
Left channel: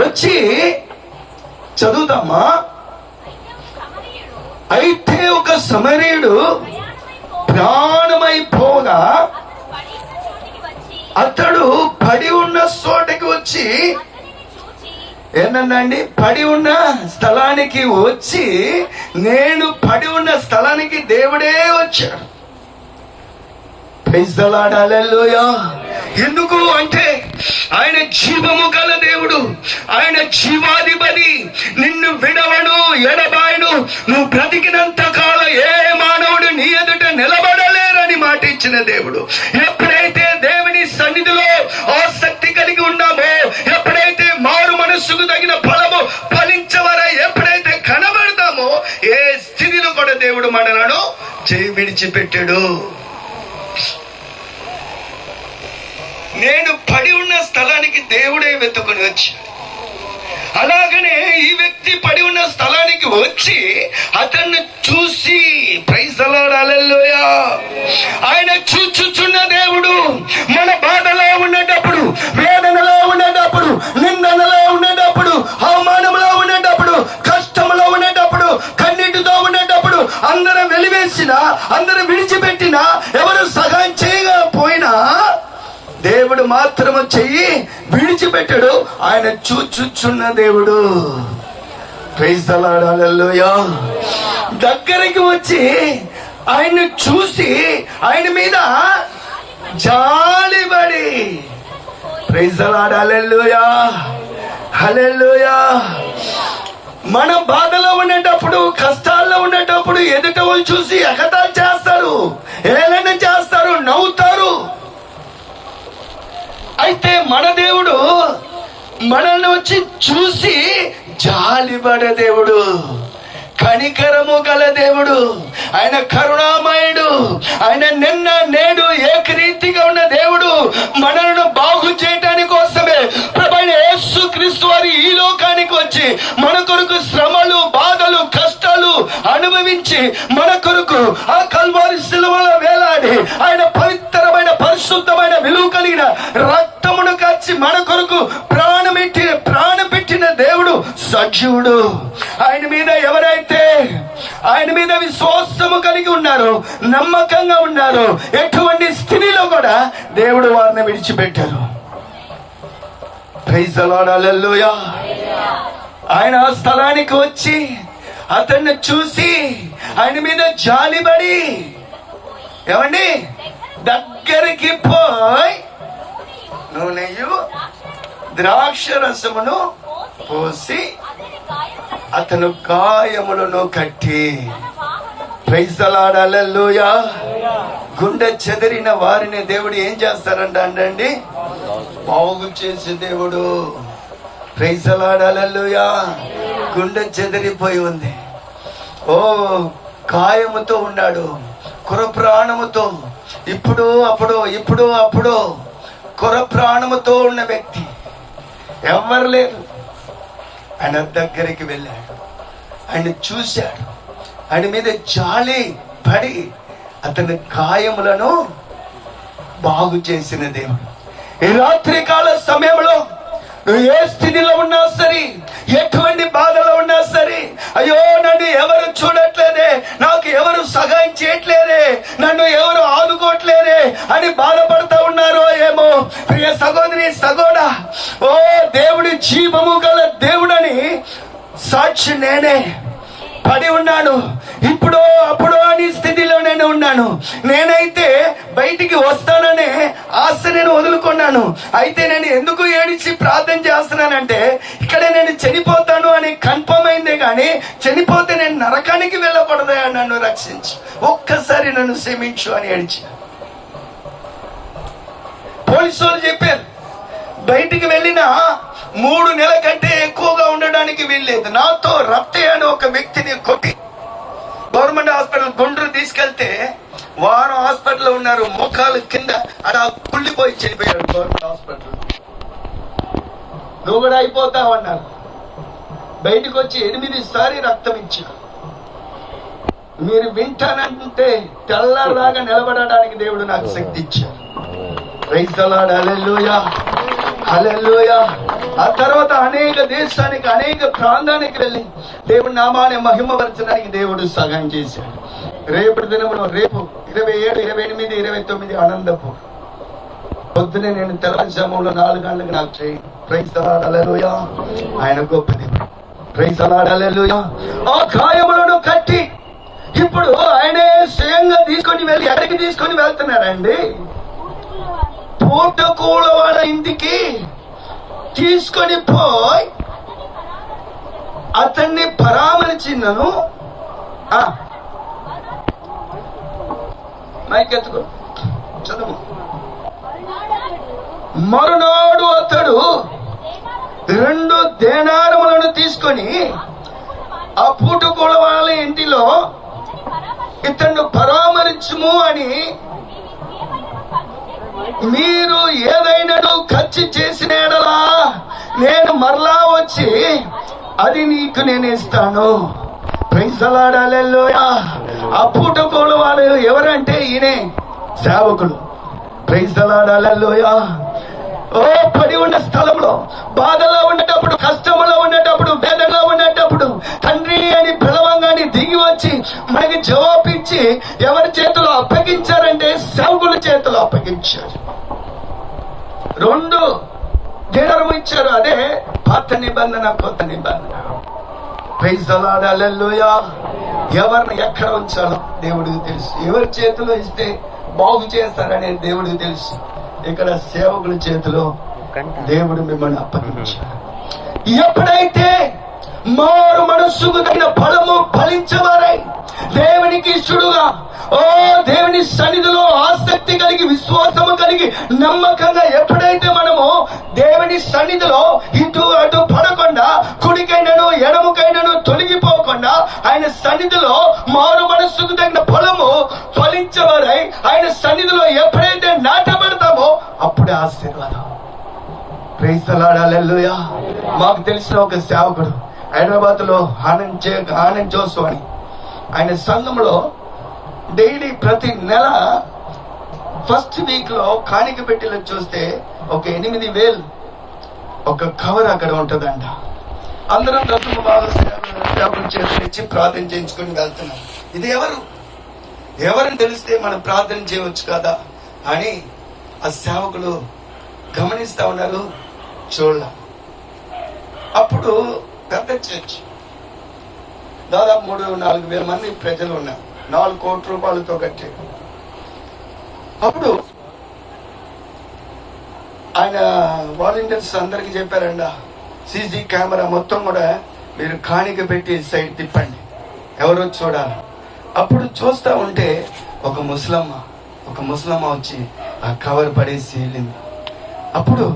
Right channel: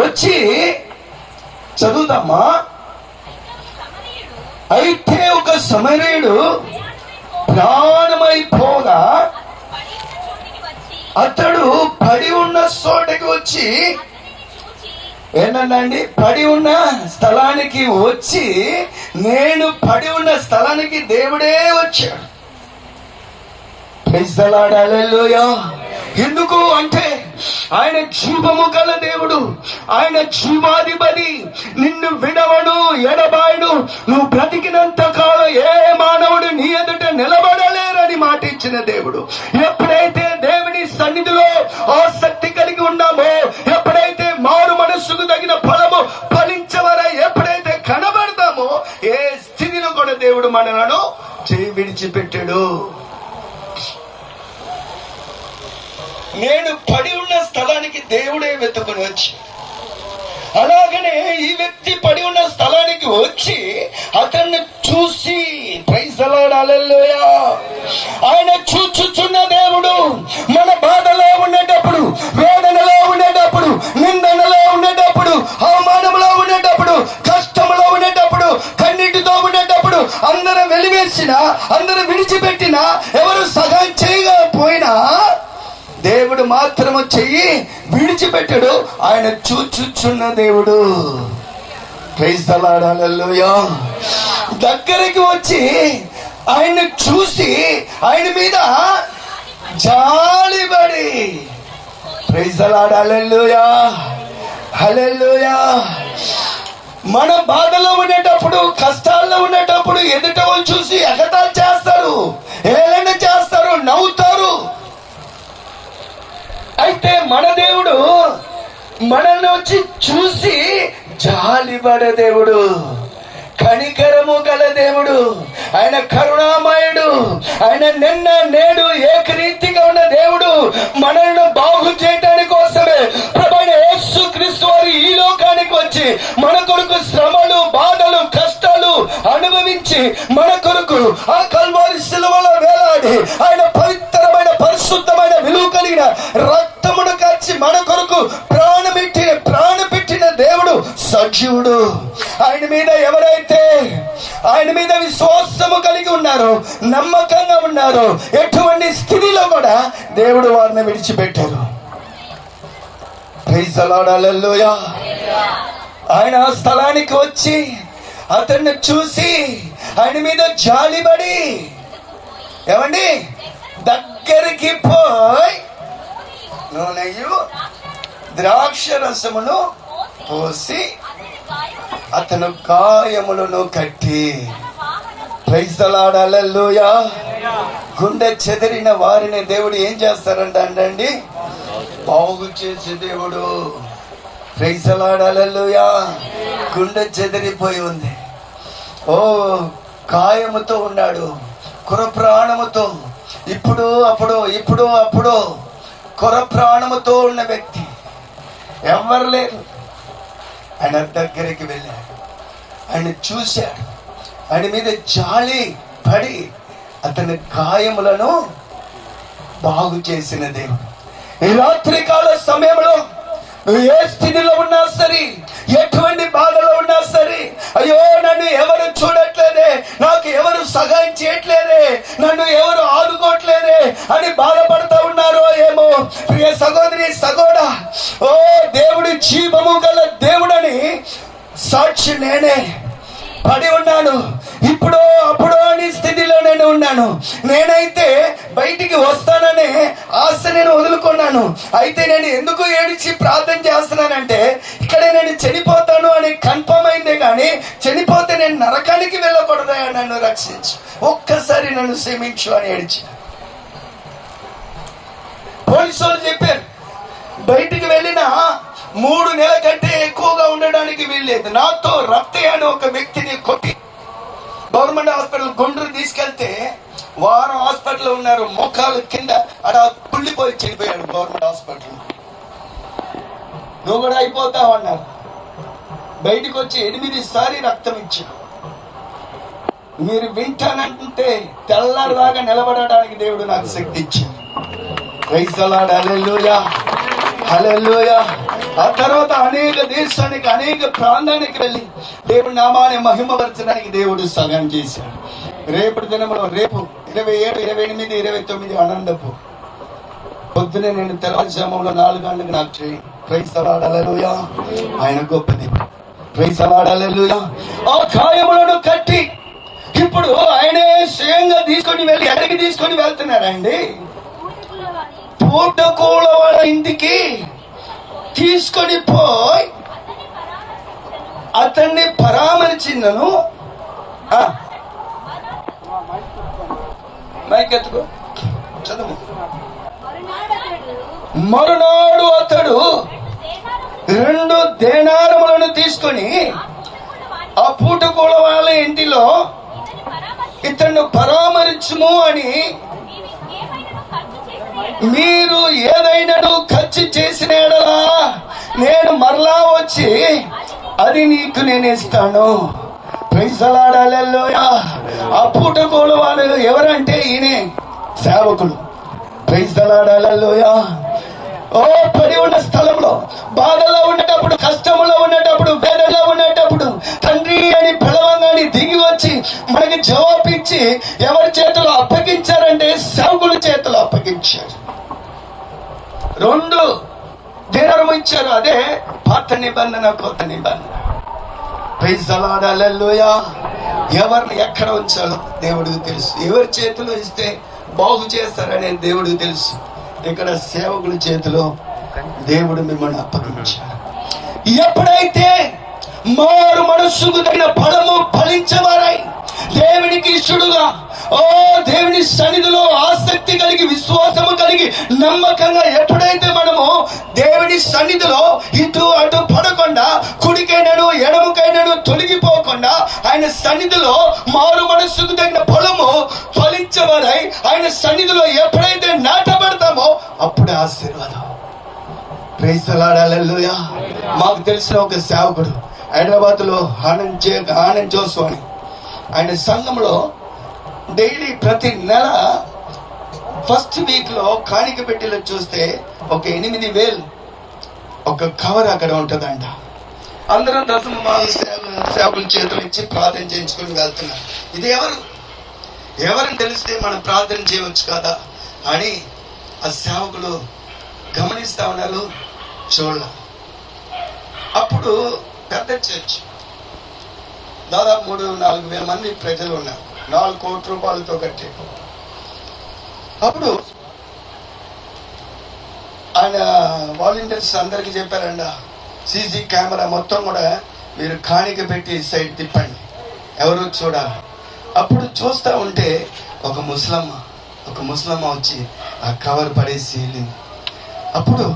వచ్చి చదువుతామా. అయితే ఒక సమరయుడు ప్రాణమైపోగా అతడు పడి ఉన్న చోటకి వచ్చి, ఏంటండి పడి ఉన్న స్థలానికి వచ్చి, నేను పడి ఉన్న స్థలానికి దేవుడే వచ్చాడు. ప్రైజ్ ది లార్డ్, హల్లెలూయా. ఎందుకు అంటే ఆయన జీవము గల దేవుడు, ఆయన జీవాధిపతి. నిన్ను విడవడు, ఎడబాయడు. నువ్వు బ్రతికినంత కాలం ఏ మానవుడు నీ ఎదుట నిలబడలేరని మాట ఇచ్చిన దేవుడు. ఎప్పుడైతే దేవుని సన్నిధిలో ఆసక్తి కలిగి ఉన్నామో, ఎప్పుడైతే మారు మనస్సుకు తగిన ఫలము ఫలించవరా ఎప్పుడైతే కనబడతామో, ఏ స్థితిలో కూడా దేవుడు మనలను చేయి విడిచిపెట్టాడు. నేను పడి ఉన్న స్థలానికి దేవుడే వెతుకుని వచ్చాడు. అలాగనే ఈ వ్యక్తి పడి ఉన్న స్థలానికి వచ్చి అతన్ని చూసి, ప్రైజ్ ది లార్డ్, హల్లెలూయా. ఆయన చూచుచున్న దేవుడు. మన బాధలో ఉండేటప్పుడు, వేదనలో ఉండేటప్పుడు, నిందనలో ఉండేటప్పుడు, అవమానంలో ఉండేటప్పుడు, కష్టంలో ఉండేటప్పుడు, కన్నీటితో ఉండేటప్పుడు, అందరూ వెలివేసినా, అందరూ విడిచిపెట్టినా, ఎవరు సహాయం చేయకపోయినా దేవుడు మాత్రము చెయ్యి విడిచిపెట్టాడు. ఆయన చూచుచున్న దేవుడు. ప్రైజ్ ది లార్డ్, హల్లెలూయా. దగ్గరికి వచ్చి ఆయన చూసి ఆయన మీద జాలిపడి, ప్రైజ్ ది లార్డ్, హల్లెలూయా, హల్లెలూయా. మన బాధలో ఉండేటప్పుడు, కష్టాల్లో ఉండేటప్పుడు ఎదుట వాళ్ళు చూసి ఎగతాళి చేస్తారు, ఏలన చేస్తారు, నవ్వుతారు. అయితే మన దేవుడు మనల్ని వచ్చి చూసి జాలిపడే దేవుడు, కనికరము గల దేవుడు, ఆయన కరుణామయుడు, ఆయన నిన్న నేడు ఏకరీతిగా ఉన్న దేవుడు. మనల్ని బాగు చేయడానికి కోసమే ప్రభువైన యేసుక్రీస్తు వారు ఈ లోకానికి వచ్చి మన కొరకు శ్రమలు, బాధలు, కష్టాలు అనుభవించి మన కొరకు ఆ కల్వారి శిలువలో వేలాడి ఆయన పవిత్రమైన, పరిశుద్ధమైన, విలువ కలిగిన రక్తమును కాచి మన కొరకు ప్రాణం పెట్టిన దేవుడు సజీవుడు. ఆయన మీద ఎవరైతే ఆయన మీద విశ్వాసము కలిగి ఉన్నారో, నమ్మకంగా ఉన్నారో, ఎటువంటి స్థితిలో కూడా దేవుడు వారిని విడిచిపెట్టారు. Praise the lord, hallelujah. ఆయన ఆ స్థలానికి వచ్చి అతన్ని చూసి ఆయన మీద జాలిపడి, ఏమండి, దగ్గరికి పోయి నూనెయు ద్రాక్ష రసమును పోసి అతను గాయములను కట్టి, ప్రైజ్ ది లార్డ్, హల్లెలూయా. గుండె చెదిరిన వారిని దేవుడు ఏం చేస్తారంట అండి, బాగు చేసే దేవుడు. ప్రైజ్ ది లార్డ్, హల్లెలూయా. గుండె చెదిరిపోయి ఉంది, ఓ గాయముతో ఉన్నాడు, కుర ప్రాణముతో, ఇప్పుడు అప్పుడు కుర ప్రాణముతో ఉన్న వ్యక్తి ఎవరు లేరు. ఆయన దగ్గరికి వెళ్ళాడు, ఆయన చూశాడు, ఆయన మీద జాలి పడి అతని గాయములను బాగు చేసిన దేవుడు. ఈ రాత్రి కాల సమయంలో నువ్వు ఏ స్థితిలో ఉన్నా సరే, ఎటువంటి బాధలో ఉన్నా సరే, అయ్యో నన్ను ఎవరు చూడట్లేదే, నాకు ఎవరు సహాయం చేయట్లేదే, నన్ను ఎవరు ఆదుకోవట్లేదే అని బాధపడతా ఉన్నారో ఏమో. ప్రియ సహోదరి, సహోదరా, ఓ దేవుడి జీవము గల దేవుడని సాక్షి నేనే. పడి ఉన్నాను, ఇప్పుడు అప్పుడు అని స్థితిలో నేను ఉన్నాను. నేనైతే బయటికి వస్తాననే ఆశ నేను వదులుకున్నాను. అయితే నేను ఎందుకు ఏడిచి ప్రార్థన చేస్తున్నానంటే, ఇక్కడే నేను చనిపోతాను అని కన్ఫర్మ్ అయిందే గాని, చనిపోతే నేను నరకానికి వెళ్ళకూడదు, నన్ను రక్షించు, ఒక్కసారి నన్ను క్షమించు అని ఏడిచి. పోలీసు వాళ్ళు చెప్పారు, బయటికి వెళ్ళిన 3 నెలల కంటే ఎక్కువగా ఉండడానికి వీల్లేదు. నాతో రక్తే అని ఒక వ్యక్తిని కొట్టి గవర్నమెంట్ హాస్పిటల్ గుంటూరు తీసుకెళ్తే వారం హాస్పిటల్లో ఉన్నారు. మోకాలు కింద అలా కుళ్ళిపోయి చనిపోయారు గవర్నమెంట్ హాస్పిటల్. నువ్వు కూడా అయిపోతావు అన్నారు. బయటకు వచ్చి 8 సారి రక్తం ఇచ్చారు. మీరు వింటానంటే తెల్లలాగా నిలబడడానికి దేవుడు నాకు శక్తి ఇచ్చాడు. Praise the lord. Hallelujah, hallelujah. ఆ తర్వాత అనేక దేశానికి, అనేక ప్రాంతానికి వెళ్ళి దేవుడి నామాన్ని మహిమపరచడానికి దేవుడు సహాయం చేశాడు. రేపటి దినంలో, రేపు 27, 28, 29 ఆనందపు పొద్దునే నేను తెల్లజాములో 4 గంటలకు నాకు train. Praise the lord. Hallelujah. ఆయన గొప్పది. Praise the lord. హల్లెలూయా. ఆ గాయములను కట్టి ఇప్పుడు ఆయనే స్వయంగా తీసుకొని వెళ్ళి ఎక్కడికి తీసుకొని వెళ్తున్నారండి? పూటకూల వాళ్ళ ఇంటికి తీసుకొని పోయి అతన్ని పరామర్శించను. మైకెత్తుకో, చదువు. మరునాడు అతడు 2 దేనారములను తీసుకొని ఆ పూటకూల వాళ్ళ ఇంటిలో ఇతను పరామర్శము అని, మీరు ఏదైనా ఖర్చు చేసిన ఎడలా నేను మరలా వచ్చి అది నీకు నేను ఇస్తాను. Praise the lord. హల్లెలూయా. ఆ పూటకూల వాళ్ళు ఎవరంటే ఈయనే సేవకులు. Praise the lord. హల్లెలూయా. ఓ పడి ఉన్న స్థలంలో, బాధలో ఉండేటప్పుడు, కష్టంలో ఉండేటప్పుడు, వేదనలో ఉండేటప్పుడు తండ్రి అని పిలవంగానే దిగి వచ్చి మనకి జవాబిచ్చి ఎవరి చేతిలో అప్పగించారంటే సేవకుల చేతిలో అప్పగించారు. 2 దినారము ఇచ్చారు. అదే పాత నిబంధన, కొత్త నిబంధన. Praise the lord. హల్లెలూయా. ఎవరిని ఎక్కడ ఉంచాలో దేవుడికి తెలుసు. ఎవరి చేతిలో ఇస్తే బాగు చేస్తారనే దేవుడికి తెలుసు. ఇక్కడ సేవకుల చేతిలో దేవుడు మిమ్మల్ని అప్పగించారు. ఎప్పుడైతే మారు మనస్సుకు తగిన ఫలము ఫలించవారై దేవునికి ఇష్టడుగా, ఓ దేవుని సన్నిధిలో ఆసక్తి కలిగి, విశ్వాసము కలిగి, నమ్మకంగా ఎప్పుడైతే మనము దేవుని సన్నిధిలో ఇటు అటు పడకుండా, కుడికైనను ఎడముకైనను తొలగిపోకుండా ఆయన సన్నిధిలో మారు మనస్సుకు తగిన ఫలము ఫలించవారై ఆయన సన్నిధిలో ఎప్పుడైతే నాటబడతామో అప్పుడే ఆశీర్వాదం. Praise the lord. హల్లెలూయా. మాకు తెలిసిన ఒక సేవకుడు హైదరాబాద్ లో ఆనంద్ జోసు అని, ఆయన సంఘంలో డైలీ ప్రతి నెల ఫస్ట్ వీక్ లో కాணிక పెట్టిలో చూస్తే ఒక 8,000 ఒక కవర్ అక్కడ ఉంటదంట. అందరం దశమ భాగం సేవకుల చేతులు ఇచ్చి ప్రార్థన చేయించుకుని వెళ్తున్నారు. ఇది ఎవరని తెలిస్తే మనం ప్రార్థన చేయవచ్చు కదా అని ఆ సేవకులు గమనిస్తా ఉన్నారు. చూడాల. అప్పుడు పెద్ద చర్చ్, దాదాపు 3-4 వేల మంది ప్రజలు ఉన్నారు. 4 కోట్ల రూపాయలతో కట్టే. అప్పుడు ఆయన వాలంటీర్స్ అందరికి చెప్పారండి, సీసీ కెమెరా మొత్తం కూడా మీరు కాணிక పెట్టి సైడ్ తిప్పండి, ఎవరో చూడాలి. అప్పుడు చూస్తా ఉంటే ఒక ముసలమ్మ వచ్చి ఆ కవర్ పడేసి వెళ్ళింది. అప్పుడు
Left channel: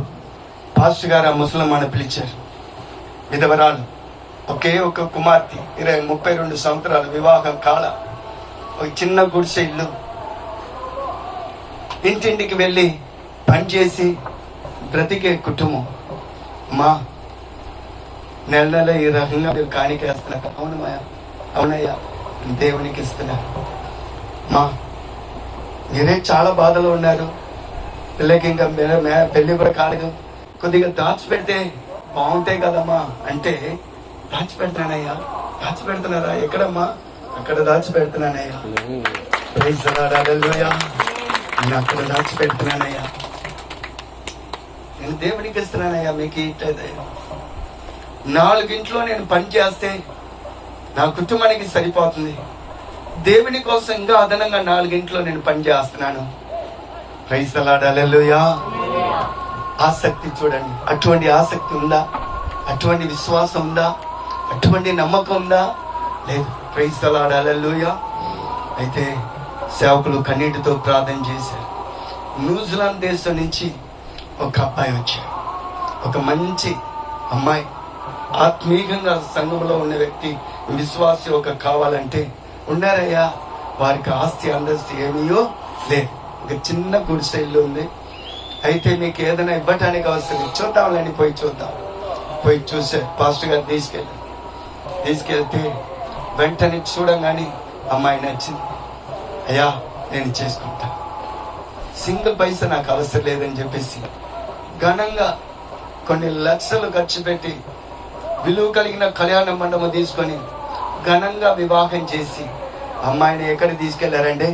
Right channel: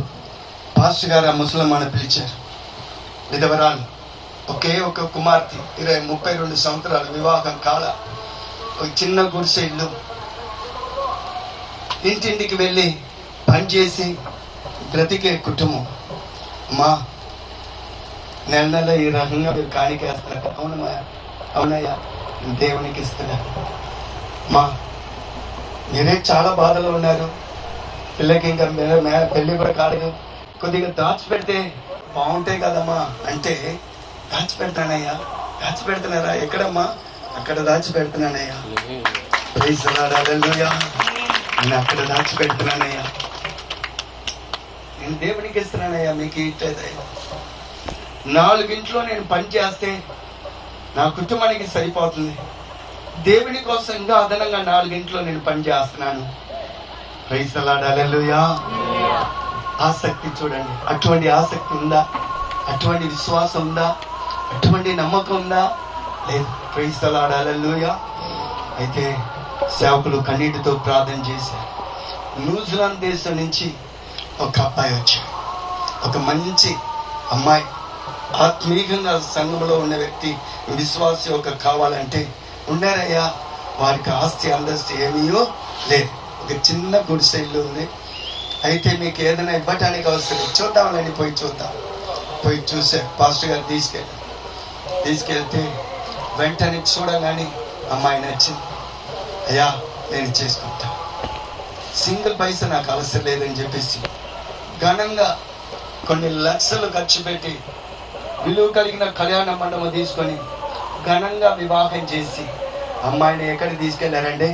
పాస్టర్ గారు ఆ ముసలమ్మని పిలిచారు. విధవరాలు, ఒకే ఒక కుమార్తె, 32 సంవత్సరాలు, వివాహం కాల, ఒక చిన్న గుడిసె ఇల్లు. ఇంటింటికి వెళ్ళి పనిచేసి బ్రతికే కుటుంబం. అమ్మా, నెల ఈ రకంగా మీరు కాணிక వేస్తున్నారు. అవునయ్యా, దేవునికి ఇస్తున్నా. మా మీరే చాలా బాధలో ఉన్నారు, పిల్లకి ఇంకా పెళ్లి కూడా కాలేదు, కొద్దిగా దాచిపెడితే బాగుంటాయి కదమ్మా అంటే, దాచిపెడుతున్నారా? ఎక్కడమ్మా? అక్కడ దాచిపెడుతున్నానయ్యా. Praise the lord. హల్లెలూయా. నేను అక్కడ దాచిపెడుతున్నానయ్యా, నేను దేవునికి ఇస్తున్నానయ్యా. మీకు ఇట్లయితే 4 ఇంట్లో నేను పని చేస్తే నా కుటుంబానికి సరిపోతుంది. దేవుని కోసం ఇంకా అదనంగా 4 ఇంట్లో నేను పని చేస్తున్నాను. Praise the lord. హల్లెలూయా. ఆసక్తి చూడండి. అటువంటి ఆసక్తి ఉందా? అటువంటి విశ్వాసం ఉందా? అటువంటి నమ్మకం ఉందా? లేదు. Praise the lord. హల్లెలూయా. అయితే సేవకులు కన్నీటితో ప్రార్థన చేశారు. న్యూజిలాండ్ దేశం నుంచి ఒక అబ్బాయి వచ్చాడు. ఒక మంచి అమ్మాయి, ఆత్మీయంగా సంఘంలో ఉన్న వ్యక్తి, విశ్వాసి ఒక కావాలంటే, ఉండారయ్యా వారికి ఆస్తి అందస్తు ఏమీయో లేదు, ఒక చిన్న గుడిసె ఇల్లు ఉంది. అయితే మీకు ఏదైనా ఇవ్వటానికి అవసరం లేదు, చూద్దాంలేండి పోయి చూద్దాం. పోయి చూసే పాస్టర్ గారు తీసుకెళ్తే వెంటనే చూడగానే అమ్మాయి నచ్చింది. అయ్యా నేను చేసుకుంటా, సింగిల్ పైసా నాకు అవసరం లేదని చెప్పేసి ఘనంగా కొన్ని లక్షలు ఖర్చు పెట్టి విలువ కలిగిన కళ్యాణ మండపం తీసుకొని ఘనంగా వివాహం చేసి అమ్మాయిని ఎక్కడికి తీసుకెళ్లారంటే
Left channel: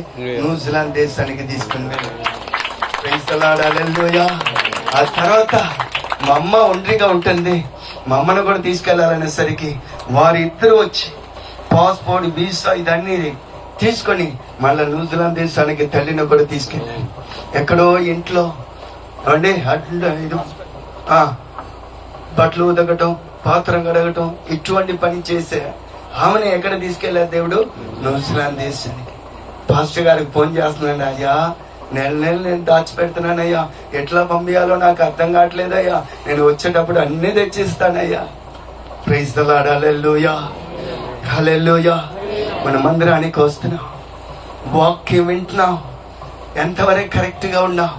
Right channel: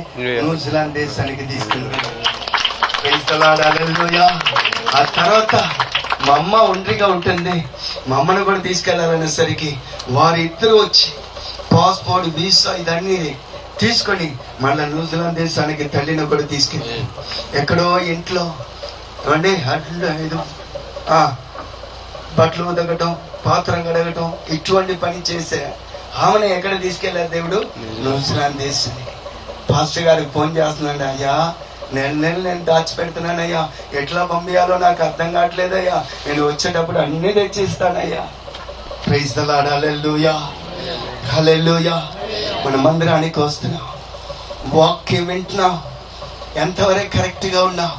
న్యూజిలాండ్ దేశానికి తీసుకుని వెళ్ళారు. ఆ తర్వాత మా అమ్మ ఒంటరిగా ఉంటుంది, మా అమ్మను కూడా తీసుకెళ్లాలనేసరికి వారిద్దరు వచ్చి పాస్పోర్ట్ వీసా ఇదన్నీ తీసుకొని మళ్ళీ న్యూజిలాండ్ దేశానికి తల్లిని కూడా తీసుకెళ్ళి ఎక్కడో ఇంట్లో అండి అట్లా ఇది బట్టలు ఉదగటం, పాత్రం కడగటం ఇటువంటి పని చేసే ఆమెను ఎక్కడ తీసుకెళ్లారు దేవుడు? న్యూజిలాండ్ దేశానికి. పాస్టర్ గారికి ఫోన్ చేస్తున్నాను, అయ్యా నెల నేను దాచిపెడుతున్నానయ్యా, ఎట్లా పంపించాలో నాకు అర్థం కావట్లేదయ్యా, నేను వచ్చేటప్పుడు అన్ని తెచ్చిస్తానయ్యా. ప్రైజ్ ది లార్డ్, హల్లెలూయా హల్లెలూయా. మన మందిరానికి వస్తున్నాం, వాక్యం వింటున్నాం, ఎంతవరకు కరెక్ట్ గా ఉన్నాం?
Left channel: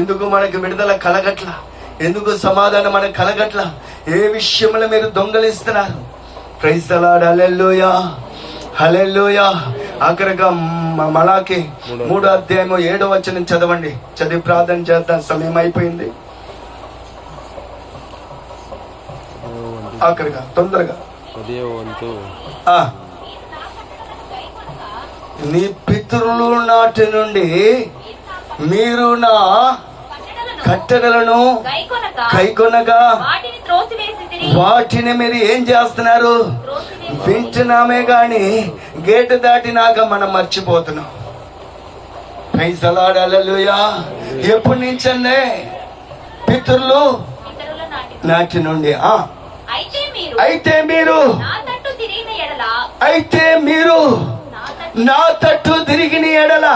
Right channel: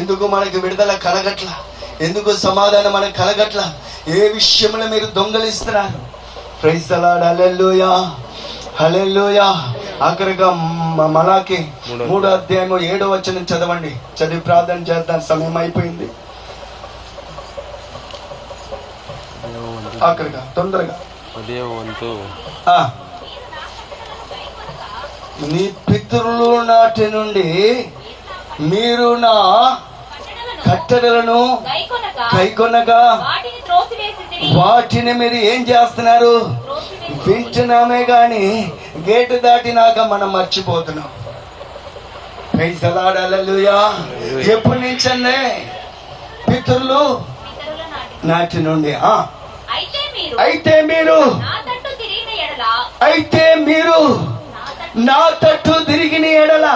ఎందుకు మనకు విడుదల కలగట్ల? ఎందుకు సమాధానం మనకు కలగట్ల? ఏ విషయంలో మీరు దొంగలిస్తున్నారు? ప్రైజ్ ది లార్డ్, హల్లెలూయా హల్లెలూయా. ఆఖరిగా మలాకి 3:7 చదవండి, చదివి ప్రార్థన చేద్దాం, సమయం అయిపోయింది. ఆఖరిగా తొందరగా నీ పితరులు నాటి నుండి మీరు నా కట్టడలను కైకొనగా వాటిని మీరు ఏం చేస్తున్నారు? వింటున్నామే గాని గేటు దాటినాక మనం మర్చిపోతున్నాం. ప్రైజ్ ది లార్డ్, హల్లెలూయా. ఎప్పటి నుంచండి? పితరులు నాటి నుండి. అయితే మీరు నా తట్టు తిరిగిన ఎడల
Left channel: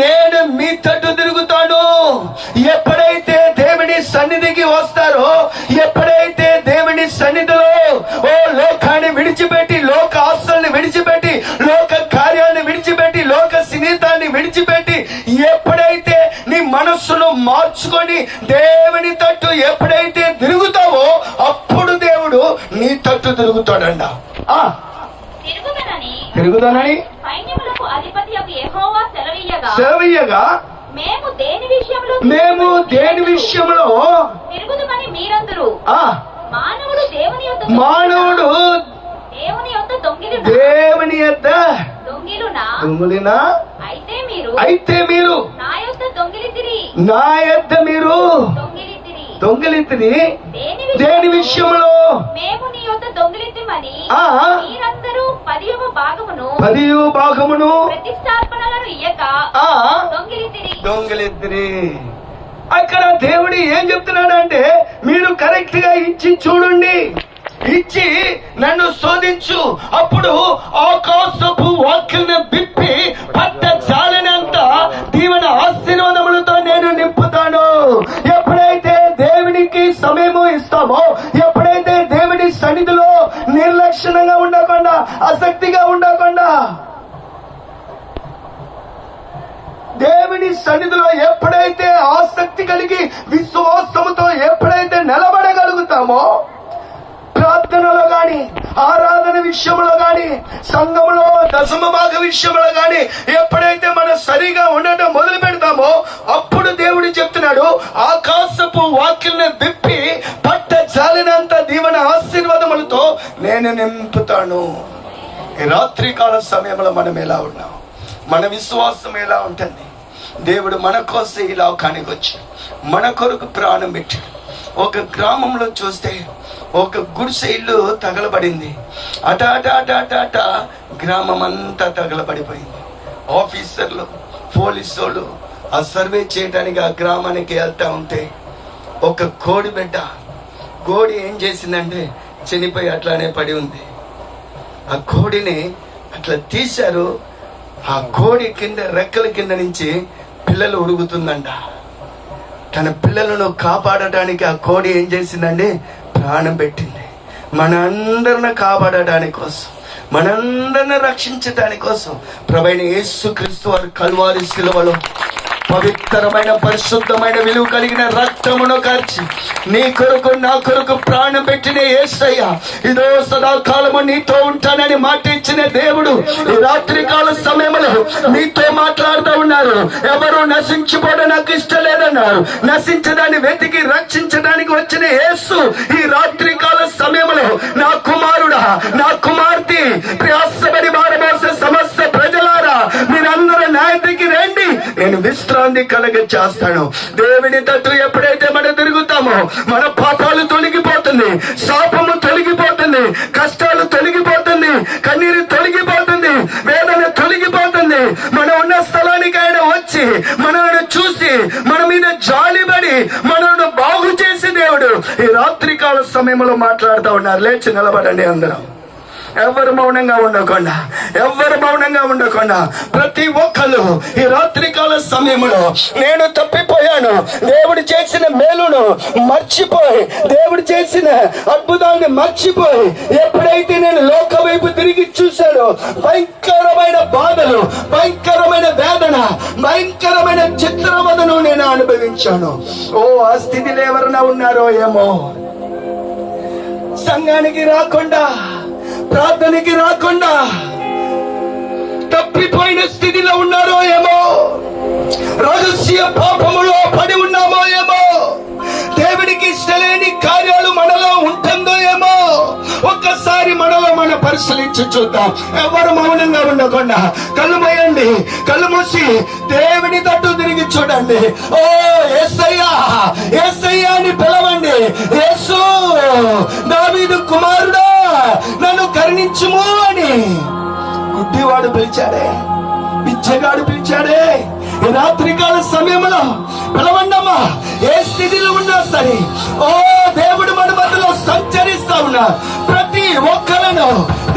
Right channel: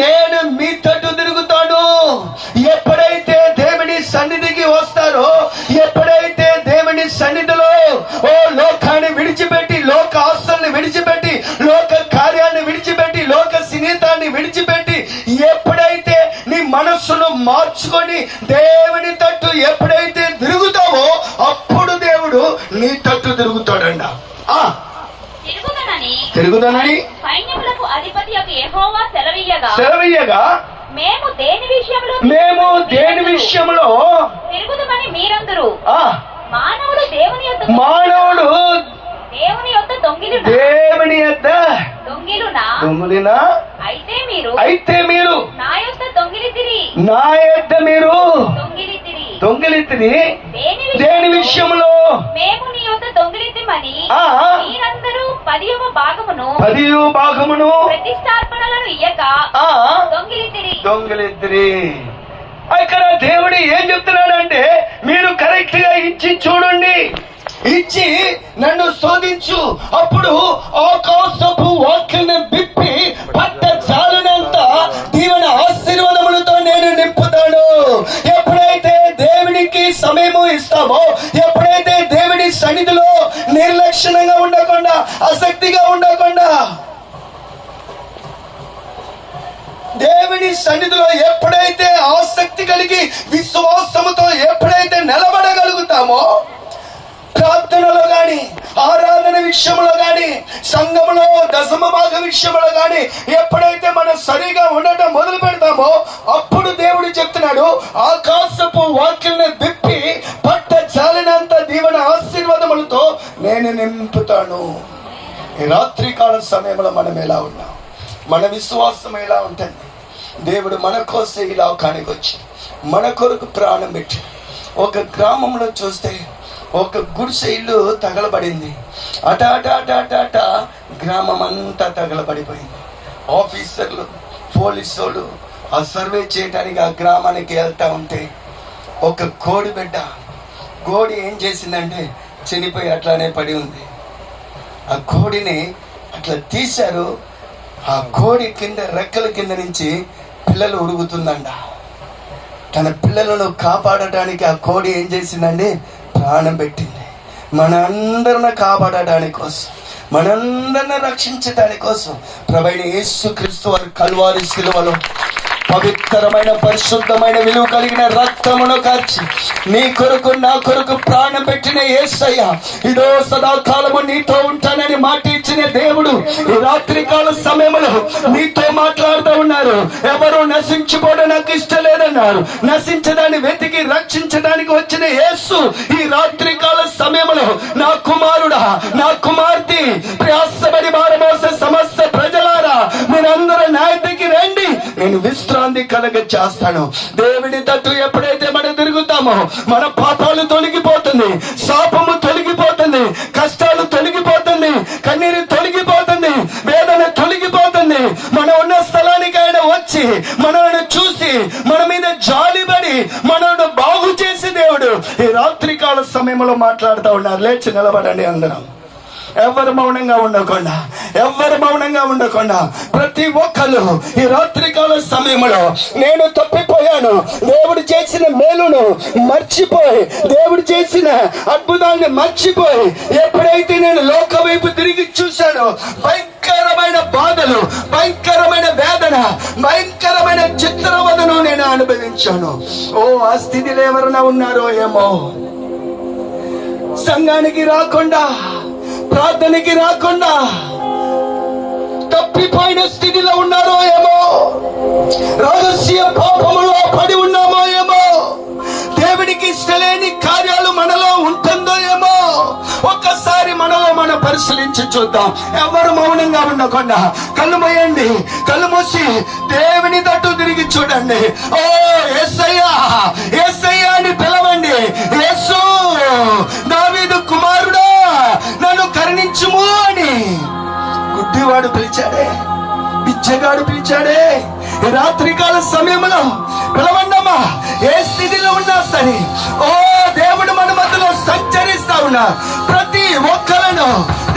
నేను మీ తట్టు తిరుగుతాను. ఎప్పుడైతే దేవుని సన్నిధికి వస్తారో, ఎప్పుడైతే దేవుని సన్నిధిలో లోకాన్ని విడిచిపెట్టి, లోక ఆస్తుల్ని విడిచిపెట్టి, లోక కార్యాన్ని విడిచిపెట్టి, లోక స్నేహితాన్ని విడిచిపెట్టి, ఎప్పుడైతే నీ మనస్సును మార్చుకొని దేవుని తట్టు ఎప్పుడైతే తిరుగుతావో అప్పుడు దేవుడు నీ తట్టు తిరుగుతాడంట. తిరుగుతానని సెలవీయగా మేము దేని విషయంలో మానవుడు దేవుని యొద్ద దొంగిలినా? అయితే మీరు నా యొద్ద మీరు దొంగిలితిరి. దేని విషయంలో? 10వ భాగమును దొంగిలితిరి. ఇక్కడ దేవుడు ఏం చెప్తున్నాడు అంటే, మీరు కరెక్ట్ గా ఇచ్చి చూడండి, ఇచ్చి నన్ను శోధించు, అప్పుడు ఆకాశపు వాక్యలను విప్పి పట్ట చాలినంత దీవెన ఆశీర్వాదములతో నేను నింపుతాను. ఎప్పుడైతే దేవునికి సమయము ఇస్తామో, ఎప్పుడైతే దేవుడి సన్నిధిలో నిర్లక్ష్యంగా ఉండకుండా, ఆసక్తిగా ఉండకుండా, దేవుని సన్నిధిలో ఎప్పుడైతే ఆసక్తి కలిగి విశ్వాసముతో ఎప్పుడైతే నిలబడగలుగుతామో, ప్రార్థనలో గాని, ఆరాధన విషయంలో గాని, సంఘంలో దశమ భాగ విషయంలో గాని ఎప్పుడైతే మనం సరిగా ఉండటం మొదలు పెడతామో అప్పుడు దేవుడు చెప్తున్నాడు, ఆకాశపు వాక్యాలను విప్పి పట్ట జాలినంత దీవెన ఆశీర్వాదములతో నేను నింపుతాను. ఈ రాత్రి కాల సమయంలో మనం ఎలా ఉన్నాం? మన విశ్వాసం ఎలా ఉంటుంది? దేవుడు మన కోసం ఈ లోకానికి వచ్చి మన కొరకు ప్రాణం పెట్టి, ఒక గ్రామంలో చూస్తే ఒక గుడిసె ఇల్లు తగలబడింది. అట గ్రామం అంతా తగలబడిపోయింది. ఆఫీసర్లు, పోలీసు వాళ్ళు ఆ సర్వే చేయడానికి ఆ గ్రామానికి వెళ్తా ఉంటే ఒక కోడి ఏం చేసిందంటే చనిపోయి అట్లానే పడి ఉంది. ఆ కోడిని అట్లా తీశారు. ఆ కోడి కింద రెక్కల కింద నుంచి పిల్లలు ఉరుగుతుందంట. తన పిల్లలను కాపాడటానికి ఆ కోడి ఏం చేసిందండి? ప్రాణం పెట్టింది. మన అందరిని కాపాడటానికి కోసం, మనందరిని రక్షించడానికి కోసం ప్రభువైన యేసుక్రీస్తు వారి కల్వారి శిలువలో పవిత్రమైన పరిశుద్ధమైన విలువ కలిగిన రక్తమును కార్చి నీ కొరకు నా కొరకు ప్రాణం పెట్టిన యేసయ్య ఇదో సదాకాలము నీతో ఉంటానని మాట ఇచ్చిన దేవుడు ఈ రాత్రి కాల సమయంలో నీతో మాట్లాడుతూ ఉన్నారు. ఎవరు నశించిపోవడం నాకు ఇష్టం లేదన్నారు. నశించడాన్ని వెతికి రక్షించడానికి వచ్చిన యేసు ఈ రాత్రి కాల సమయంలో నా కుమారుడా, నా కుమార్తె, ప్రయాసపడి భారమోసే సమస్త ప్రజలారా మీరందరూ నా దగ్గరికి రండి, నేను విశ్రాంతి కలగ చేస్తాను. దేవుని తట్టు ఎప్పుడైతే మనం తిరుగుతామో మన పాపాలు తొలగిపోతుంది, శాపము తొలగిపోతుంది, కష్టాలు తొలగిపోతుంది, కన్నీరు తొలగిపోతుంది, వేదన తొలగిపోతుంది. మనం ఉన్న స్థలానికి ఆయన వచ్చి మనల్ని చూసి మన మీద జాలిపడి మనల్ని బాగు చేసి దేవుడు ఈ రాత్రి కాల సమయంలో మాట్లాడుతూ ఉన్నారు. లేచి నిలబడండి అందరం. ఎవరు మౌనంగా ఉండకుండా, ఎవరు మౌనంగా ఉండకుండా ప్రతి ఒక్కరు ఈ రాత్రికాల సమయంలో నేను తప్పిపోయాను, దేవుడు చేసిన మేలును మర్చిపోయి, దేవుడు చేసిన అద్భుతాన్ని మర్చిపోయి ఎప్పుడైతే నేను లోక వైపు తిరిగి చూశానో భయంకరమైన బాధలు, భయంకరమైన వేదన, భయంకరమైన చిత్రవదను నేను అనుభవించాను. ఓ ఆ స్థితిలో ఎవరైనా ఉన్నారో ఏమో, సంఘానికి రాకుండా, ప్రార్థనకి రాకుండా తప్పిపోయిన స్థితిలో ఉన్నారో ఏమో, రహస్య పాపములో పడి ఉన్నామో ఏమో, దేవుడికి ఇష్టలేని కార్యాలు మనలో ఉంటుందో ఏమో. ఒక్కసారి మనలో మనం పరిశీలించి చూద్దాం. ఎవరు మౌనంగా ఉండకుండా కళ్ళు మూయండి, కళ్ళు మూసి దేవుని తట్టు తిరిగి చూడండి. ఓ యేసయ్యా, యేసయ్యా అని పిలవండి. యేసు, దావీదు కుమారుడా నన్ను కరుణించుము అని గుడ్డివాడు పిలిచాడే, పిచ్చగాడు పిలిచాడే. ఈ రాత్రికాల సమయంలో పిలవండమ్మా. ఏ స్థితిలో ఉన్నా సరే, ఓ దేవుడు మన మధ్యలో సంచరిస్తా ఉన్నారు. ప్రతి ఒక్కలను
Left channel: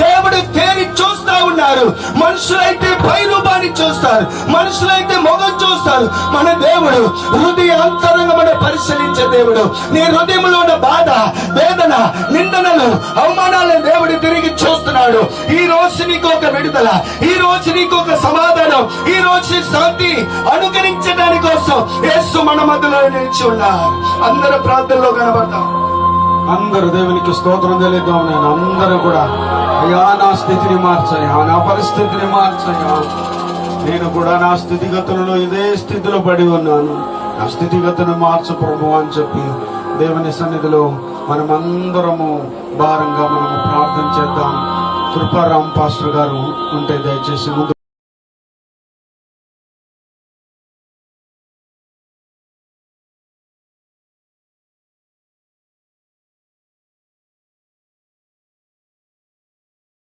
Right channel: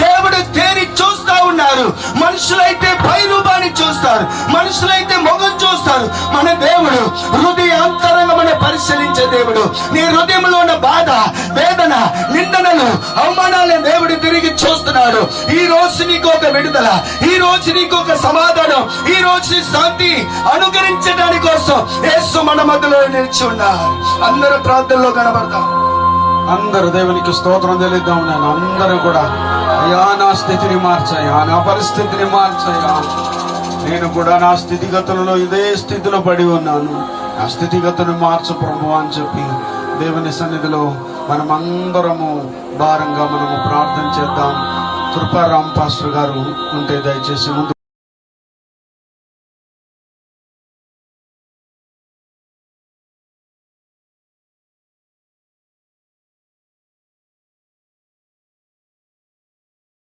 దేవుడు తేరి చూస్తా ఉన్నారు. మనుషులైతే పైరూపాన్ని చూస్తారు, మనుషులైతే మొగం చూస్తారు. మన దేవుడు హృదయ అంతరంగమని పరిశీలించే దేవుడు. నీ హృదయంలో ఉన్న బాధ, వేదన, నిందనలు, అవమానాలను దేవుడు తిరిగి చూస్తున్నాడు. ఈ రోజు నీకు ఒక విడుదల, ఈ రోజు నీకు ఒక సమాధానం, ఈ రోజు శాంతి అనుకరించడానికి కోసం యేసు మన మధ్యలో నిలిచి ఉన్నారు. అందరూ ప్రార్థనలో కనబడతాం. అందరూ దేవునికి స్తోత్రం తెలియద్దాం. నేను అందరూ కూడా అయ్యా నా స్థితిని మార్చాయా, నా పరిస్థితిని మార్చాయా, నేను కూడా నా స్థితిగతులలో ఇదే స్థితిలో పడి ఉన్నాను, నా స్థితిగతుని మార్చు ప్రభు అని చెప్పి దేవుని సన్నిధిలో మనమందరము భారంగా మనము ప్రార్థన చేద్దాం. కృపారాం పాస్టర్ గారు ఉంటే దయచేసి ముందు